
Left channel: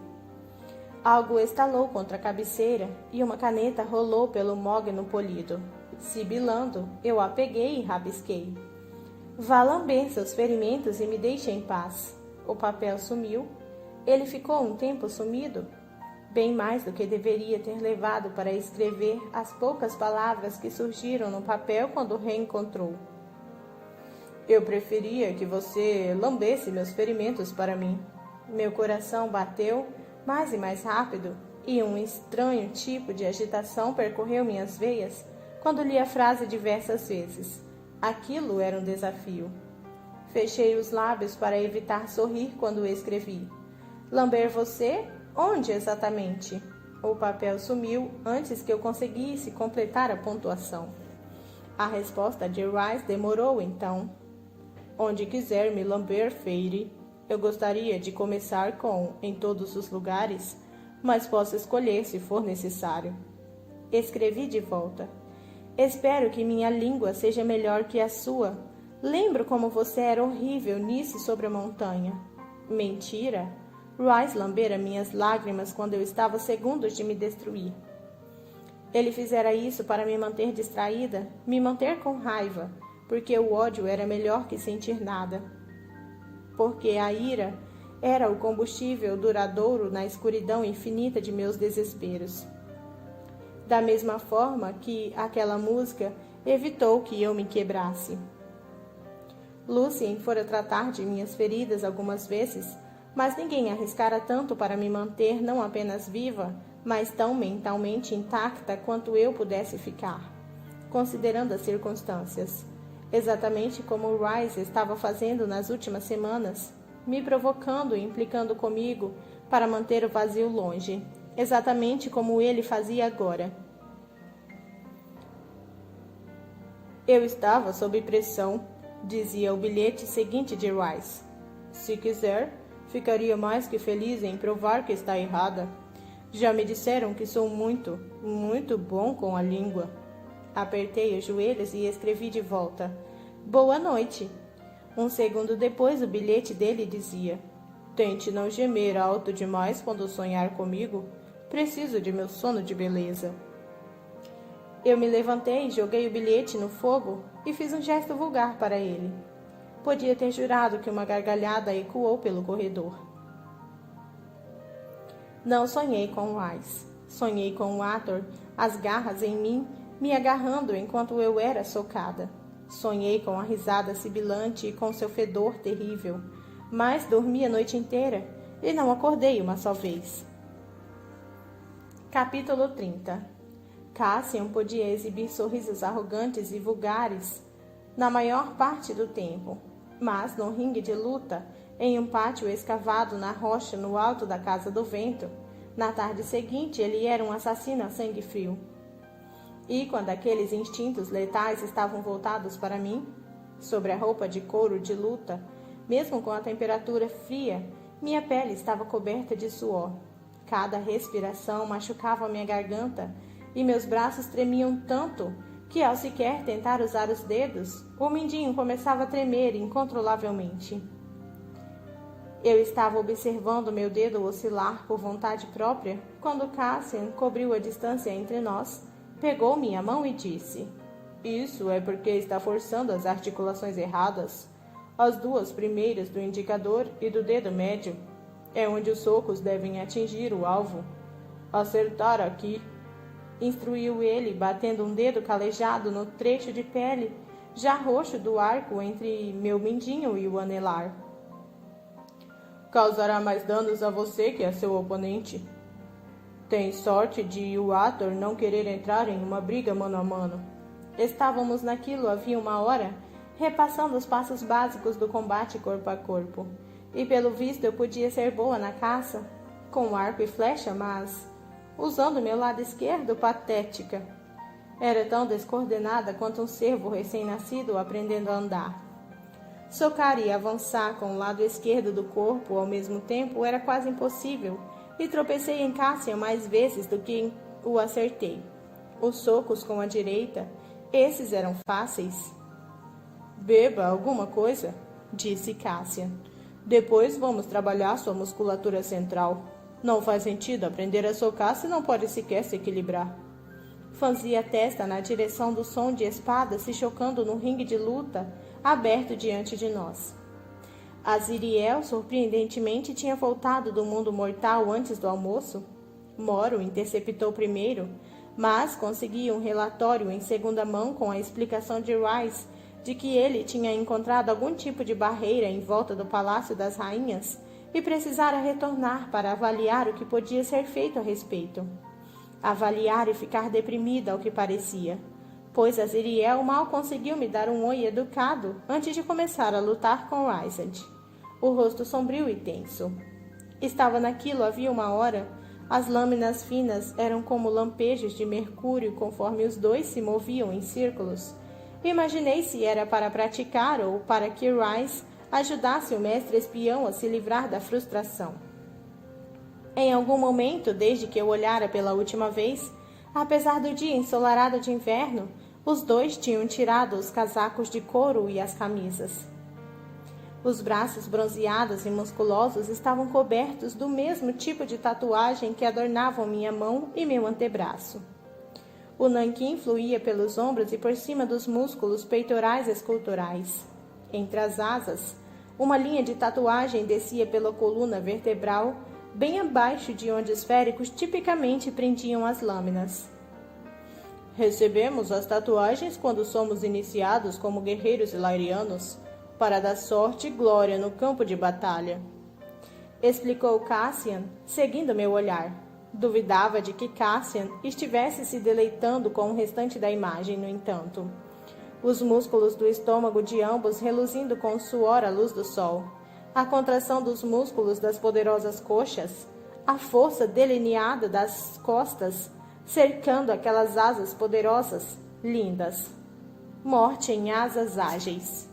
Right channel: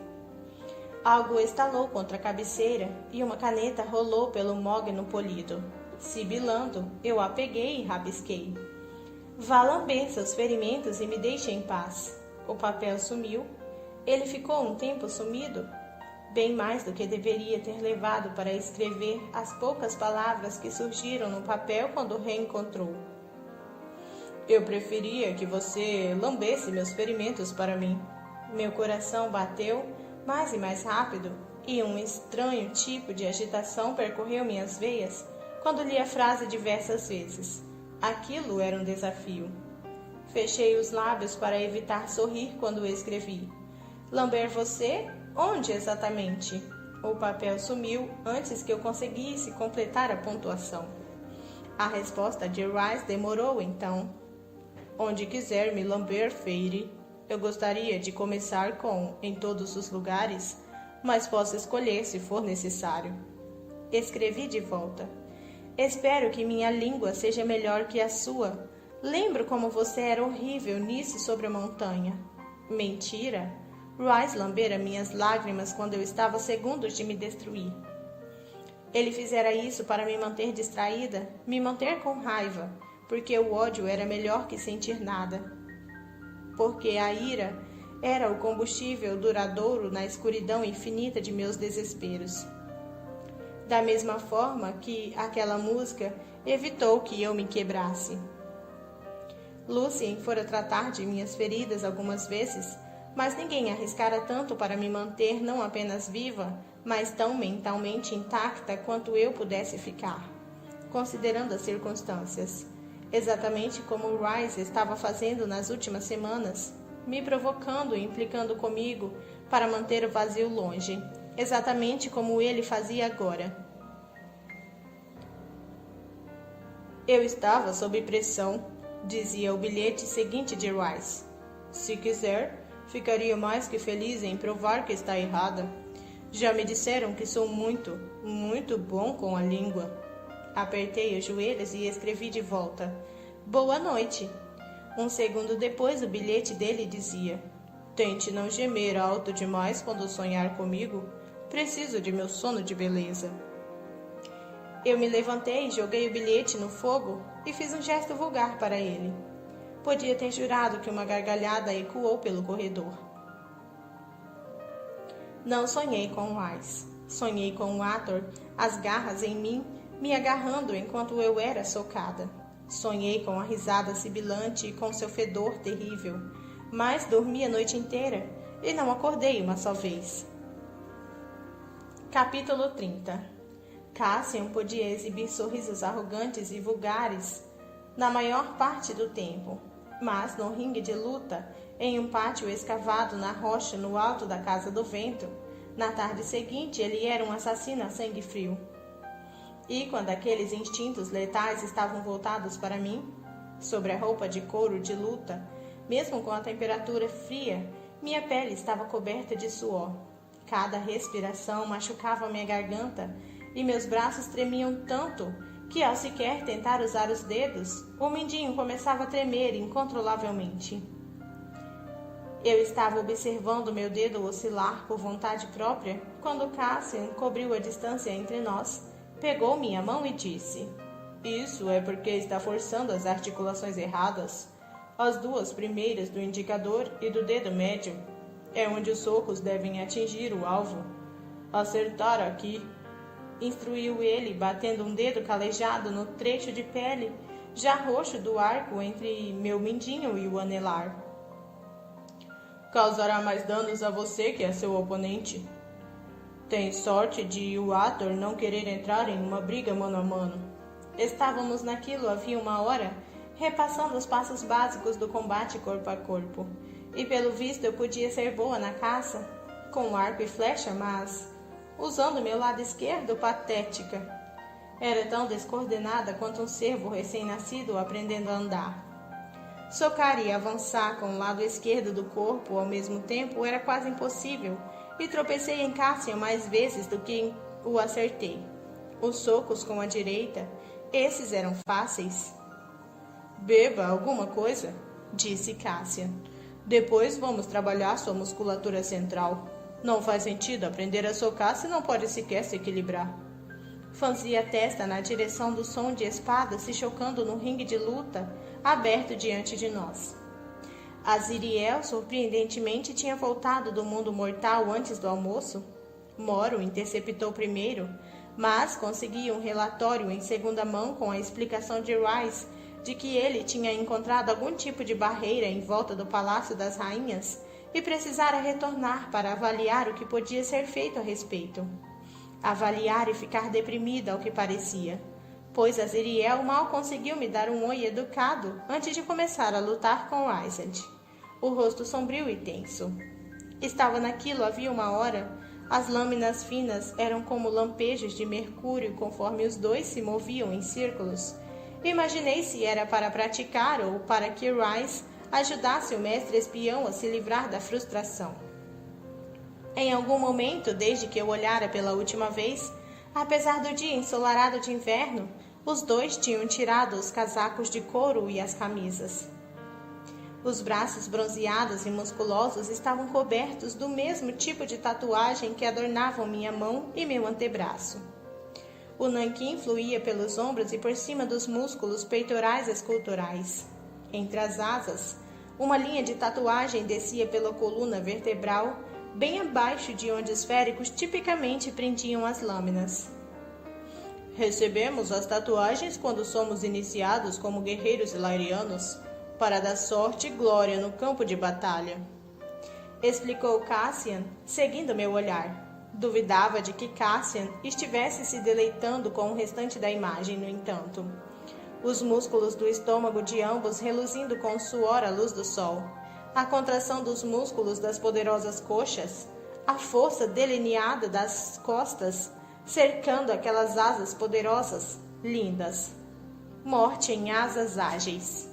Algo estalou contra a cabeceira e uma caneta rolou pelo mogno polido. Sibilando, eu a peguei e rabisquei. Vá lamber seus ferimentos e me deixe em paz. O papel sumiu. Ele ficou um tempo sumido. Bem mais do que deveria ter levado para escrever as poucas palavras que surgiram no papel quando o reencontrou. Eu preferia que você lambesse meus ferimentos para mim. Meu coração bateu mais e mais rápido e um estranho tipo de agitação percorreu minhas veias quando li a frase diversas vezes. Aquilo era um desafio. Fechei os lábios para evitar sorrir quando escrevi. Lamber você? Onde exatamente? O papel sumiu antes que eu conseguisse completar a pontuação. A resposta de Rice demorou então. Onde quiser me lamber, Feire. Eu gostaria de começar com em todos os lugares, mas posso escolher se for necessário. Escrevi de volta. Espero que minha língua seja melhor que a sua. Lembro como você era horrível nisso sobre a montanha. Mentira! Rice lambera minhas lágrimas quando eu estava segundos de me destruir. Ele fizera isso para me manter distraída, me manter com raiva, porque o ódio era melhor que sentir nada. Porque a ira era o combustível duradouro na escuridão infinita de meus desesperos. Da mesma forma que aquela música evitou que eu me quebrasse. Lucien fora tratar de minhas feridas algumas vezes, mas ninguém arriscara tanto para me manter não apenas viva, mas tão mentalmente intacta quanto eu pudesse ficar, considerando as circunstâncias. Exatamente como Rice estava fazendo nas últimas semanas, me provocando e implicando comigo para manter o vazio longe, exatamente como ele fazia agora. Eu estava sob pressão, dizia o bilhete seguinte de Rice. Se quiser, ficaria mais que feliz em provar que está errada. Já me disseram que sou muito, muito bom com a língua. Apertei os joelhos e escrevi de volta. Boa noite. Um segundo depois, o bilhete dele dizia: Tente não gemer alto demais quando sonhar comigo. Preciso de meu sono de beleza. Eu me levantei, joguei o bilhete no fogo e fiz um gesto vulgar para ele. Podia ter jurado que uma gargalhada ecoou pelo corredor. Não sonhei com Rice. Sonhei com o Arthur, as garras em mim, me agarrando enquanto eu era socada. Sonhei com a risada sibilante e com seu fedor terrível, mas dormi a noite inteira e não acordei uma só vez. Capítulo 30. Cassian podia exibir sorrisos arrogantes e vulgares na maior parte do tempo, mas no ringue de luta, em um pátio escavado na rocha no alto da Casa do Vento, na tarde seguinte ele era um assassino a sangue frio. E quando aqueles instintos letais estavam voltados para mim, sobre a roupa de couro de luta, mesmo com a temperatura fria, minha pele estava coberta de suor. Cada respiração machucava minha garganta e meus braços tremiam tanto que, ao sequer tentar usar os dedos, o mindinho começava a tremer incontrolavelmente. Eu estava observando meu dedo oscilar por vontade própria quando Cassian cobriu a distância entre nós, pegou minha mão e disse: Isso é porque está forçando as articulações erradas. As duas primeiras do indicador e do dedo médio é onde os socos devem atingir o alvo. Acertar aqui, instruiu ele, batendo um dedo calejado no trecho de pele já roxo do arco entre meu mindinho e o anelar. Causará mais danos a você que a seu oponente. Tem sorte de o Arthur não querer entrar em uma briga mano a mano. Estávamos naquilo havia uma hora, repassando os passos básicos do combate corpo a corpo. E pelo visto eu podia ser boa na caça, com arco e flecha, mas, usando meu lado esquerdo, patética. Era tão descoordenada quanto um cervo recém-nascido aprendendo a andar. Socar e avançar com o lado esquerdo do corpo ao mesmo tempo era quase impossível, e tropecei em Cassian mais vezes do que o acertei. Os socos com a direita, esses eram fáceis. Beba alguma coisa, disse Cassian. Depois vamos trabalhar sua musculatura central. Não faz sentido aprender a socar se não pode sequer se equilibrar. Franzia a testa na direção do som de espadas se chocando no ringue de luta aberto diante de nós. Aziriel, surpreendentemente, tinha voltado do mundo mortal antes do almoço. Moro interceptou primeiro, mas consegui um relatório em segunda mão com a explicação de Rice de que ele tinha encontrado algum tipo de barreira em volta do Palácio das Rainhas e precisara retornar para avaliar o que podia ser feito a respeito. Avaliar e ficar deprimida ao que parecia, pois Aziriel mal conseguiu me dar um oi educado antes de começar a lutar com Rysand, o rosto sombrio e tenso. Estava naquilo havia uma hora. As lâminas finas eram como lampejos de mercúrio conforme os dois se moviam em círculos. Imaginei se era para praticar ou para que Rice ajudasse o mestre espião a se livrar da frustração. Em algum momento, desde que eu olhara pela última vez, apesar do dia ensolarado de inverno, os dois tinham tirado os casacos de couro e as camisas. Os braços bronzeados e musculosos estavam cobertos do mesmo tipo de tatuagem que adornavam minha mão e meu antebraço. O nanquim fluía pelos ombros e por cima dos músculos peitorais esculturais. Entre as asas, Uma linha de tatuagem descia pela coluna vertebral, bem abaixo de onde os féricos tipicamente prendiam as lâminas. Recebemos as tatuagens quando somos iniciados como guerreiros ilairianos, para dar sorte e glória no campo de batalha, explicou Cassian, seguindo meu olhar. Duvidava de que Cassian estivesse se deleitando com o restante da imagem, no entanto. Os músculos do estômago de ambos reluzindo com o suor à luz do sol, a contração dos músculos das poderosas coxas, a força delineada das costas, cercando aquelas asas poderosas, lindas. Morte em asas ágeis.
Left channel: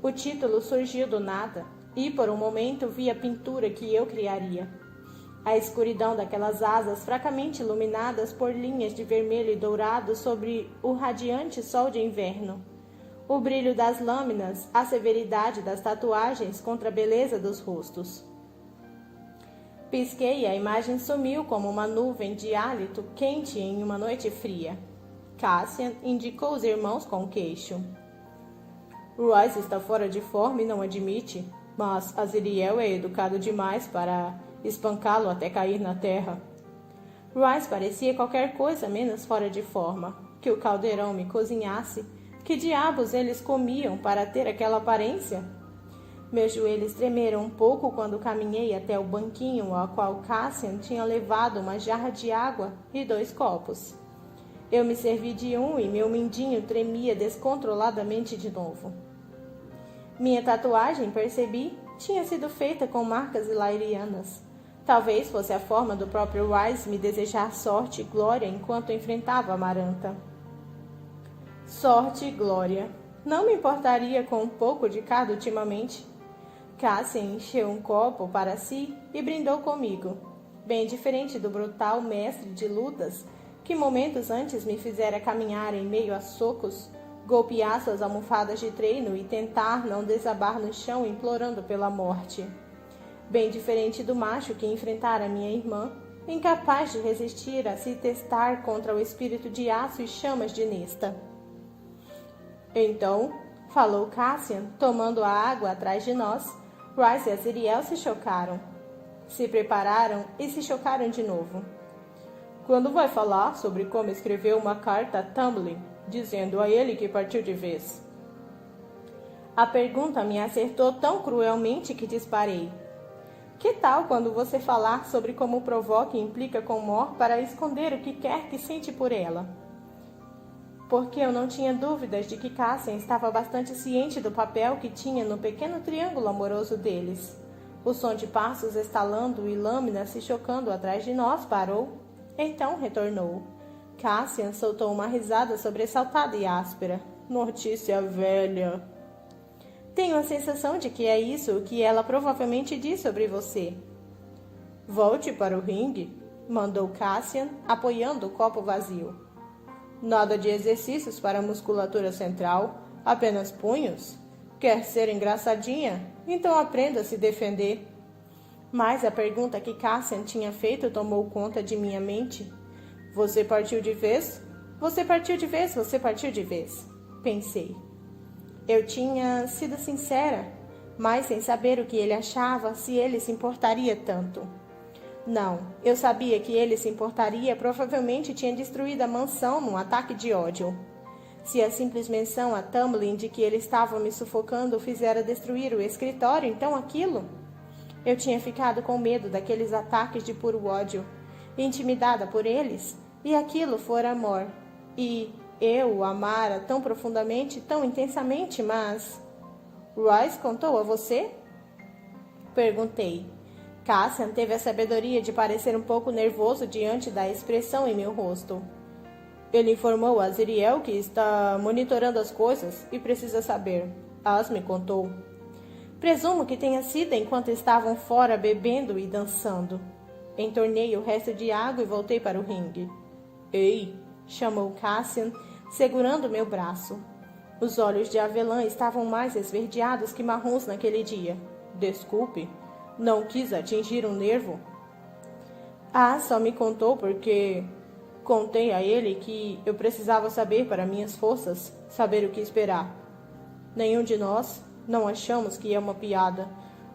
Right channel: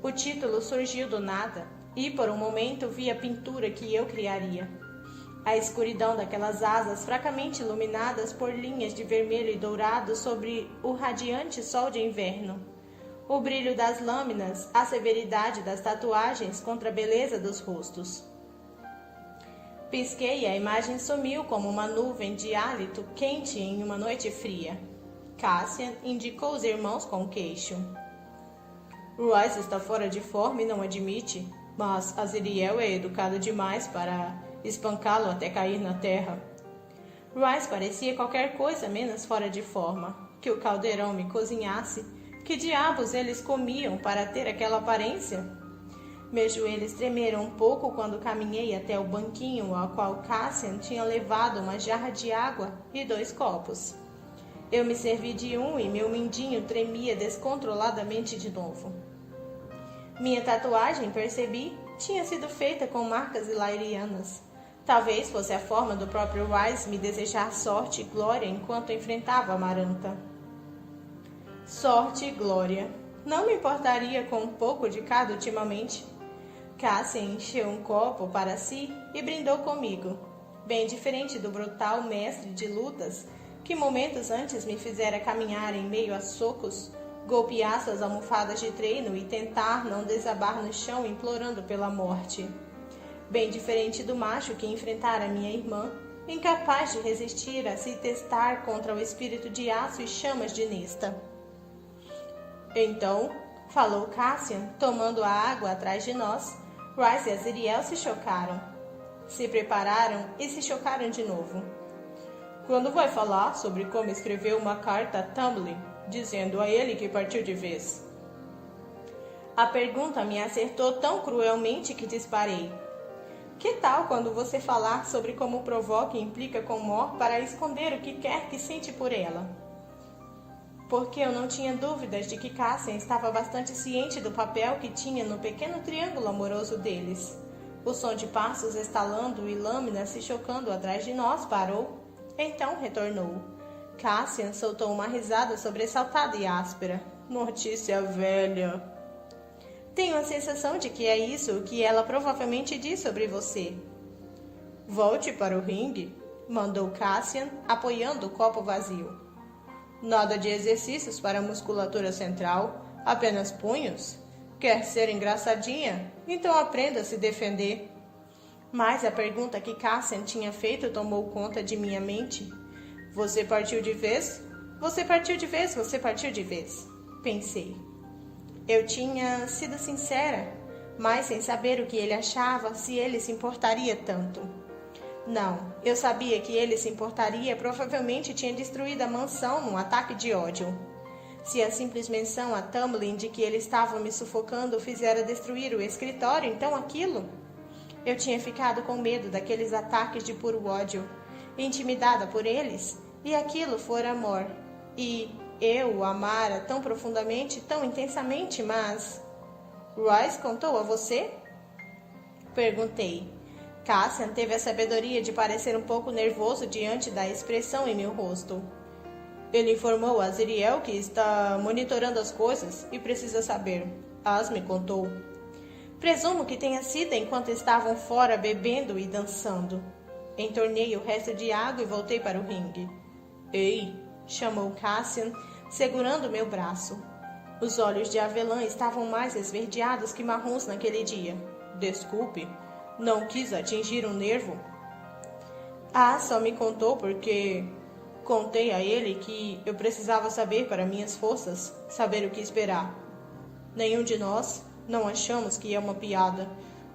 O título surgiu do nada, e por um momento vi a pintura que eu criaria. A escuridão daquelas asas fracamente iluminadas por linhas de vermelho e dourado sobre o radiante sol de inverno. O brilho das lâminas, a severidade das tatuagens contra a beleza dos rostos. Pisquei e a imagem sumiu como uma nuvem de hálito quente em uma noite fria. Cassian indicou os irmãos com o queixo. Royce está fora de forma e não admite, mas Azriel é educado demais para espancá-lo até cair na terra. Royce parecia qualquer coisa menos fora de forma. Que o caldeirão me cozinhasse. Que diabos eles comiam para ter aquela aparência? Meus joelhos tremeram um pouco quando caminhei até o banquinho ao qual Cassian tinha levado uma jarra de água e 2 copos. Eu me servi de um e meu mindinho tremia descontroladamente de novo. Minha tatuagem, percebi, tinha sido feita com marcas ilairianas. Talvez fosse a forma do próprio Wise me desejar sorte e glória enquanto enfrentava Amaranta. Sorte e glória. Não me importaria com um pouco de cada ultimamente. Cassian encheu um copo para si e brindou comigo, bem diferente do brutal mestre de lutas que momentos antes me fizera caminhar em meio a socos, golpear suas almofadas de treino e tentar não desabar no chão implorando pela morte. Bem diferente do macho que enfrentara minha irmã, incapaz de resistir a se testar contra o espírito de aço e chamas de Nesta. Então, falou Cassian, tomando a água atrás de nós, Royce e Azriel se chocaram. Se prepararam e se chocaram de novo. Quando vai falar sobre como escreveu uma carta a Tamlin, dizendo a ele que partiu de vez? A pergunta me acertou tão cruelmente que disparei. Que tal quando você falar sobre como provoca e implica com Mor para esconder o que quer que sente por ela? Porque eu não tinha dúvidas de que Cassian estava bastante ciente do papel que tinha no pequeno triângulo amoroso deles. O som de passos estalando e lâminas se chocando atrás de nós parou. Então retornou. Cassian soltou uma risada sobressaltada e áspera. Notícia velha. Tenho a sensação de que é isso o que ela provavelmente diz sobre você. Volte para o ringue, mandou Cassian, apoiando o copo vazio. Nada de exercícios para a musculatura central, apenas punhos. Quer ser engraçadinha? Então aprenda a se defender. Mas a pergunta que Cassian tinha feito tomou conta de minha mente. Você partiu de vez? Você partiu de vez, você partiu de vez. Pensei. Eu tinha sido sincera, mas sem saber o que ele achava, se ele se importaria tanto. Não, eu sabia que ele se importaria, provavelmente tinha destruído a mansão num ataque de ódio. Se a simples menção a Tamlin de que ele estava me sufocando fizera destruir o escritório, então aquilo? Eu tinha ficado com medo daqueles ataques de puro ódio, intimidada por eles, e aquilo fora amor. E eu o amara tão profundamente, tão intensamente, mas... Royce contou a você? Perguntei. Cassian teve a sabedoria de parecer um pouco nervoso diante da expressão em meu rosto. Ele informou a Azriel que está monitorando as coisas e precisa saber. As me contou. Presumo que tenha sido enquanto estavam fora bebendo e dançando. Entornei o resto de água e voltei para o ringue. Ei, chamou Cassian, segurando meu braço. Os olhos de avelã estavam mais esverdeados que marrons naquele dia. Desculpe, não quis atingir um nervo. Só me contou porque contei a ele que eu precisava saber para minhas forças, saber o que esperar. Nenhum de nós, Não achamos que é uma piada.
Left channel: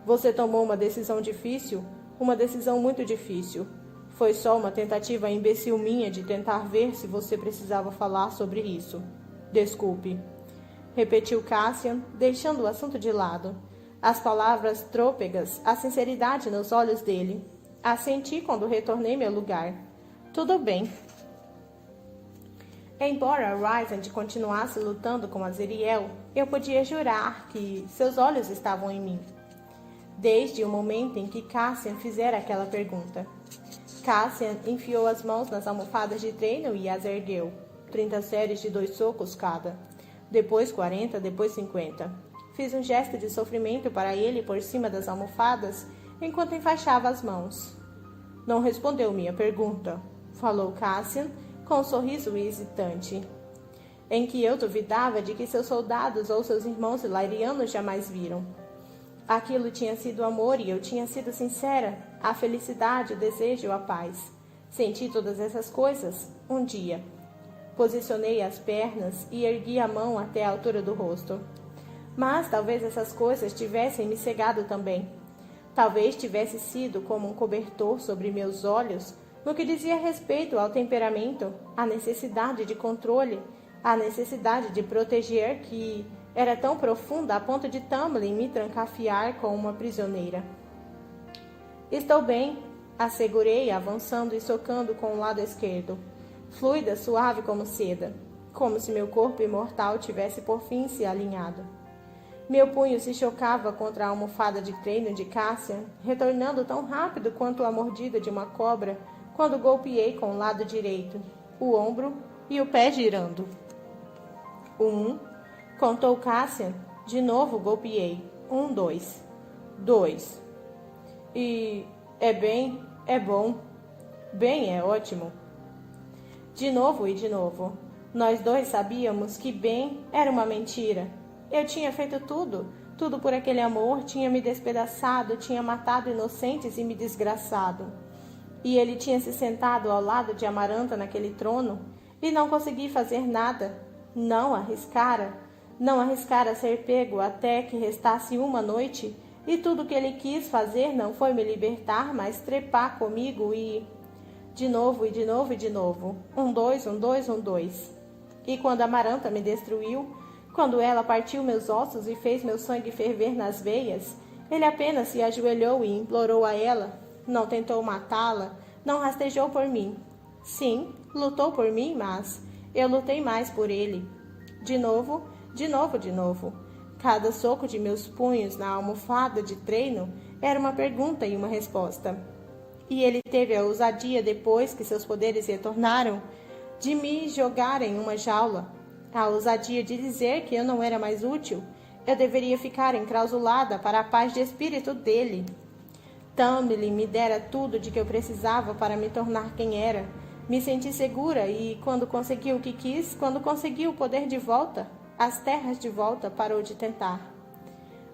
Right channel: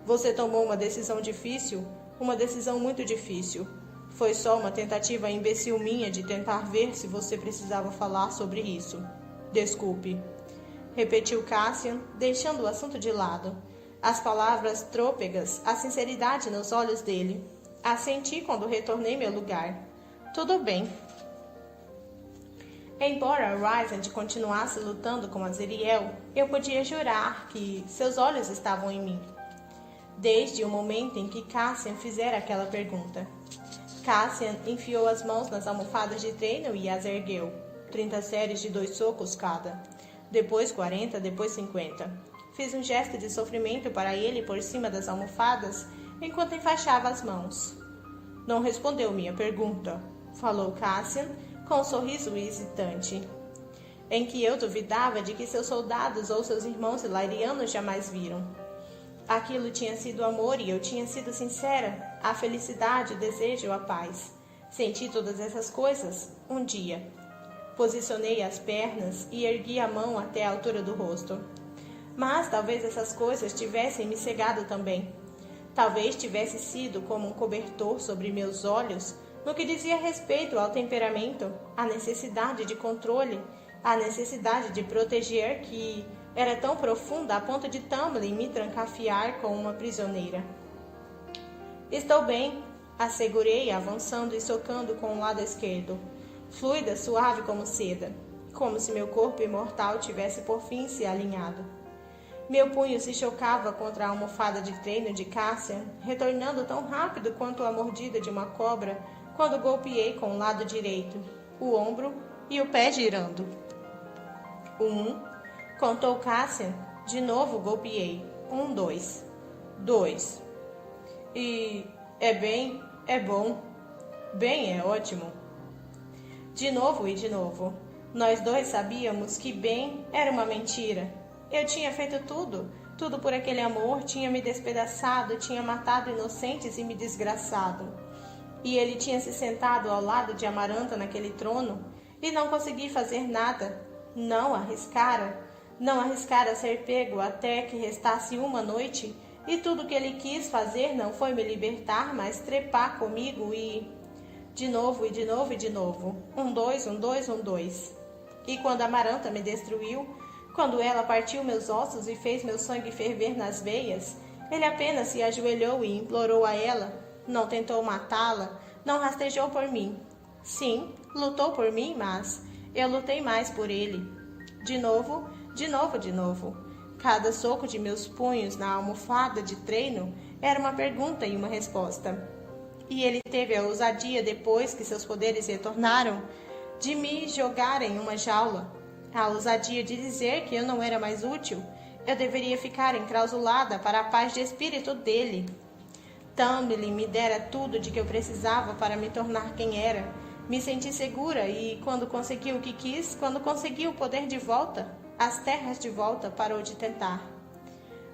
Você tomou uma decisão difícil, uma decisão muito difícil. Foi só uma tentativa imbecil minha de tentar ver se você precisava falar sobre isso. Desculpe, repetiu Cassian, deixando o assunto de lado. As palavras trôpegas, a sinceridade nos olhos dele. Assenti quando retornei meu lugar. Tudo bem. Embora Rysand continuasse lutando com Azriel, eu podia jurar que seus olhos estavam em mim. Desde o momento em que Cassian fizera aquela pergunta. Cassian enfiou as mãos nas almofadas de treino e as ergueu. 30 séries de 2 socos cada. Depois 40, depois 50. Fiz um gesto de sofrimento para ele por cima das almofadas, enquanto enfaixava as mãos. Não respondeu minha pergunta, falou Cassian, com um sorriso hesitante, em que eu duvidava de que seus soldados ou seus irmãos ilarianos jamais viram. Aquilo tinha sido amor e eu tinha sido sincera, a felicidade, o desejo, a paz. Senti todas essas coisas um dia. Posicionei as pernas e ergui a mão até a altura do rosto. Mas talvez essas coisas tivessem me cegado também. Talvez tivesse sido como um cobertor sobre meus olhos no que dizia respeito ao temperamento, à necessidade de controle, à necessidade de proteger que era tão profunda a ponto de Tamlin me trancafiar como uma prisioneira. Estou bem, assegurei, avançando e socando com o lado esquerdo, fluida, suave como seda, como se meu corpo imortal tivesse por fim se alinhado. Meu punho se chocava contra a almofada de treino de Cassian, retornando tão rápido quanto a mordida de uma cobra quando golpeei com o lado direito, o ombro e o pé girando. 1, contou Cassian. De novo golpeei. 1, 2. 2. E é bom. Bem é ótimo. De novo e de novo. Nós dois sabíamos que bem era uma mentira. Eu tinha feito tudo por aquele amor, tinha me despedaçado, tinha matado inocentes e me desgraçado. E ele tinha se sentado ao lado de Amaranta naquele trono e não consegui fazer nada. Não arriscara ser pego até que restasse uma noite, e tudo que ele quis fazer não foi me libertar, mas trepar comigo e... De novo e de novo e de novo. 1, 2, 1, 2, 1, 2. E quando Amaranta me destruiu, quando ela partiu meus ossos e fez meu sangue ferver nas veias, ele apenas se ajoelhou e implorou a ela. Não tentou matá-la, não rastejou por mim. Sim, lutou por mim, mas eu lutei mais por ele. De novo, de novo, de novo. Cada soco de meus punhos na almofada de treino era uma pergunta e uma resposta. E ele teve a ousadia, depois que seus poderes retornaram, de me jogar em uma jaula. A ousadia de dizer que eu não era mais útil. Eu deveria ficar enclausulada para a paz de espírito dele. Tamlin me dera tudo de que eu precisava para me tornar quem era. Me senti segura e, quando consegui o que quis, quando consegui o poder de volta, as terras de volta, parou de tentar.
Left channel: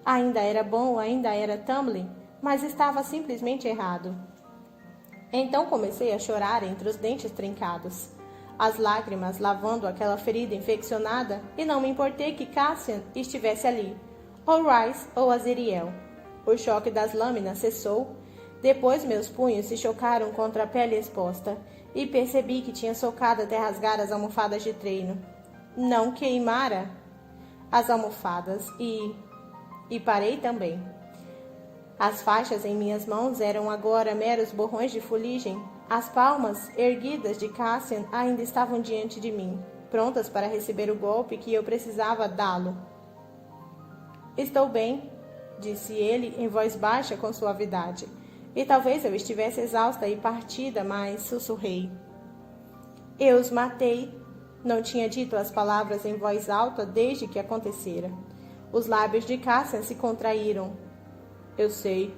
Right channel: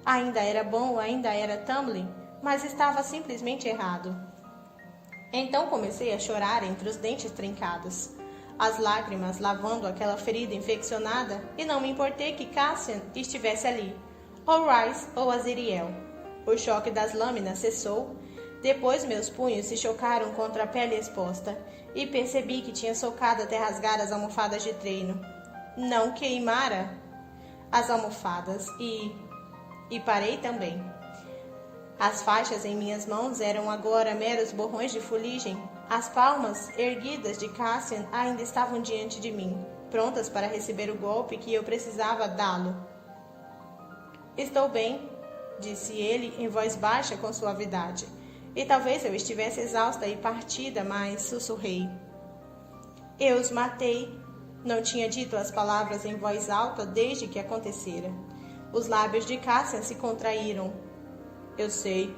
Ainda era bom, ainda era Tamlin, mas estava simplesmente errado. Então comecei a chorar entre os dentes trincados, as lágrimas lavando aquela ferida infeccionada, e não me importei que Cassian estivesse ali, ou Rhys ou Azriel. O choque das lâminas cessou. Depois meus punhos se chocaram contra a pele exposta, e percebi que tinha socado até rasgar as almofadas de treino. Não queimara as almofadas e parei também. As faixas em minhas mãos eram agora meros borrões de fuligem. As palmas erguidas de Cassian ainda estavam diante de mim, prontas para receber o golpe que eu precisava dá-lo. Estou bem, disse ele em voz baixa com suavidade, e talvez eu estivesse exausta e partida, mas sussurrei. Eu os matei. Não tinha dito as palavras em voz alta desde que acontecera. Os lábios de Cassian se contraíram. Eu sei.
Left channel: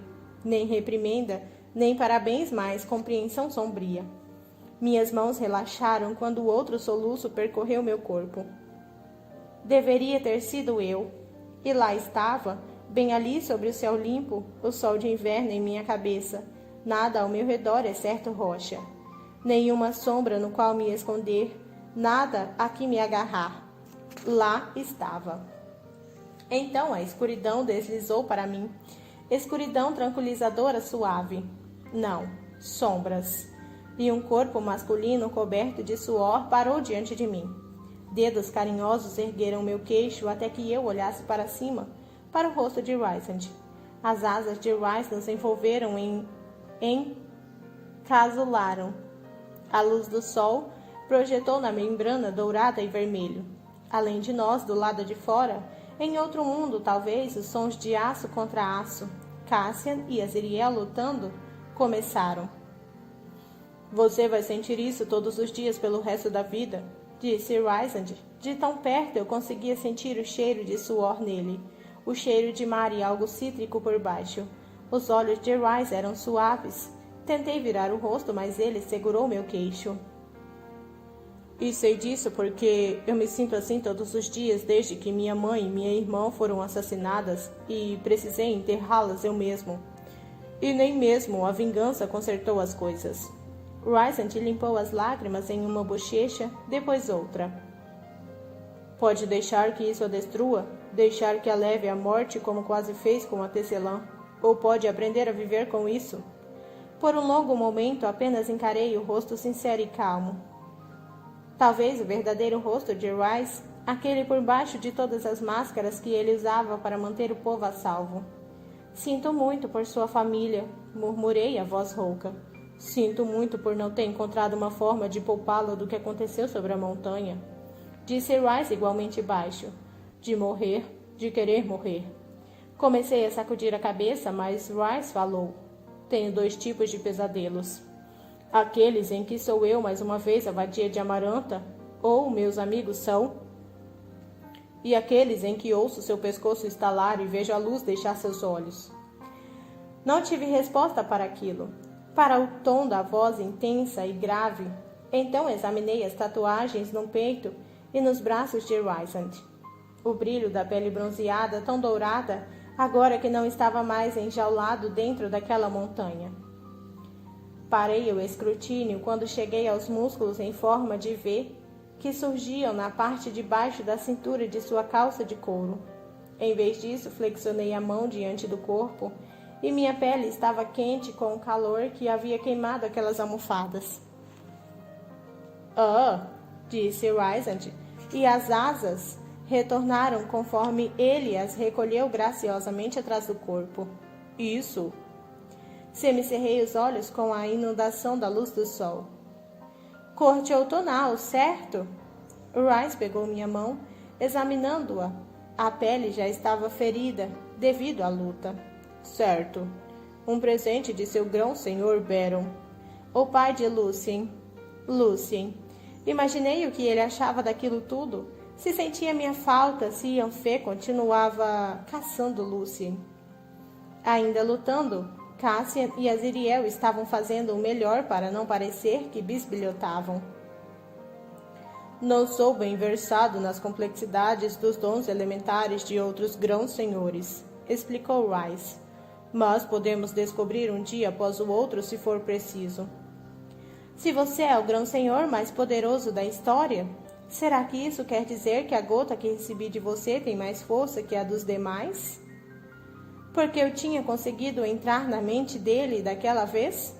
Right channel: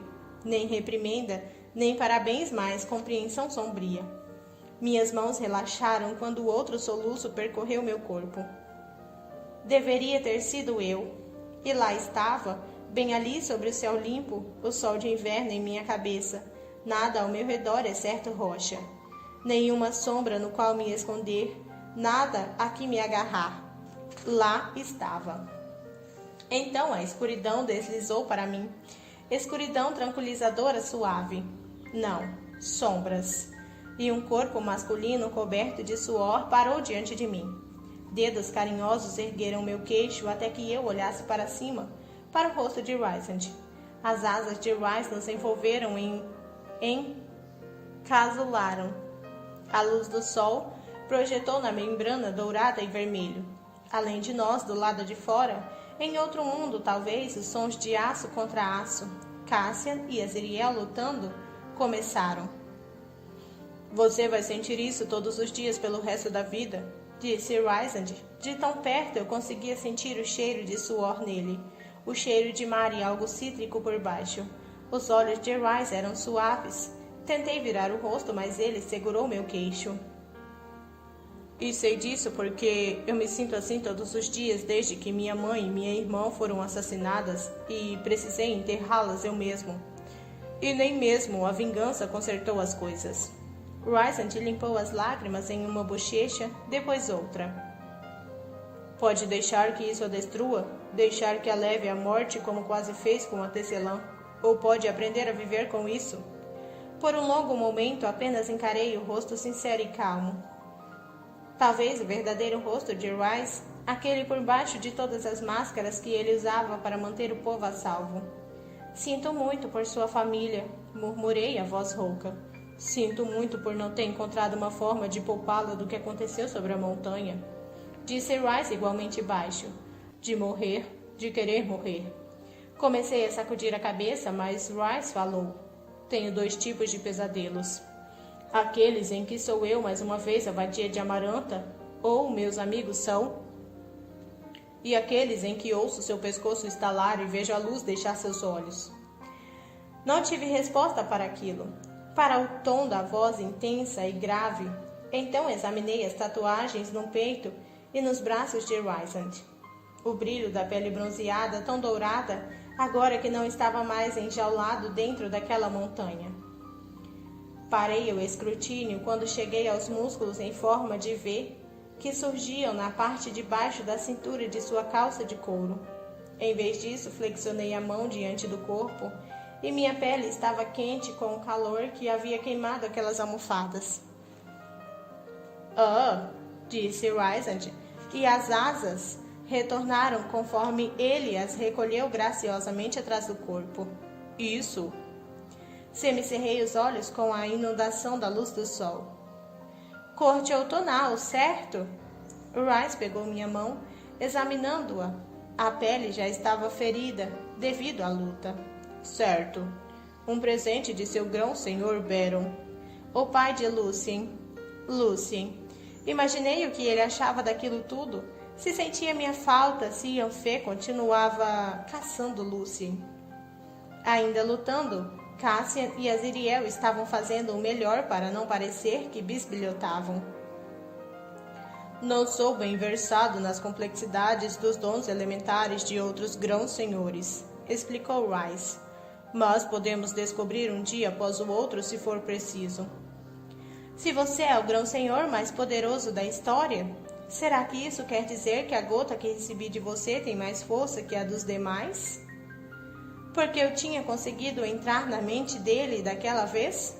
Nem reprimenda, nem parabéns, mais compreensão sombria. Minhas mãos relaxaram quando o outro soluço percorreu meu corpo. Deveria ter sido eu. E lá estava, bem ali sobre o céu limpo, o sol de inverno em minha cabeça. Nada ao meu redor exceto rocha. Nenhuma sombra no qual me esconder, nada a que me agarrar. Lá estava. Então a escuridão deslizou para mim. Escuridão tranquilizadora suave. Não, sombras. E um corpo masculino coberto de suor parou diante de mim. Dedos carinhosos ergueram meu queixo até que eu olhasse para cima, para o rosto de Rysand. As asas de Rysand se envolveram encasularam. A luz do sol projetou na membrana dourada e vermelho. Além de nós, do lado de fora, em outro mundo, talvez, os sons de aço contra aço, Cassian e Azriel lutando, começaram. Você vai sentir isso todos os dias pelo resto da vida, disse Rysand. De tão perto eu conseguia sentir o cheiro de suor nele, o cheiro de mar e algo cítrico por baixo. Os olhos de Rys eram suaves. Tentei virar o rosto, mas ele segurou meu queixo. E sei disso porque eu me sinto assim todos os dias desde que minha mãe e minha irmã foram assassinadas e precisei enterrá-las eu mesmo. E nem mesmo a vingança consertou as coisas. Rysand limpou as lágrimas em uma bochecha, depois outra. Pode deixar que isso a destrua? Deixar que a leve à morte como quase fez com a tecelã? Ou pode aprender a viver com isso? Por um longo momento apenas encarei o rosto sincero e calmo. Talvez o verdadeiro rosto de Rys, aquele por baixo de todas as máscaras que ele usava para manter o povo a salvo. Sinto muito por sua família, murmurei a voz rouca. Sinto muito por não ter encontrado uma forma de poupá-la do que aconteceu sobre a montanha. Disse Rys igualmente baixo. De morrer, de querer morrer. Comecei a sacudir a cabeça, mas Rys falou. Tenho 2 tipos de pesadelos. Aqueles em que sou eu mais uma vez a vadia de Amaranta, ou meus amigos são, e aqueles em que ouço seu pescoço estalar e vejo a luz deixar seus olhos. Não tive resposta para aquilo, para o tom da voz intensa e grave. Então examinei as tatuagens no peito e nos braços de Rysand. O brilho da pele bronzeada, tão dourada, agora que não estava mais enjaulado dentro daquela montanha. Parei o escrutínio quando cheguei aos músculos em forma de V que surgiam na parte de baixo da cintura de sua calça de couro. Em vez disso, flexionei a mão diante do corpo e minha pele estava quente com o calor que havia queimado aquelas almofadas. Disse Rysand, e as asas retornaram conforme ele as recolheu graciosamente atrás do corpo. Isso. Semicerrei os olhos com a inundação da luz do sol. Corte outonal, certo? Rys pegou minha mão, examinando-a. A pele já estava ferida, devido à luta. Certo. Um presente de seu grão-senhor Baron. O pai de Lucien. Imaginei o que ele achava daquilo tudo. Se sentia minha falta, se Yanfê continuava caçando Lucien. Ainda lutando, Cassian e Azriel estavam fazendo o melhor para não parecer que bisbilhotavam. Não sou bem versado nas complexidades dos dons elementares de outros grãos-senhores, explicou Rys. Mas podemos descobrir um dia após o outro se for preciso. Se você é o grão-senhor mais poderoso da história, será que isso quer dizer que a gota que recebi de você tem mais força que a dos demais? Porque eu tinha conseguido entrar na mente dele daquela vez?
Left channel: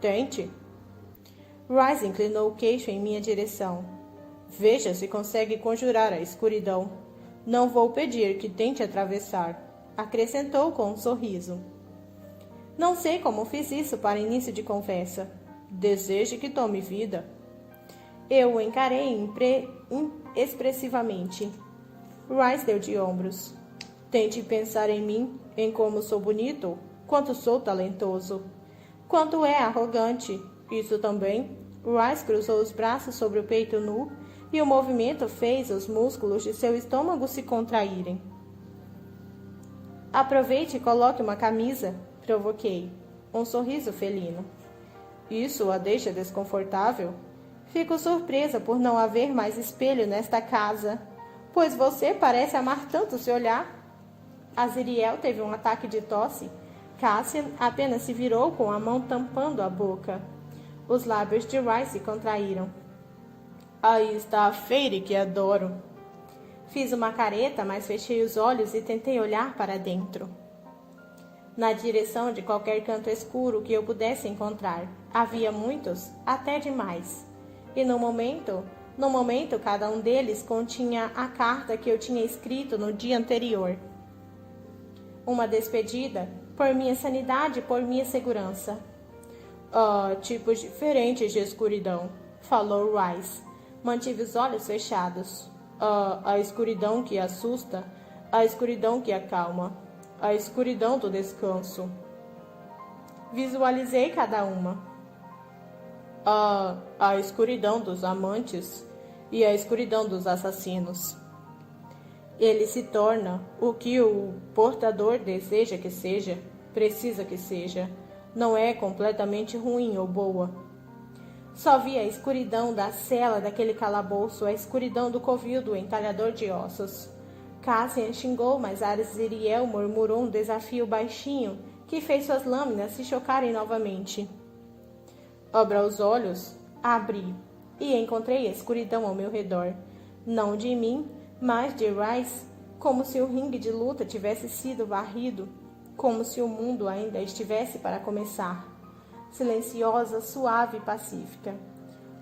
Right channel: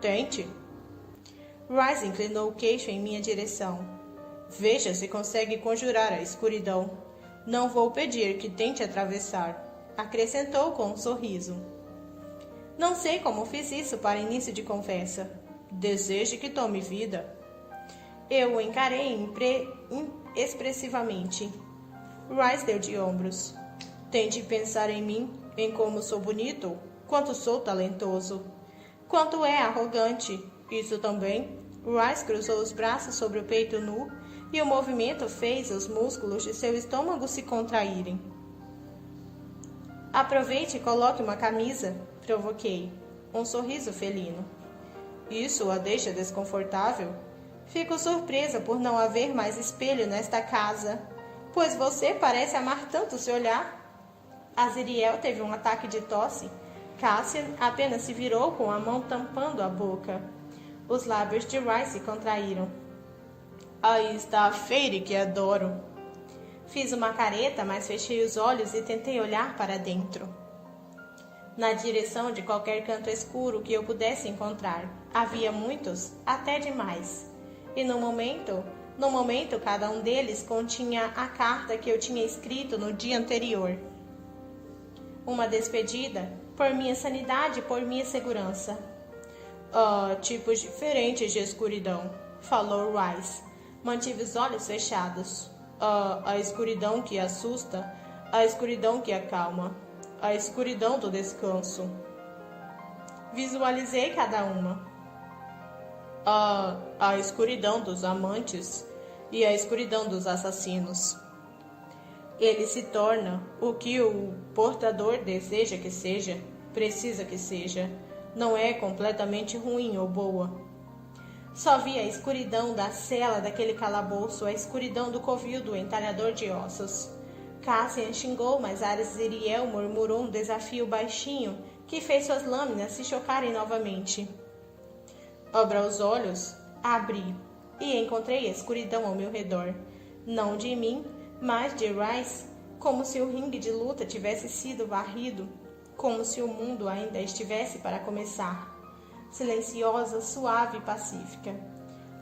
Tente. Rys inclinou o queixo em minha direção. Veja se consegue conjurar a escuridão. Não vou pedir que tente atravessar, acrescentou com um sorriso. Não sei como fiz isso para início de conversa. Deseje que tome vida. Eu o encarei expressivamente. Rys deu de ombros. Tente pensar em mim, em como sou bonito, quanto sou talentoso, quanto é arrogante. Isso também. Rys cruzou os braços sobre o peito nu e o movimento fez os músculos de seu estômago se contraírem. Aproveite e coloque uma camisa, provoquei. Um sorriso felino. Isso a deixa desconfortável? Fico surpresa por não haver mais espelho nesta casa, pois você parece amar tanto se olhar. Azriel teve um ataque de tosse. Cassian apenas se virou com a mão tampando a boca. Os lábios de Rys se contraíram. Aí está a Feire que adoro. Fiz uma careta, mas fechei os olhos e tentei olhar para dentro, na direção de qualquer canto escuro que eu pudesse encontrar. Havia muitos, até demais. E no momento, cada um deles continha a carta que eu tinha escrito no dia anterior. Uma despedida, por minha sanidade e por minha segurança. Tipos diferentes de escuridão, falou Rice. Mantive os olhos fechados. A escuridão que assusta, a escuridão que acalma, a escuridão do descanso. Visualizei cada uma. A escuridão dos amantes e a escuridão dos assassinos. Ele se torna o que o portador deseja que seja, precisa que seja. Não é completamente ruim ou boa. Só vi a escuridão da cela daquele calabouço, a escuridão do covil do entalhador de ossos. Cassian xingou, mas Azriel murmurou um desafio baixinho que fez suas lâminas se chocarem novamente. Abra os olhos, abri, e encontrei a escuridão ao meu redor. Não de mim, mas de Rice, como se o ringue de luta tivesse sido varrido, como se o mundo ainda estivesse para começar. Silenciosa, suave e pacífica.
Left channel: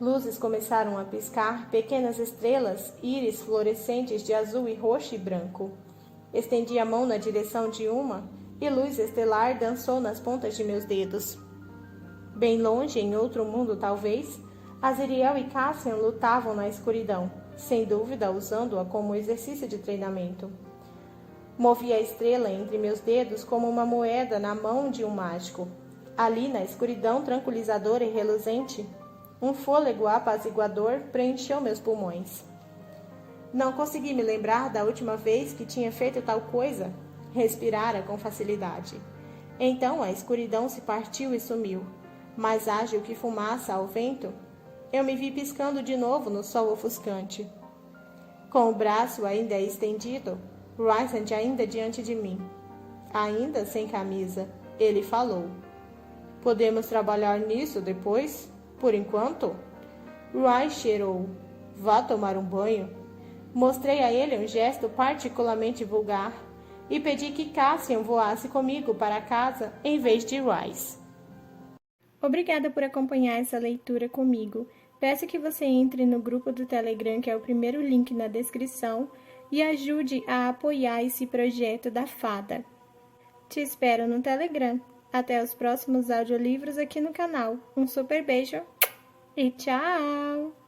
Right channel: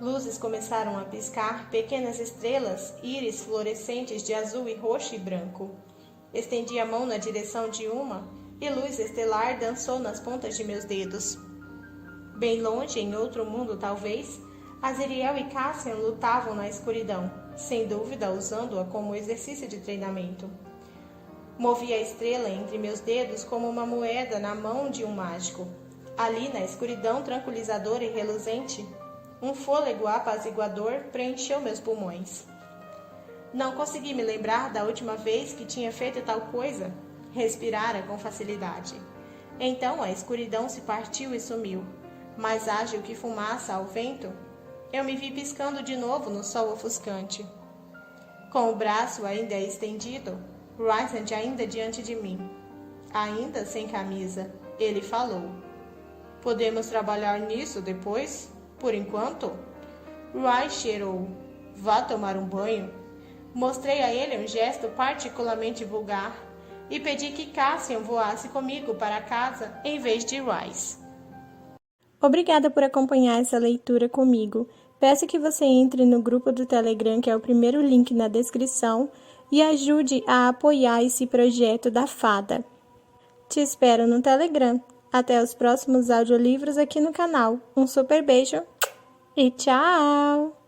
Luzes começaram a piscar, pequenas estrelas, íris fluorescentes de azul e roxo e branco. Estendi a mão na direção de uma, e luz estelar dançou nas pontas de meus dedos. Bem longe, em outro mundo talvez, Azriel e Cassian lutavam na escuridão, sem dúvida usando-a como exercício de treinamento. Movi a estrela entre meus dedos como uma moeda na mão de um mágico. Ali, na escuridão tranquilizadora e reluzente, um fôlego apaziguador preencheu meus pulmões. Não consegui me lembrar da última vez que tinha feito tal coisa. Respirara com facilidade. Então a escuridão se partiu e sumiu. Mais ágil que fumaça ao vento, eu me vi piscando de novo no sol ofuscante. Com o braço ainda estendido, Rysand ainda diante de mim. Ainda sem camisa, ele falou. Podemos trabalhar nisso depois? Por enquanto? Rice cheirou. Vá tomar um banho. Mostrei a ele um gesto particularmente vulgar e pedi que Cassian voasse comigo para casa em vez de Rice. Obrigada por acompanhar essa leitura comigo. Peço que você entre no grupo do Telegram, que é o primeiro link na descrição, e ajude a apoiar esse projeto da Fada. Te espero no Telegram. Até os próximos audiolivros aqui no canal. Um super beijo e tchau!